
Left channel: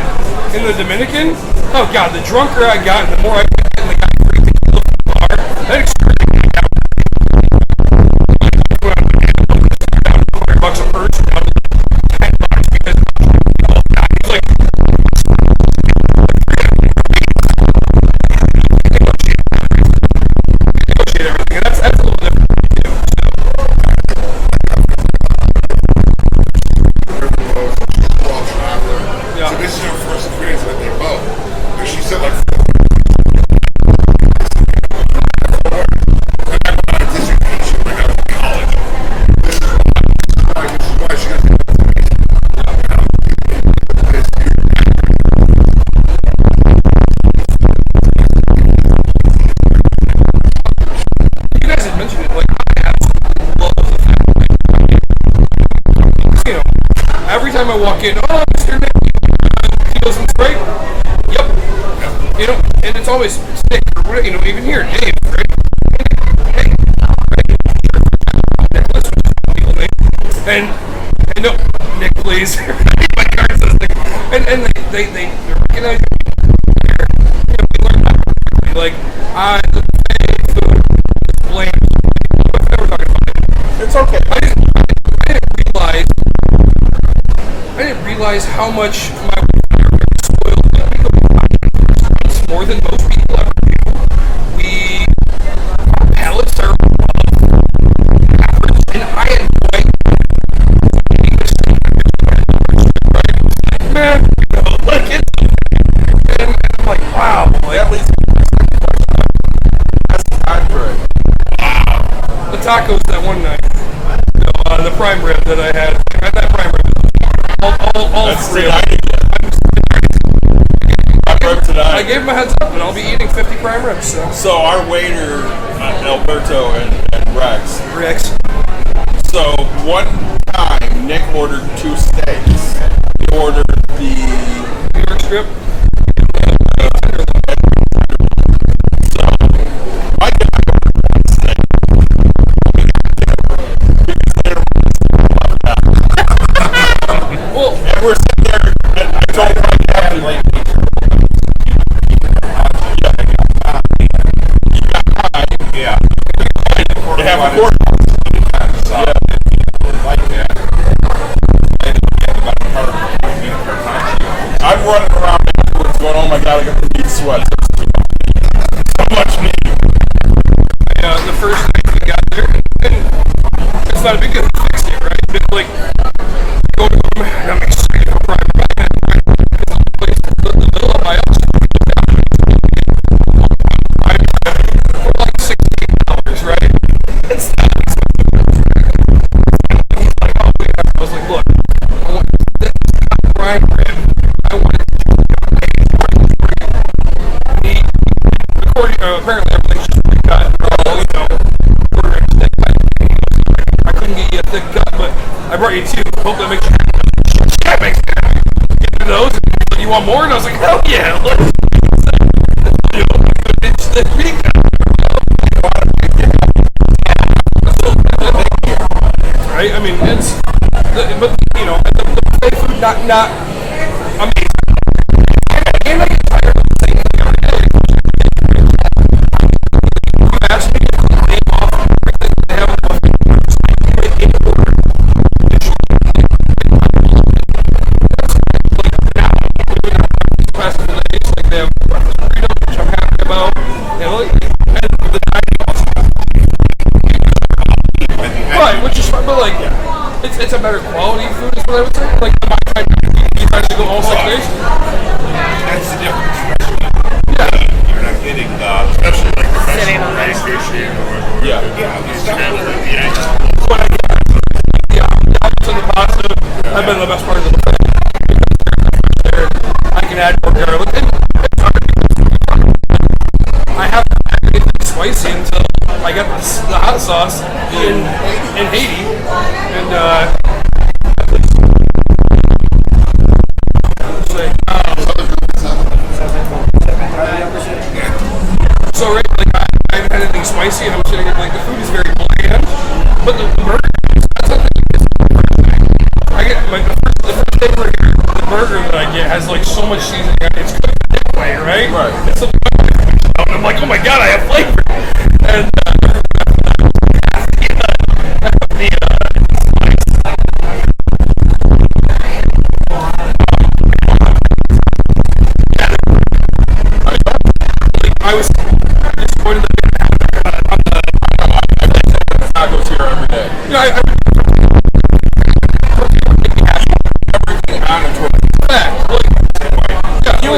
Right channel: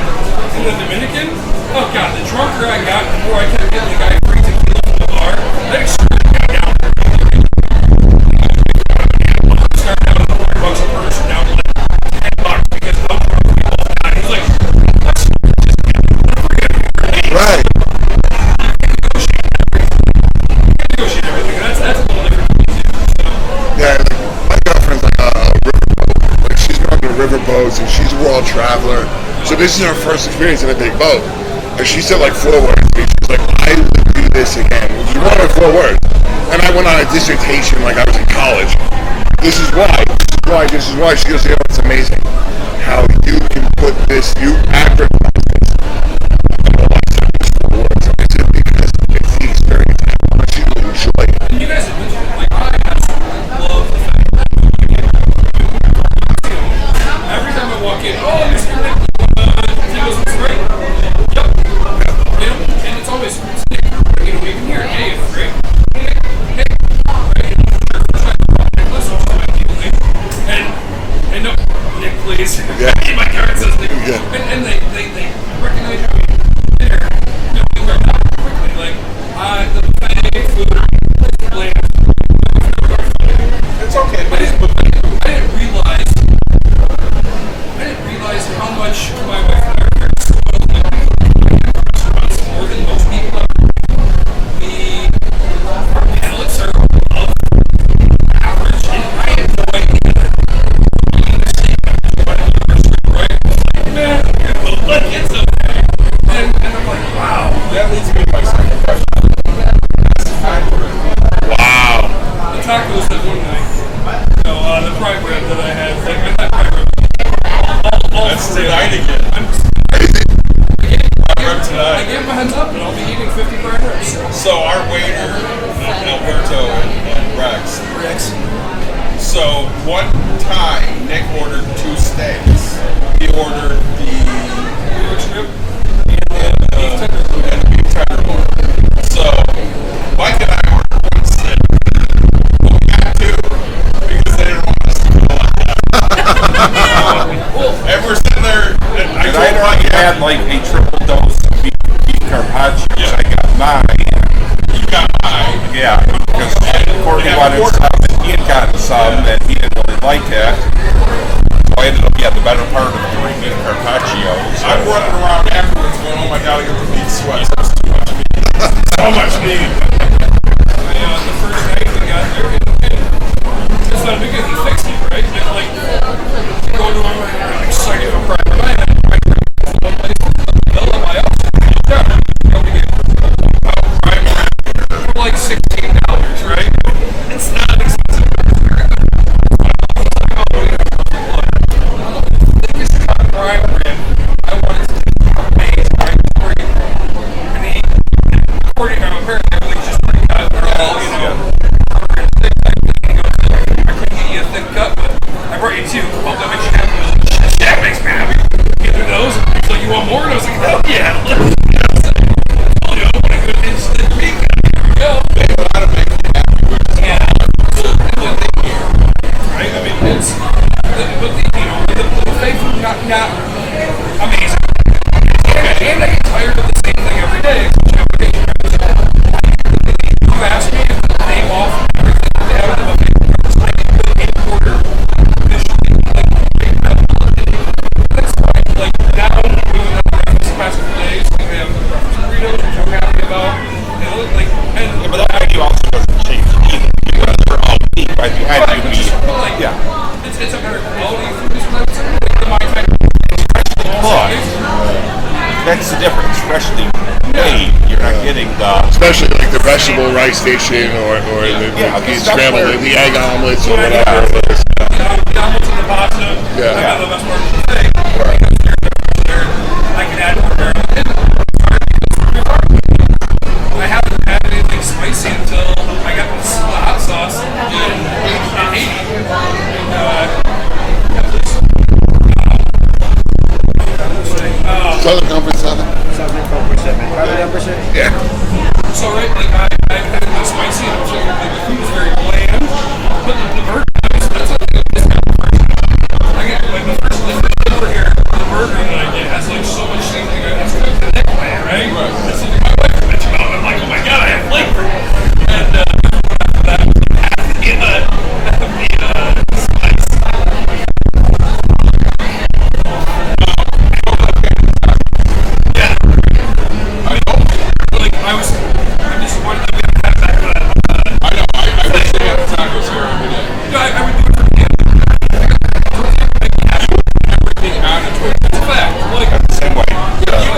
In the Dominican, oh god, the drunker I got, the more I kept getting the guy free tequila from the bar. That excursion got down. Started down to $100 a person, down to like $10 because how drunk we both got. He's like, let's just get free everywhere. Right. Can't negotiate everything. And that's a little different for me too. So. Yeah, like my girlfriend's like a riverboat. Like she's gone to riverboats and she's a world traveler. So this is her first experience in a big boat. And she said like 4 words to me. She was like, I would do this again. She wanted 4 words. And I went on a dissertation like I was in college. This is why. She goes, you know, it's amazing how you can put this, you advertise this. Because it's the experience and how much you enjoy it. You guys have mentioned it, like I absolutely love the fact that you know, every time I walk in, oh, Mr. Nick, he goes, it's great. Yep. You know, and it's always Nick, you know, even here, Dave, right? Hey, Nick, hey, right? Sure, first time I walk Nicholas, which is my people name. And no, Nick, please. Yeah. My card says Nick. Yeah. And they recognize me. There, you know, we learned that quickly. Like, the buffet food is bland. I've never got it. It's okay. I didn't realize how much my wife and I are very spoiled. Like, we go to high-end restaurants more than most people ever do. Our palates are above average, and I enjoy eating the steak. I'm just going to the restaurant, right? It's like, man, you know, like, it's okay. And I'm like, wow. That leads me to my second question. That's hybrid. Wow. The tacos that one night, you know, the prime rib that I had, like, that prime rib, all That's three. tonight again. Prime rib tonight. I gave him a heads up, and I'll be eating 50 prime ribs. So our waiter, Alberto and Rex. So one time, Nick ordered 2 steaks. He ordered the New York strip. and the beef tenderloin. So Mike and I ordered 1 steak. But we got 2 because they didn't want us to go like that. And we're sitting there, and I told Mike, had like a triple dose of beef carpaccio. Yeah. I got mine. you got mine. Yeah, because They have wanted quarter. some, he had gotten some that he didn't really like that. So I ended up getting the better part of the beef carpaccio. I'm running around afterwards going, oh my god, I got the meat sweats. That was too much meat. So much meat. The first night we got there, and it's not a big deal. He fixed it, right? But, like, go to him, and I'm excited for prime rib. I had prime rib because the one place, the villa by us, you look down, and you can only get 1 pound prime rib for like $16, right? It's not expensive. It's very good. Finally, he's like, oh, wait, I was like, look, the thickest cut prime rib, I wanted to do amazing, right? And he, according, apparently everything's just pre-cut. They're all, you know, quarter-inch thick type thing. He goes, I couldn't get you a thick cut, but I brought you 2. Hope that makes you happy. Shit, that makes me happy. Get me those. He's like, you want more? And I was like, hell yeah. Look, you know, when I go to inch thick meat cut, here we go. They want to make you happy. Yeah. Right? I mean, it's, but the, you know, the buffet food, not amazing. It's okay. And I get tired of the same thing every day. You've asked me if the name off everything that they have in the buffet. I can put in order visually. That's fine. Like, now we went out to breakfast the past couple days. Like, they have burritos, which I'm happy about. You know, like, But the menu also doesn't change either because they're all beef by the right, which is like, it's a better quality food, is what I would say. Like the Mai Tai, especially the That's the difference, especially meat. You're not getting the Especially like the vegetable rice station or the scrambled, the egg omelets or whatever. the omelets and the pasta. Yeah. I've been the best part of the buffet because they're fresh there. I can add more garlic. And it's hard because I haven't had anything spicy until I got the hot sauce in Haiti. And at least. Southern Conference 7. Southern Conference 7. Yeah. So right, like I haven't had anything spicy, and I'm saying like the food is very bland. But the burger, that's something that pissed me off the first time. I get like the first day we're here, the burger that I get has like so much seasoning. It's cooked in Nick plan, right? Right. That's something my wife mentioned about. I'm like, oh my god, I have flavor. And after that was like half the spice. Yeah. I was disappointed that we haven't had it back on the I know, I've been sitting at the tacos here every day. Yeah, I've been doing tortilla would make me happy. Everything on a tortilla. It's a fact. Really, the same way. Yeah, you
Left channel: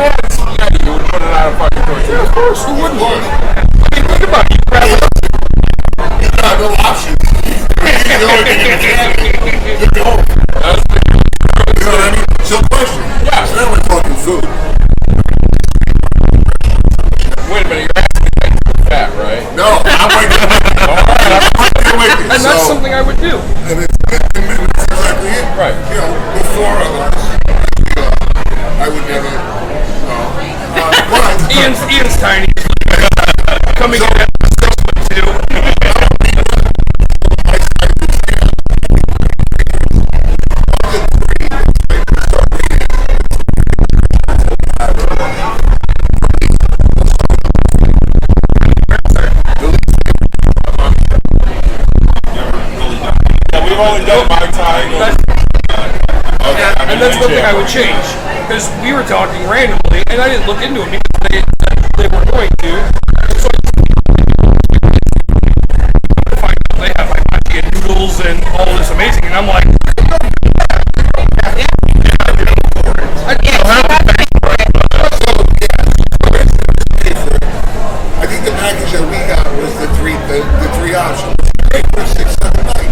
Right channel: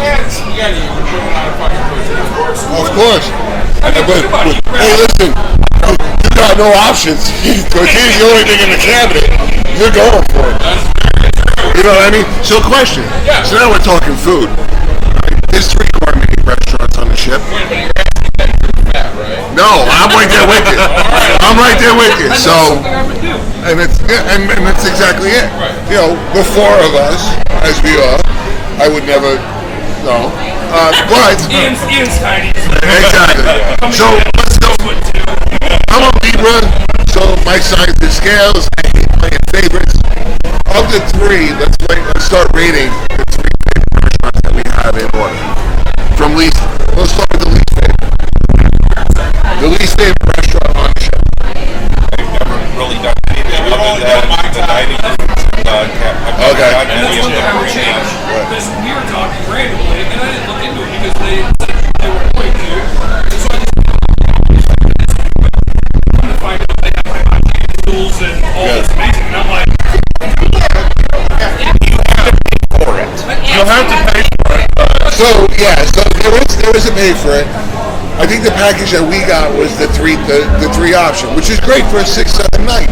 got you would put it on a fucking tortilla. Of course. Of course. I mean, think about it. Hey, listen, you got no options. Tortilla's the only thing in the cabinet. You're going for it. That's very true. You know what I mean? So question. Yeah. So now we're talking food. There's 3 gourmet restaurants on the ship. Wait a minute, you're asking that you're fat, right? No, I'm right there with you. I'm right there with you. That's So, something I would do. and that's exactly it. Right. You know, the 4 of us, as we are, I would never, no. But Ian's tiny. exactly. So let's go. I'm a Libra, so my size is scales. I hate playing favorites. Of the 3, let's start rating the 3 favorite restaurants that we have in order. From least, let's start with the least favorite. The least favorite restaurant on the ship. I've never really done anything. We've only done my time. Okay. And that's one thing I would change. Because we were talking randomly, and I didn't look into it because they said they were going to. So I just come to find out they have hibachi and noodles and all this amazing, and I'm like, You'll have to pay for it. So there is a pay for it. I think the package that we got was the three option, which is great for a 6-7 night.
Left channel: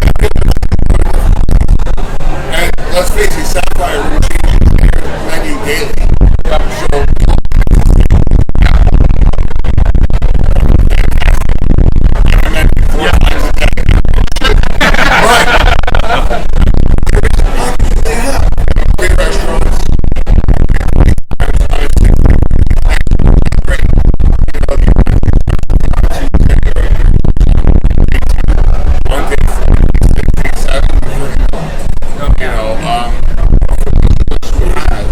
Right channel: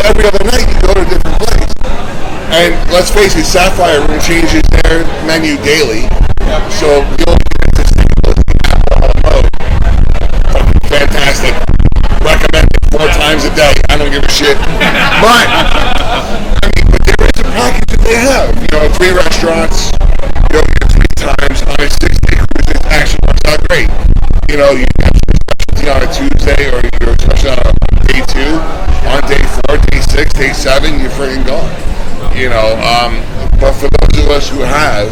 Every other night you go to a different place. And let's face it, Sapphire Room changes their menu daily. So you'll get to Staples, Apple Road. Fantastic. Recommend it 4 times a day. I don't give a shit. But there is a package that they have. 3 restaurants. You get 3 times on a 6-day cruise. It actually works out great. You have your specialty on a Tuesday or your specialty on a day 2. On day 4, day 6, day 7, you're freaking gone. But for those of us who have,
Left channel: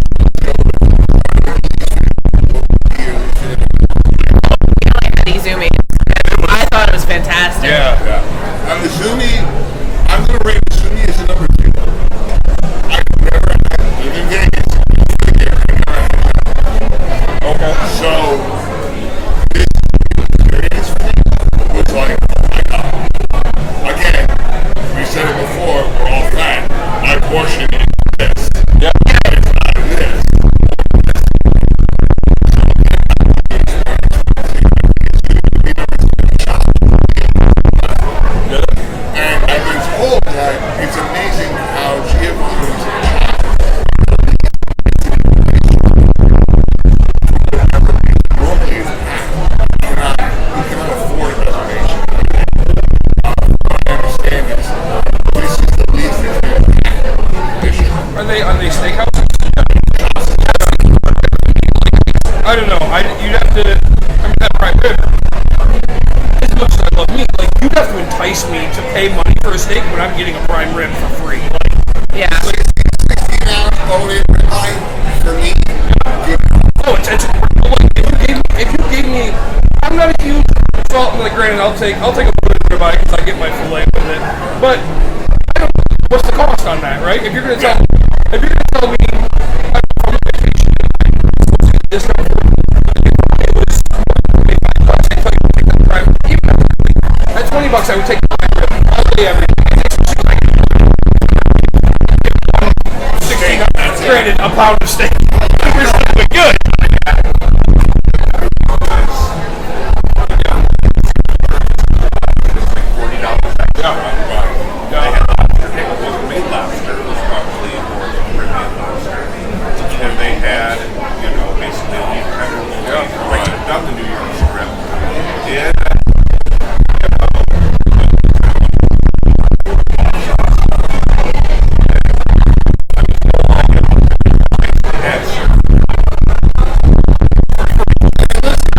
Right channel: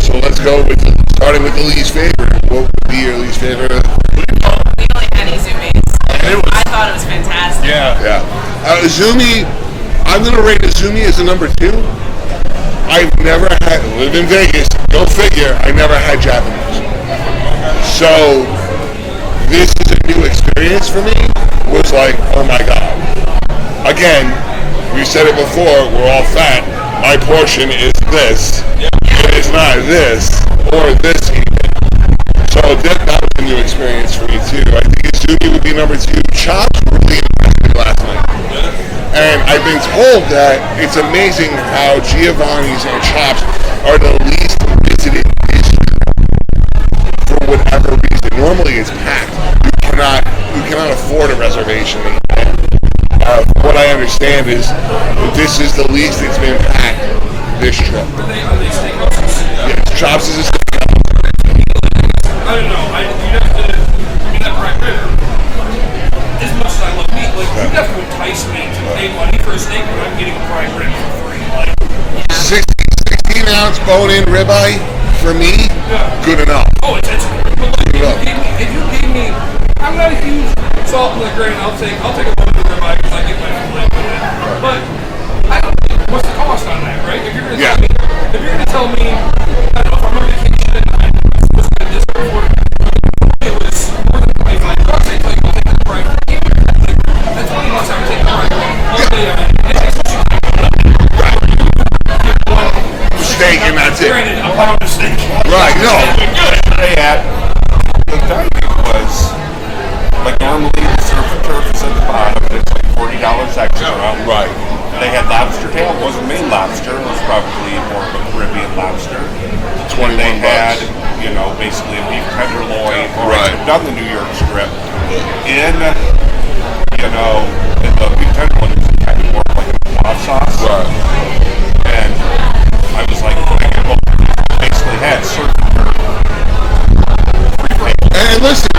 so let's go with starting with the least favorite. What would be your least favorite? We only had Izumi's. I thought it was fantastic. Yeah. Izumi, I'm going to rate Izumi as a number 2. I've never had, lived in Vegas, go figure, I never had Japanese. Okay. So, this is a new experience for me. It was like, oh my God. Again, we said it before, we're all fat. My portion is this. Yeah. It is not this, or this even. So that was a new experience for me too. I think Izumi would be number 2. Chops really impressed me last night. And I've been told that it's amazing how Giovanni's and Chops are the least visited district for whatever reason. Normally it's packed. You cannot afford a reservation. What I understand is this is the least it's been packed this trip. Are they steakhouses? Yes, Chops is a steakhouse. I don't know. You'd have to. That prime rib. As much as I love meat, you'd have to entice me to pay money for a steak when I'm getting a prime rib for free. 16-ounce bone-in ribeye for me, good enough. Oh, it's important. But if you gave me, I'm not a huge salt. Granted, I'll take a bone-in ribeye because I get my fillet with it. But I don't. What's the cost on that, right? If you're gonna tell me, I don't know, if I'm on vacation and I'm supposed to get a discount for it, it was more than $25. I tell you, we'll take that prime. Even at $20, I would take the prime rib. All day, everything. It takes what you can. Steak and that's it. A pound of steak. Right, no. Good. They had the dining was normally the surf and turf is at the bottom and it's like $40 extra. Right. They had lobster tail. It wasn't main lobster. It was probably more of a Caribbean lobster. It's $21. They had, basically a beef tenderloin. Right. Down the New York Strip. In, the beef tenderloin was kind of more like a hot sauce. Right. And I was like, I basically had surf and turf. And listen,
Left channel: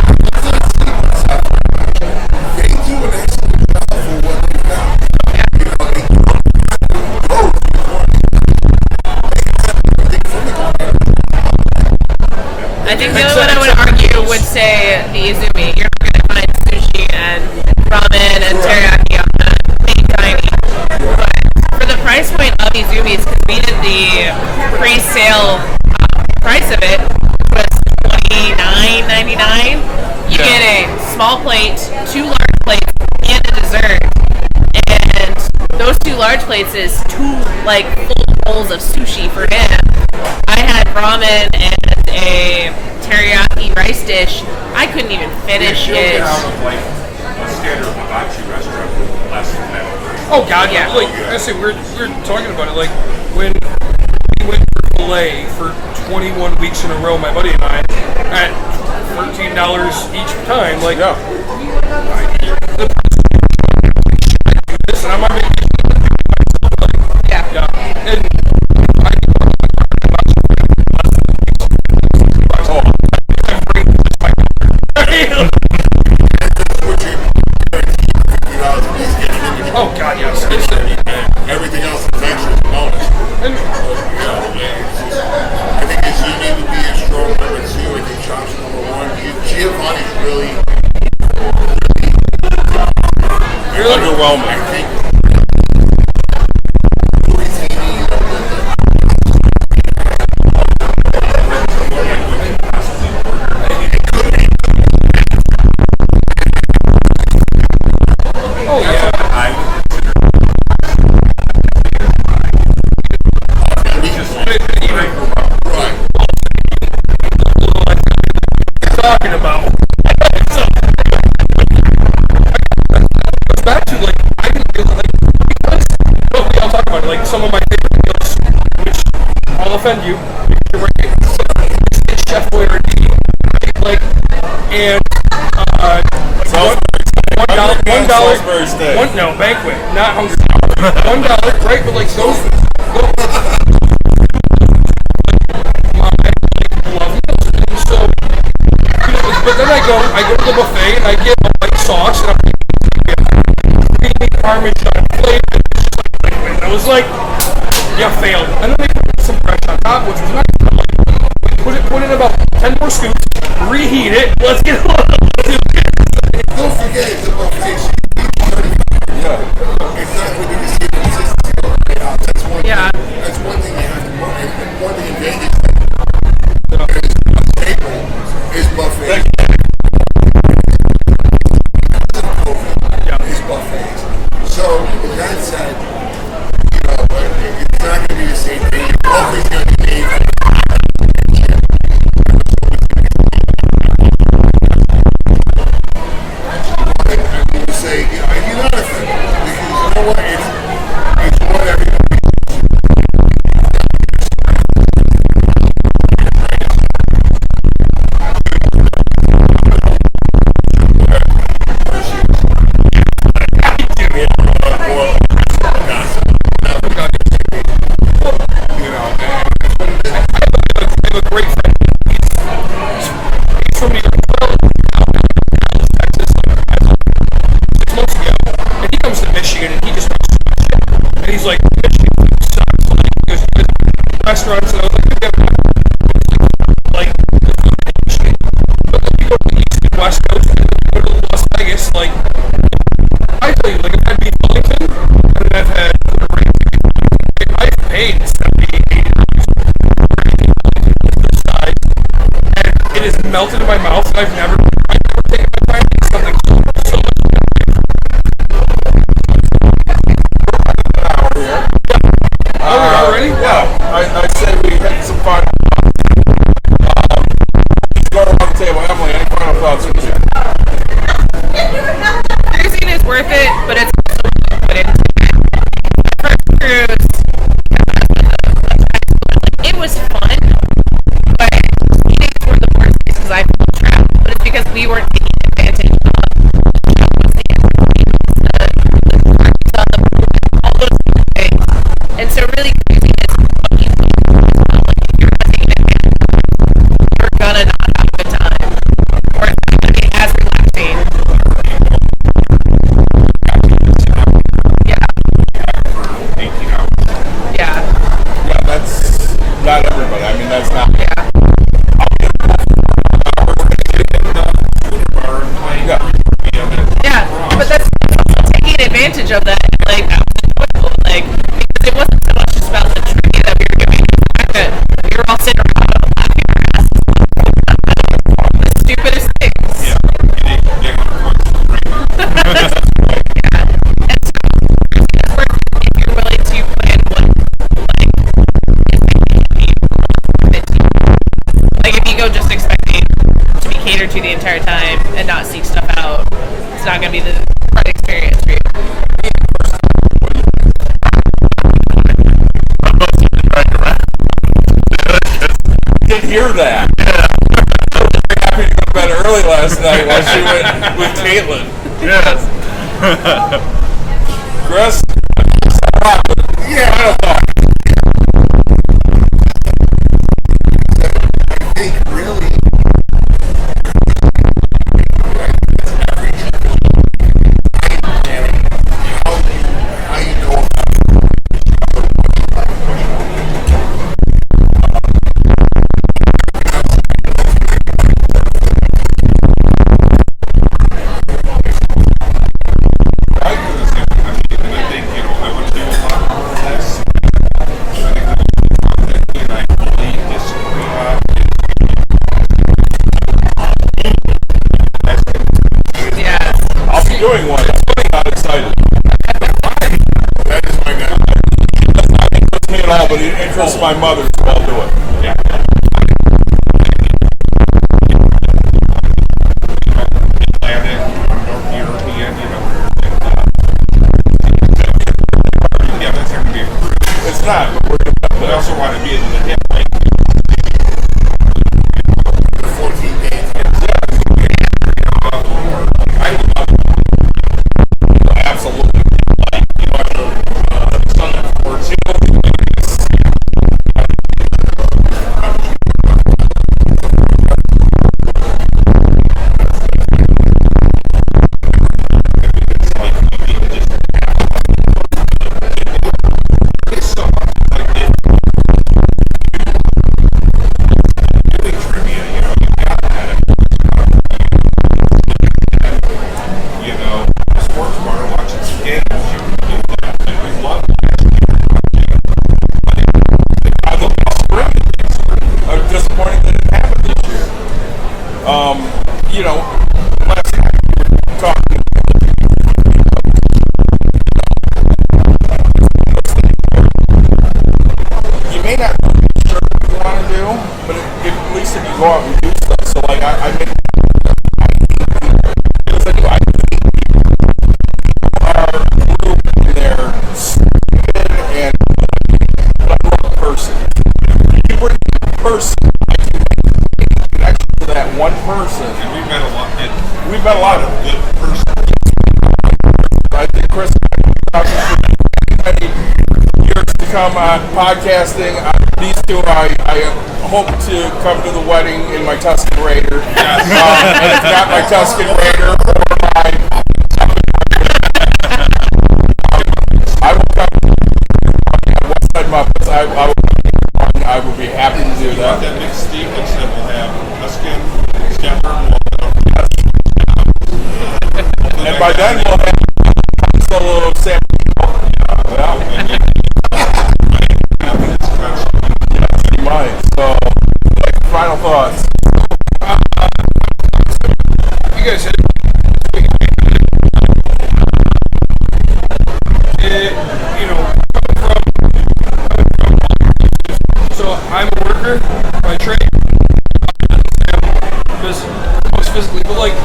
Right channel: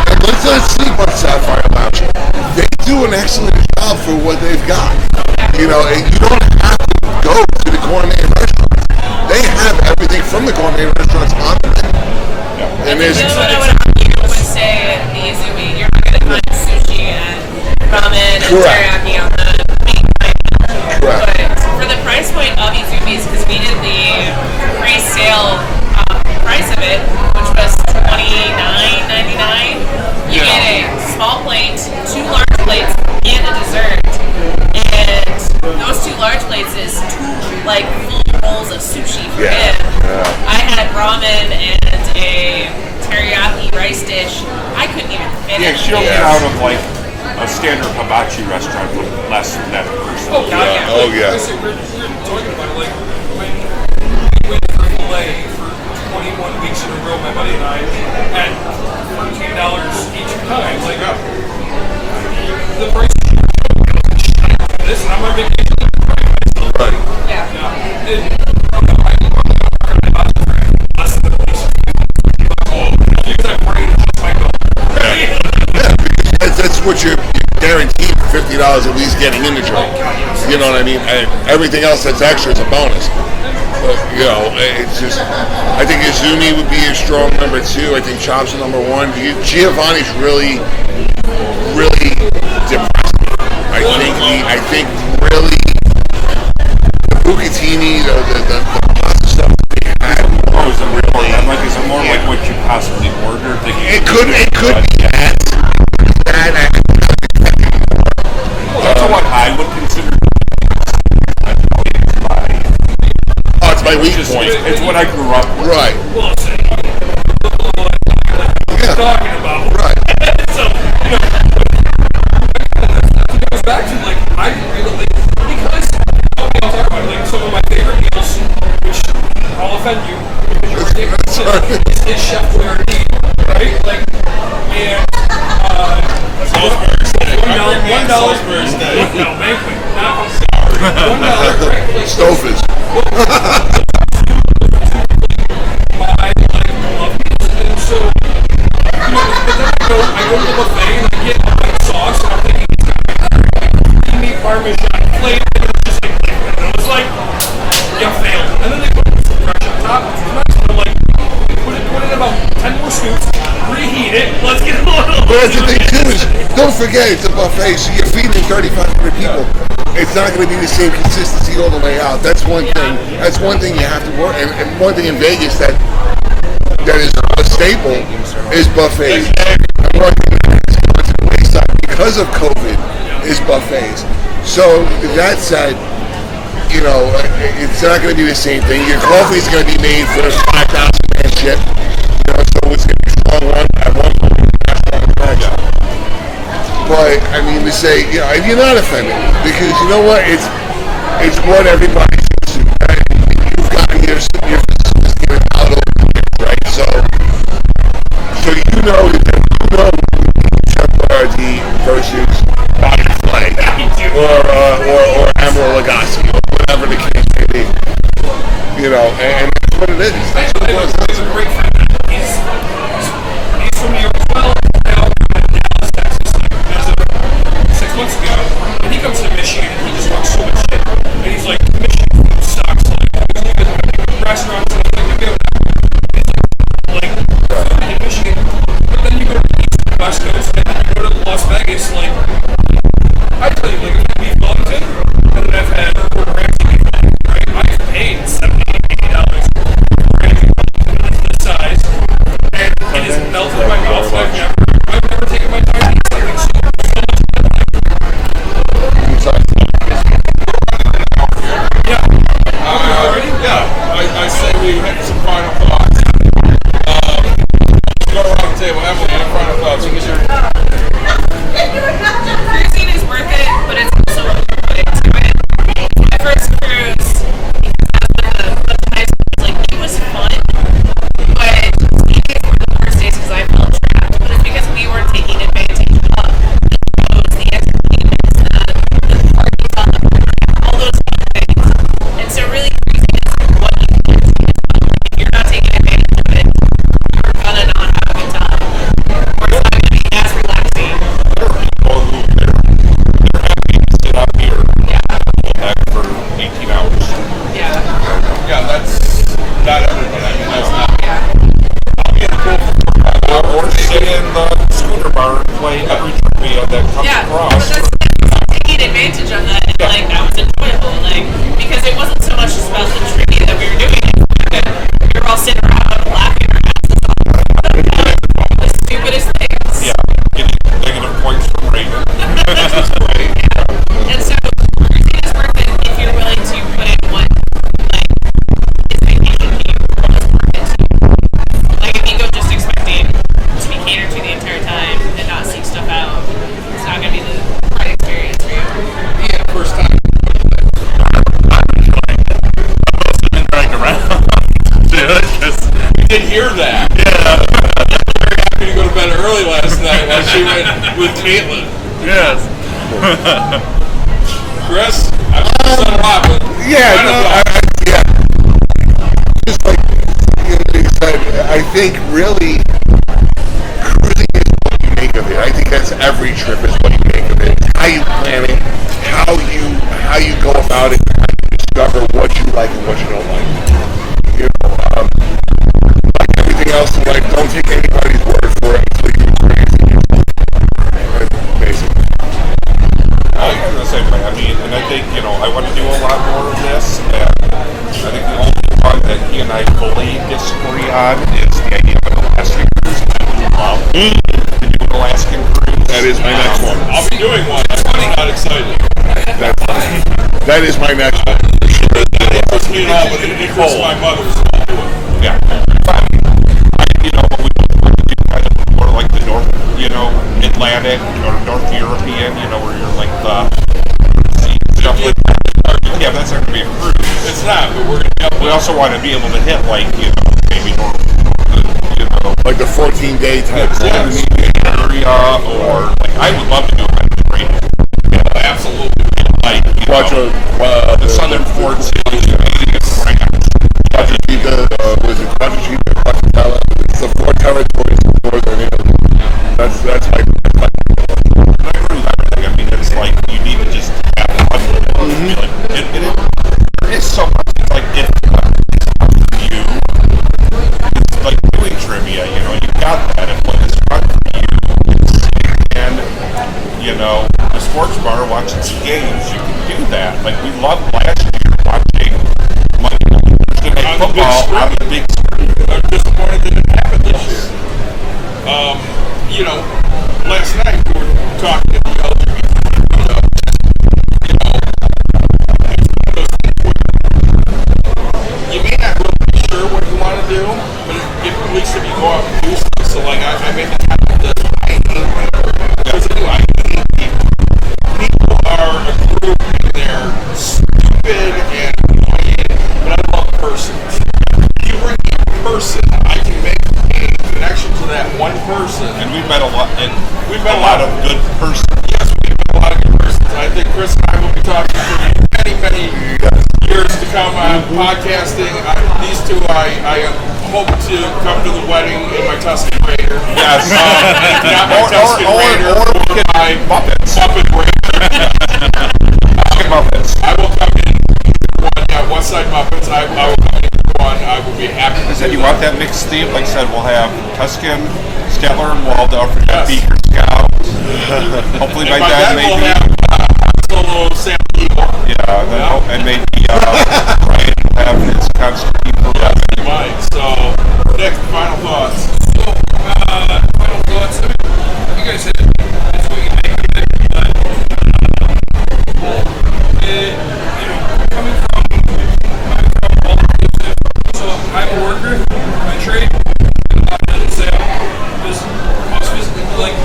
I think the only one I would argue would say the Izumi. You're not going to find sushi and ramen and teriyaki on the main dining. But for the price point of Izumi's, because we did the pre-sale price of it, which was $29.99, you get a small plate, 2 large plates, and a dessert. And those 2 large plates is 2 like full bowls of sushi for him. I had ramen and a teriyaki rice dish. I couldn't even finish it. Out of like a standard hibachi restaurant for less than that. Oh God, yeah. Like, I said, we're talking about it. Like when we went for filet for 21 weeks in a row, my buddy and I, at $13 each time. Like, the price is should I do this? And I'm on vacation and I'm by myself. Like, yeah. And I think I'm hibachi for less than at least $50. Because I bring just my That's what you're guaranteed for $50 at least getting in the job. You know what I mean? Everything else that's extra is a bonus. But, you know, it's just, I think Izumi would be a strong number 2. I think Chops is number 1. Giovanni's really depressed me. I think really the bucatini, the pasta stuff that we had was really. Is it more like what you possibly ordered? It could be that. That's what I would consider. It's my weak point. It's what I grew up with. Right. What you're talking about. Right. So, that goes back to, like, I didn't really like, because, well, I'll talk about it, like, some of my favorite meals, which I'll offend you, because you're my favorite, is Chef Boyardee, right? Like, and, Salisbury steak. No, banquet, not hungry. $1, right? But like Stouffer's. I love meals, and so, but then I go to the buffet and I get a white sauce, and I'm thinking it's gonna be a creamy Parmesan flavor, and it's just like liquid. And it was like, you failed. And then they put some fresh on top, which was nice. And I'm like, put it in about 10 more scoops, reheat it. Let's get a little. But that's the thing too. Don't forget, it's a buffet, so you're feeding 3,500 people. It's not going to be the same consistency all the way out. That's one thing. That's one thing you have to work. And one thing in Vegas that is a staple is buffets. And one thing because of COVID is buffets. So that said, you know, it's not going to be the same thing. Your coffee's going to be made for 5,000 man ship. You know, so it's going to be strong one at one point. But I mean to say, you know, you're not offended because you know what? It's what everybody sees. And you've gotten your business given out over the years, right? So you know Chef Boyardee versus Bobby Flay or Emeril Lagasse, or whatever the case may be. You know, and that's what it is. That's what it was. He's a great friend. He's from New York as well. Now in Dallas, Texas, like as of 6 months ago, and he comes to Michigan and he just talks so much shit. And he's like, Michigan food sucks. Like, he goes, you guys have to restaurants, and I was like, maybe I'm not. And he's like the food in Michigan. But then you go to the East and West Coast, and then you go to Las Vegas. Like, I tell you, like I've had beef Wellington, and then I've had Gordon Ramsay beef Wellington. Right? I've paid $70, $80 for a beef Wellington that's this size, and it is melted in my mouth. I've never taken my time to eat something so much better. I say we make some final thoughts. Let's go around the table. Emily, any final thoughts? Cruising is worth it, but it's also what you put into it. My first cruise, because I was with a bunch of high schoolers, like, it was fun, but ski days were the worst days because I felt trapped. But it's because go just expecting to be catered to the entire time and not seek stuff out, it's not going to be the right experience for you. Yeah, first time. I'm mostly been dragged around. We did hear that. Yeah. I was very happy to go to bed early last night while she went with Caitlin. Yes. Chris, I've said a lot, but Yeah, yeah. Just like you said, I think really cruising is what you make of it. I think that's every trip is what you make of it. How you plan it, how you go about it, how you discover what you like and what you don't like. You know, like everything else in life, don't take anybody's word for it until you experience it. Basically. I feel the same way. I mean, and I think, you know, I want to do a lot more of this. And I think the only part that he and I fully disagree on is the idea of an Alaskan cruise. To do an Alaskan cruise. That is my next one. I'll be doing one. I'm not excited. That is my next one. It does not interest me at all, but it interests my mother, so I'll do it. Yeah. You know, we want to do kind of more like the North, you know, Atlantic or North European, you know, where you're like yeah, that's not going to be a cruise. It's not, but we're going to be up We there. also want to be able to hit, like, you know, maybe more, you know, Like the 14-day type area, or, like, I would love to do a Mediterranean. You know, absolutely. Like, you Watch know, the the Southern Forts, you know, Vegas, France. it's the four territories of Northern Italy. That's my plan. I agree with everything. I mean, it's like, you need to just have fun with it. There is so much. It's like, if it's fun for you, it's like doing trivia, you know, you got that. If it's fun for you, sitting in, you know, the sports bar watching some games, you can do that. Like, we loved last year watching Monday Night Football on the big screen. I'm disappointed that it happened this year. You know, last night we were talking to the LGBT, you know, it's one of those things where you may not really be sure what you want to do, but at least if you go out and do stuff. So, like, I made the comment that I hate people. Because I do, I hate people. People are a group and they're stupid and annoying, but I love persons. If you bring a person, I can make a connection to that one person. And we've met a lot, and We've met a lot of good persons. Yes, we've met a lot of good persons. I think Chris and I will be talking for many years to come on podcasting. These two, I hope to come to the wedding in my Tuscan Raider. Yes, not my Tuscan Raider, or my Muppet Raider. Muppets. I will come in one, yeah, West Side Muppets. I will come in one. I will be happy to So do you want that. that mixed theme? Like I said, we'll have Tuscan, Stellar, and Waldorf, and Yes. Beaker Scouts. Hopefully And by then we'll maybe, have Han Solo, Sam Eagle. yeah, and maybe Ryan will have his constant people. Yes, he might. So, Nick, final thoughts. Final thoughts. I mean, you guys hit it. It's what you make of it. You know, coming from all inclusive. So I'm a worker by trade. I didn't say I was physically, but like,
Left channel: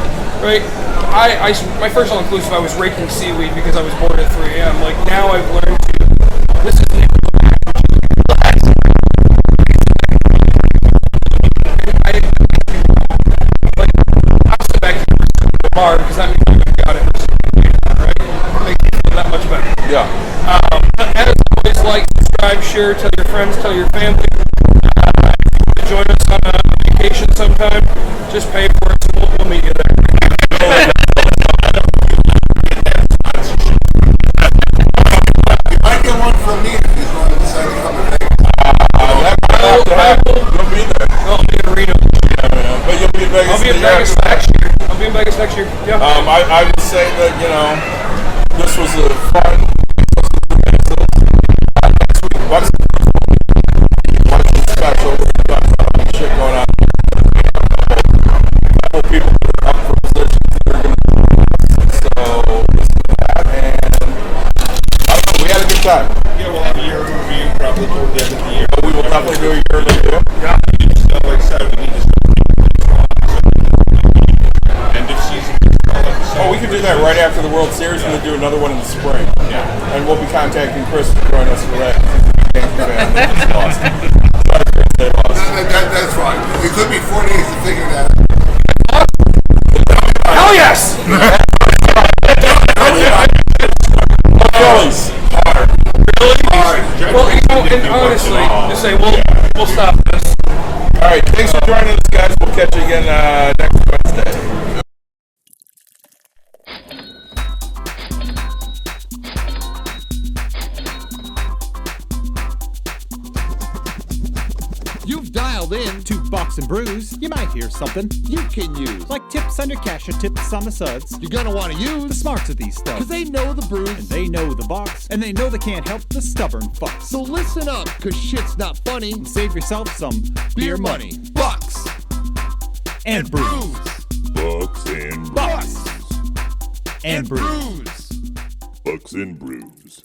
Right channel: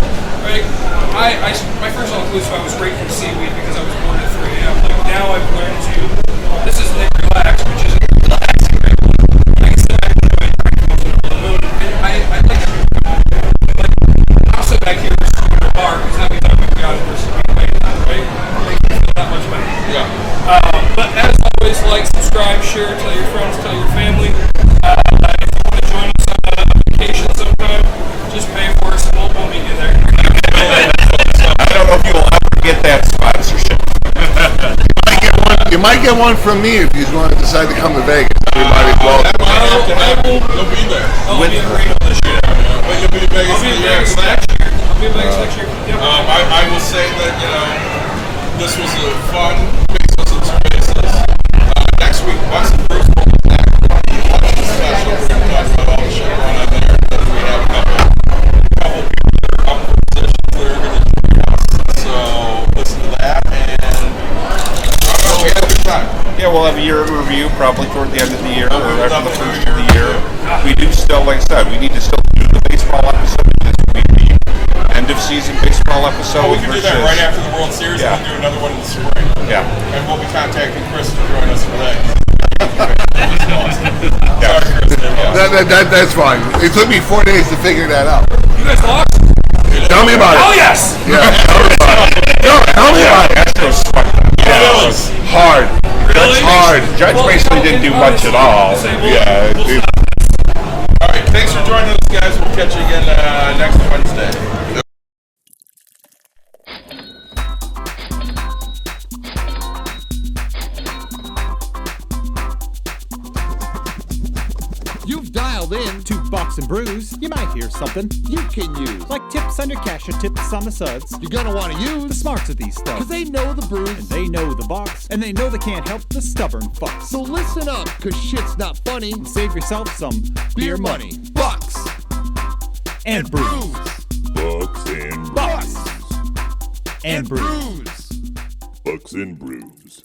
right? My first all inclusive, I was raking seaweed because I was born at 3 a.m. Like now I've learned to. This is Nick Relax, which is relaxing. Right? I can sit back and enjoy it. Right? And I like I'll sit back here and smoke at the bar because that means I'm going to go out and just be late, right? Make you feel that much better. Yeah. But as always, like, subscribe, share, tell your friends, tell your family. If you want to join us on a vacation sometime, just pay for it, so we'll meet you there. I don't know if you'll ever get that sponsorship. You might get one from me if you want to decide to come to Vegas. That might have to happen. You'll be there. I'll be in Reno this year. But you'll be in Vegas. I'll be in Vegas next year. I'll be in Vegas next year. Yeah. I will say that, you know, this was a fun Bezos and Cervezas. Next week, Bucks and Bruce will be back. Watch the special. We're going to talk about all the shit going on there. Because we have a couple people that are up for positions that are going to join us. So listen to that. And we had a good time. Yeah, we'll have a year in review probably toward the end of the year. We will definitely do a year in review. We do still, like I said, we need to still event right after the World Series, and we'll do another one in the spring. Yeah. And we'll be contacting Chris to join us for that. Sorry, Chris, they lost. That's fine. It took me 4 days to figure that out. You guys lost? Tell me about it. Oh yes. Tell me about it. Phillies. Hard. Really? Hard. Giants basically didn't do much at all. We'll stop this. All right, thanks for joining us, guys. We'll catch you again next Wednesday. You've dialed in to Box and Brews. You might hear something you can use. like tips on your cash or tips on the suds. You're gonna want to The use smarts of these stuff. because they know the brews. And they know the box. And they know they can't help the stubborn fucks. So listen up, cause shit's not funny. Save yourself some Beer money, bucks, and brews. Bucks and Bucks brews. and brews. brews. Bucks and brews.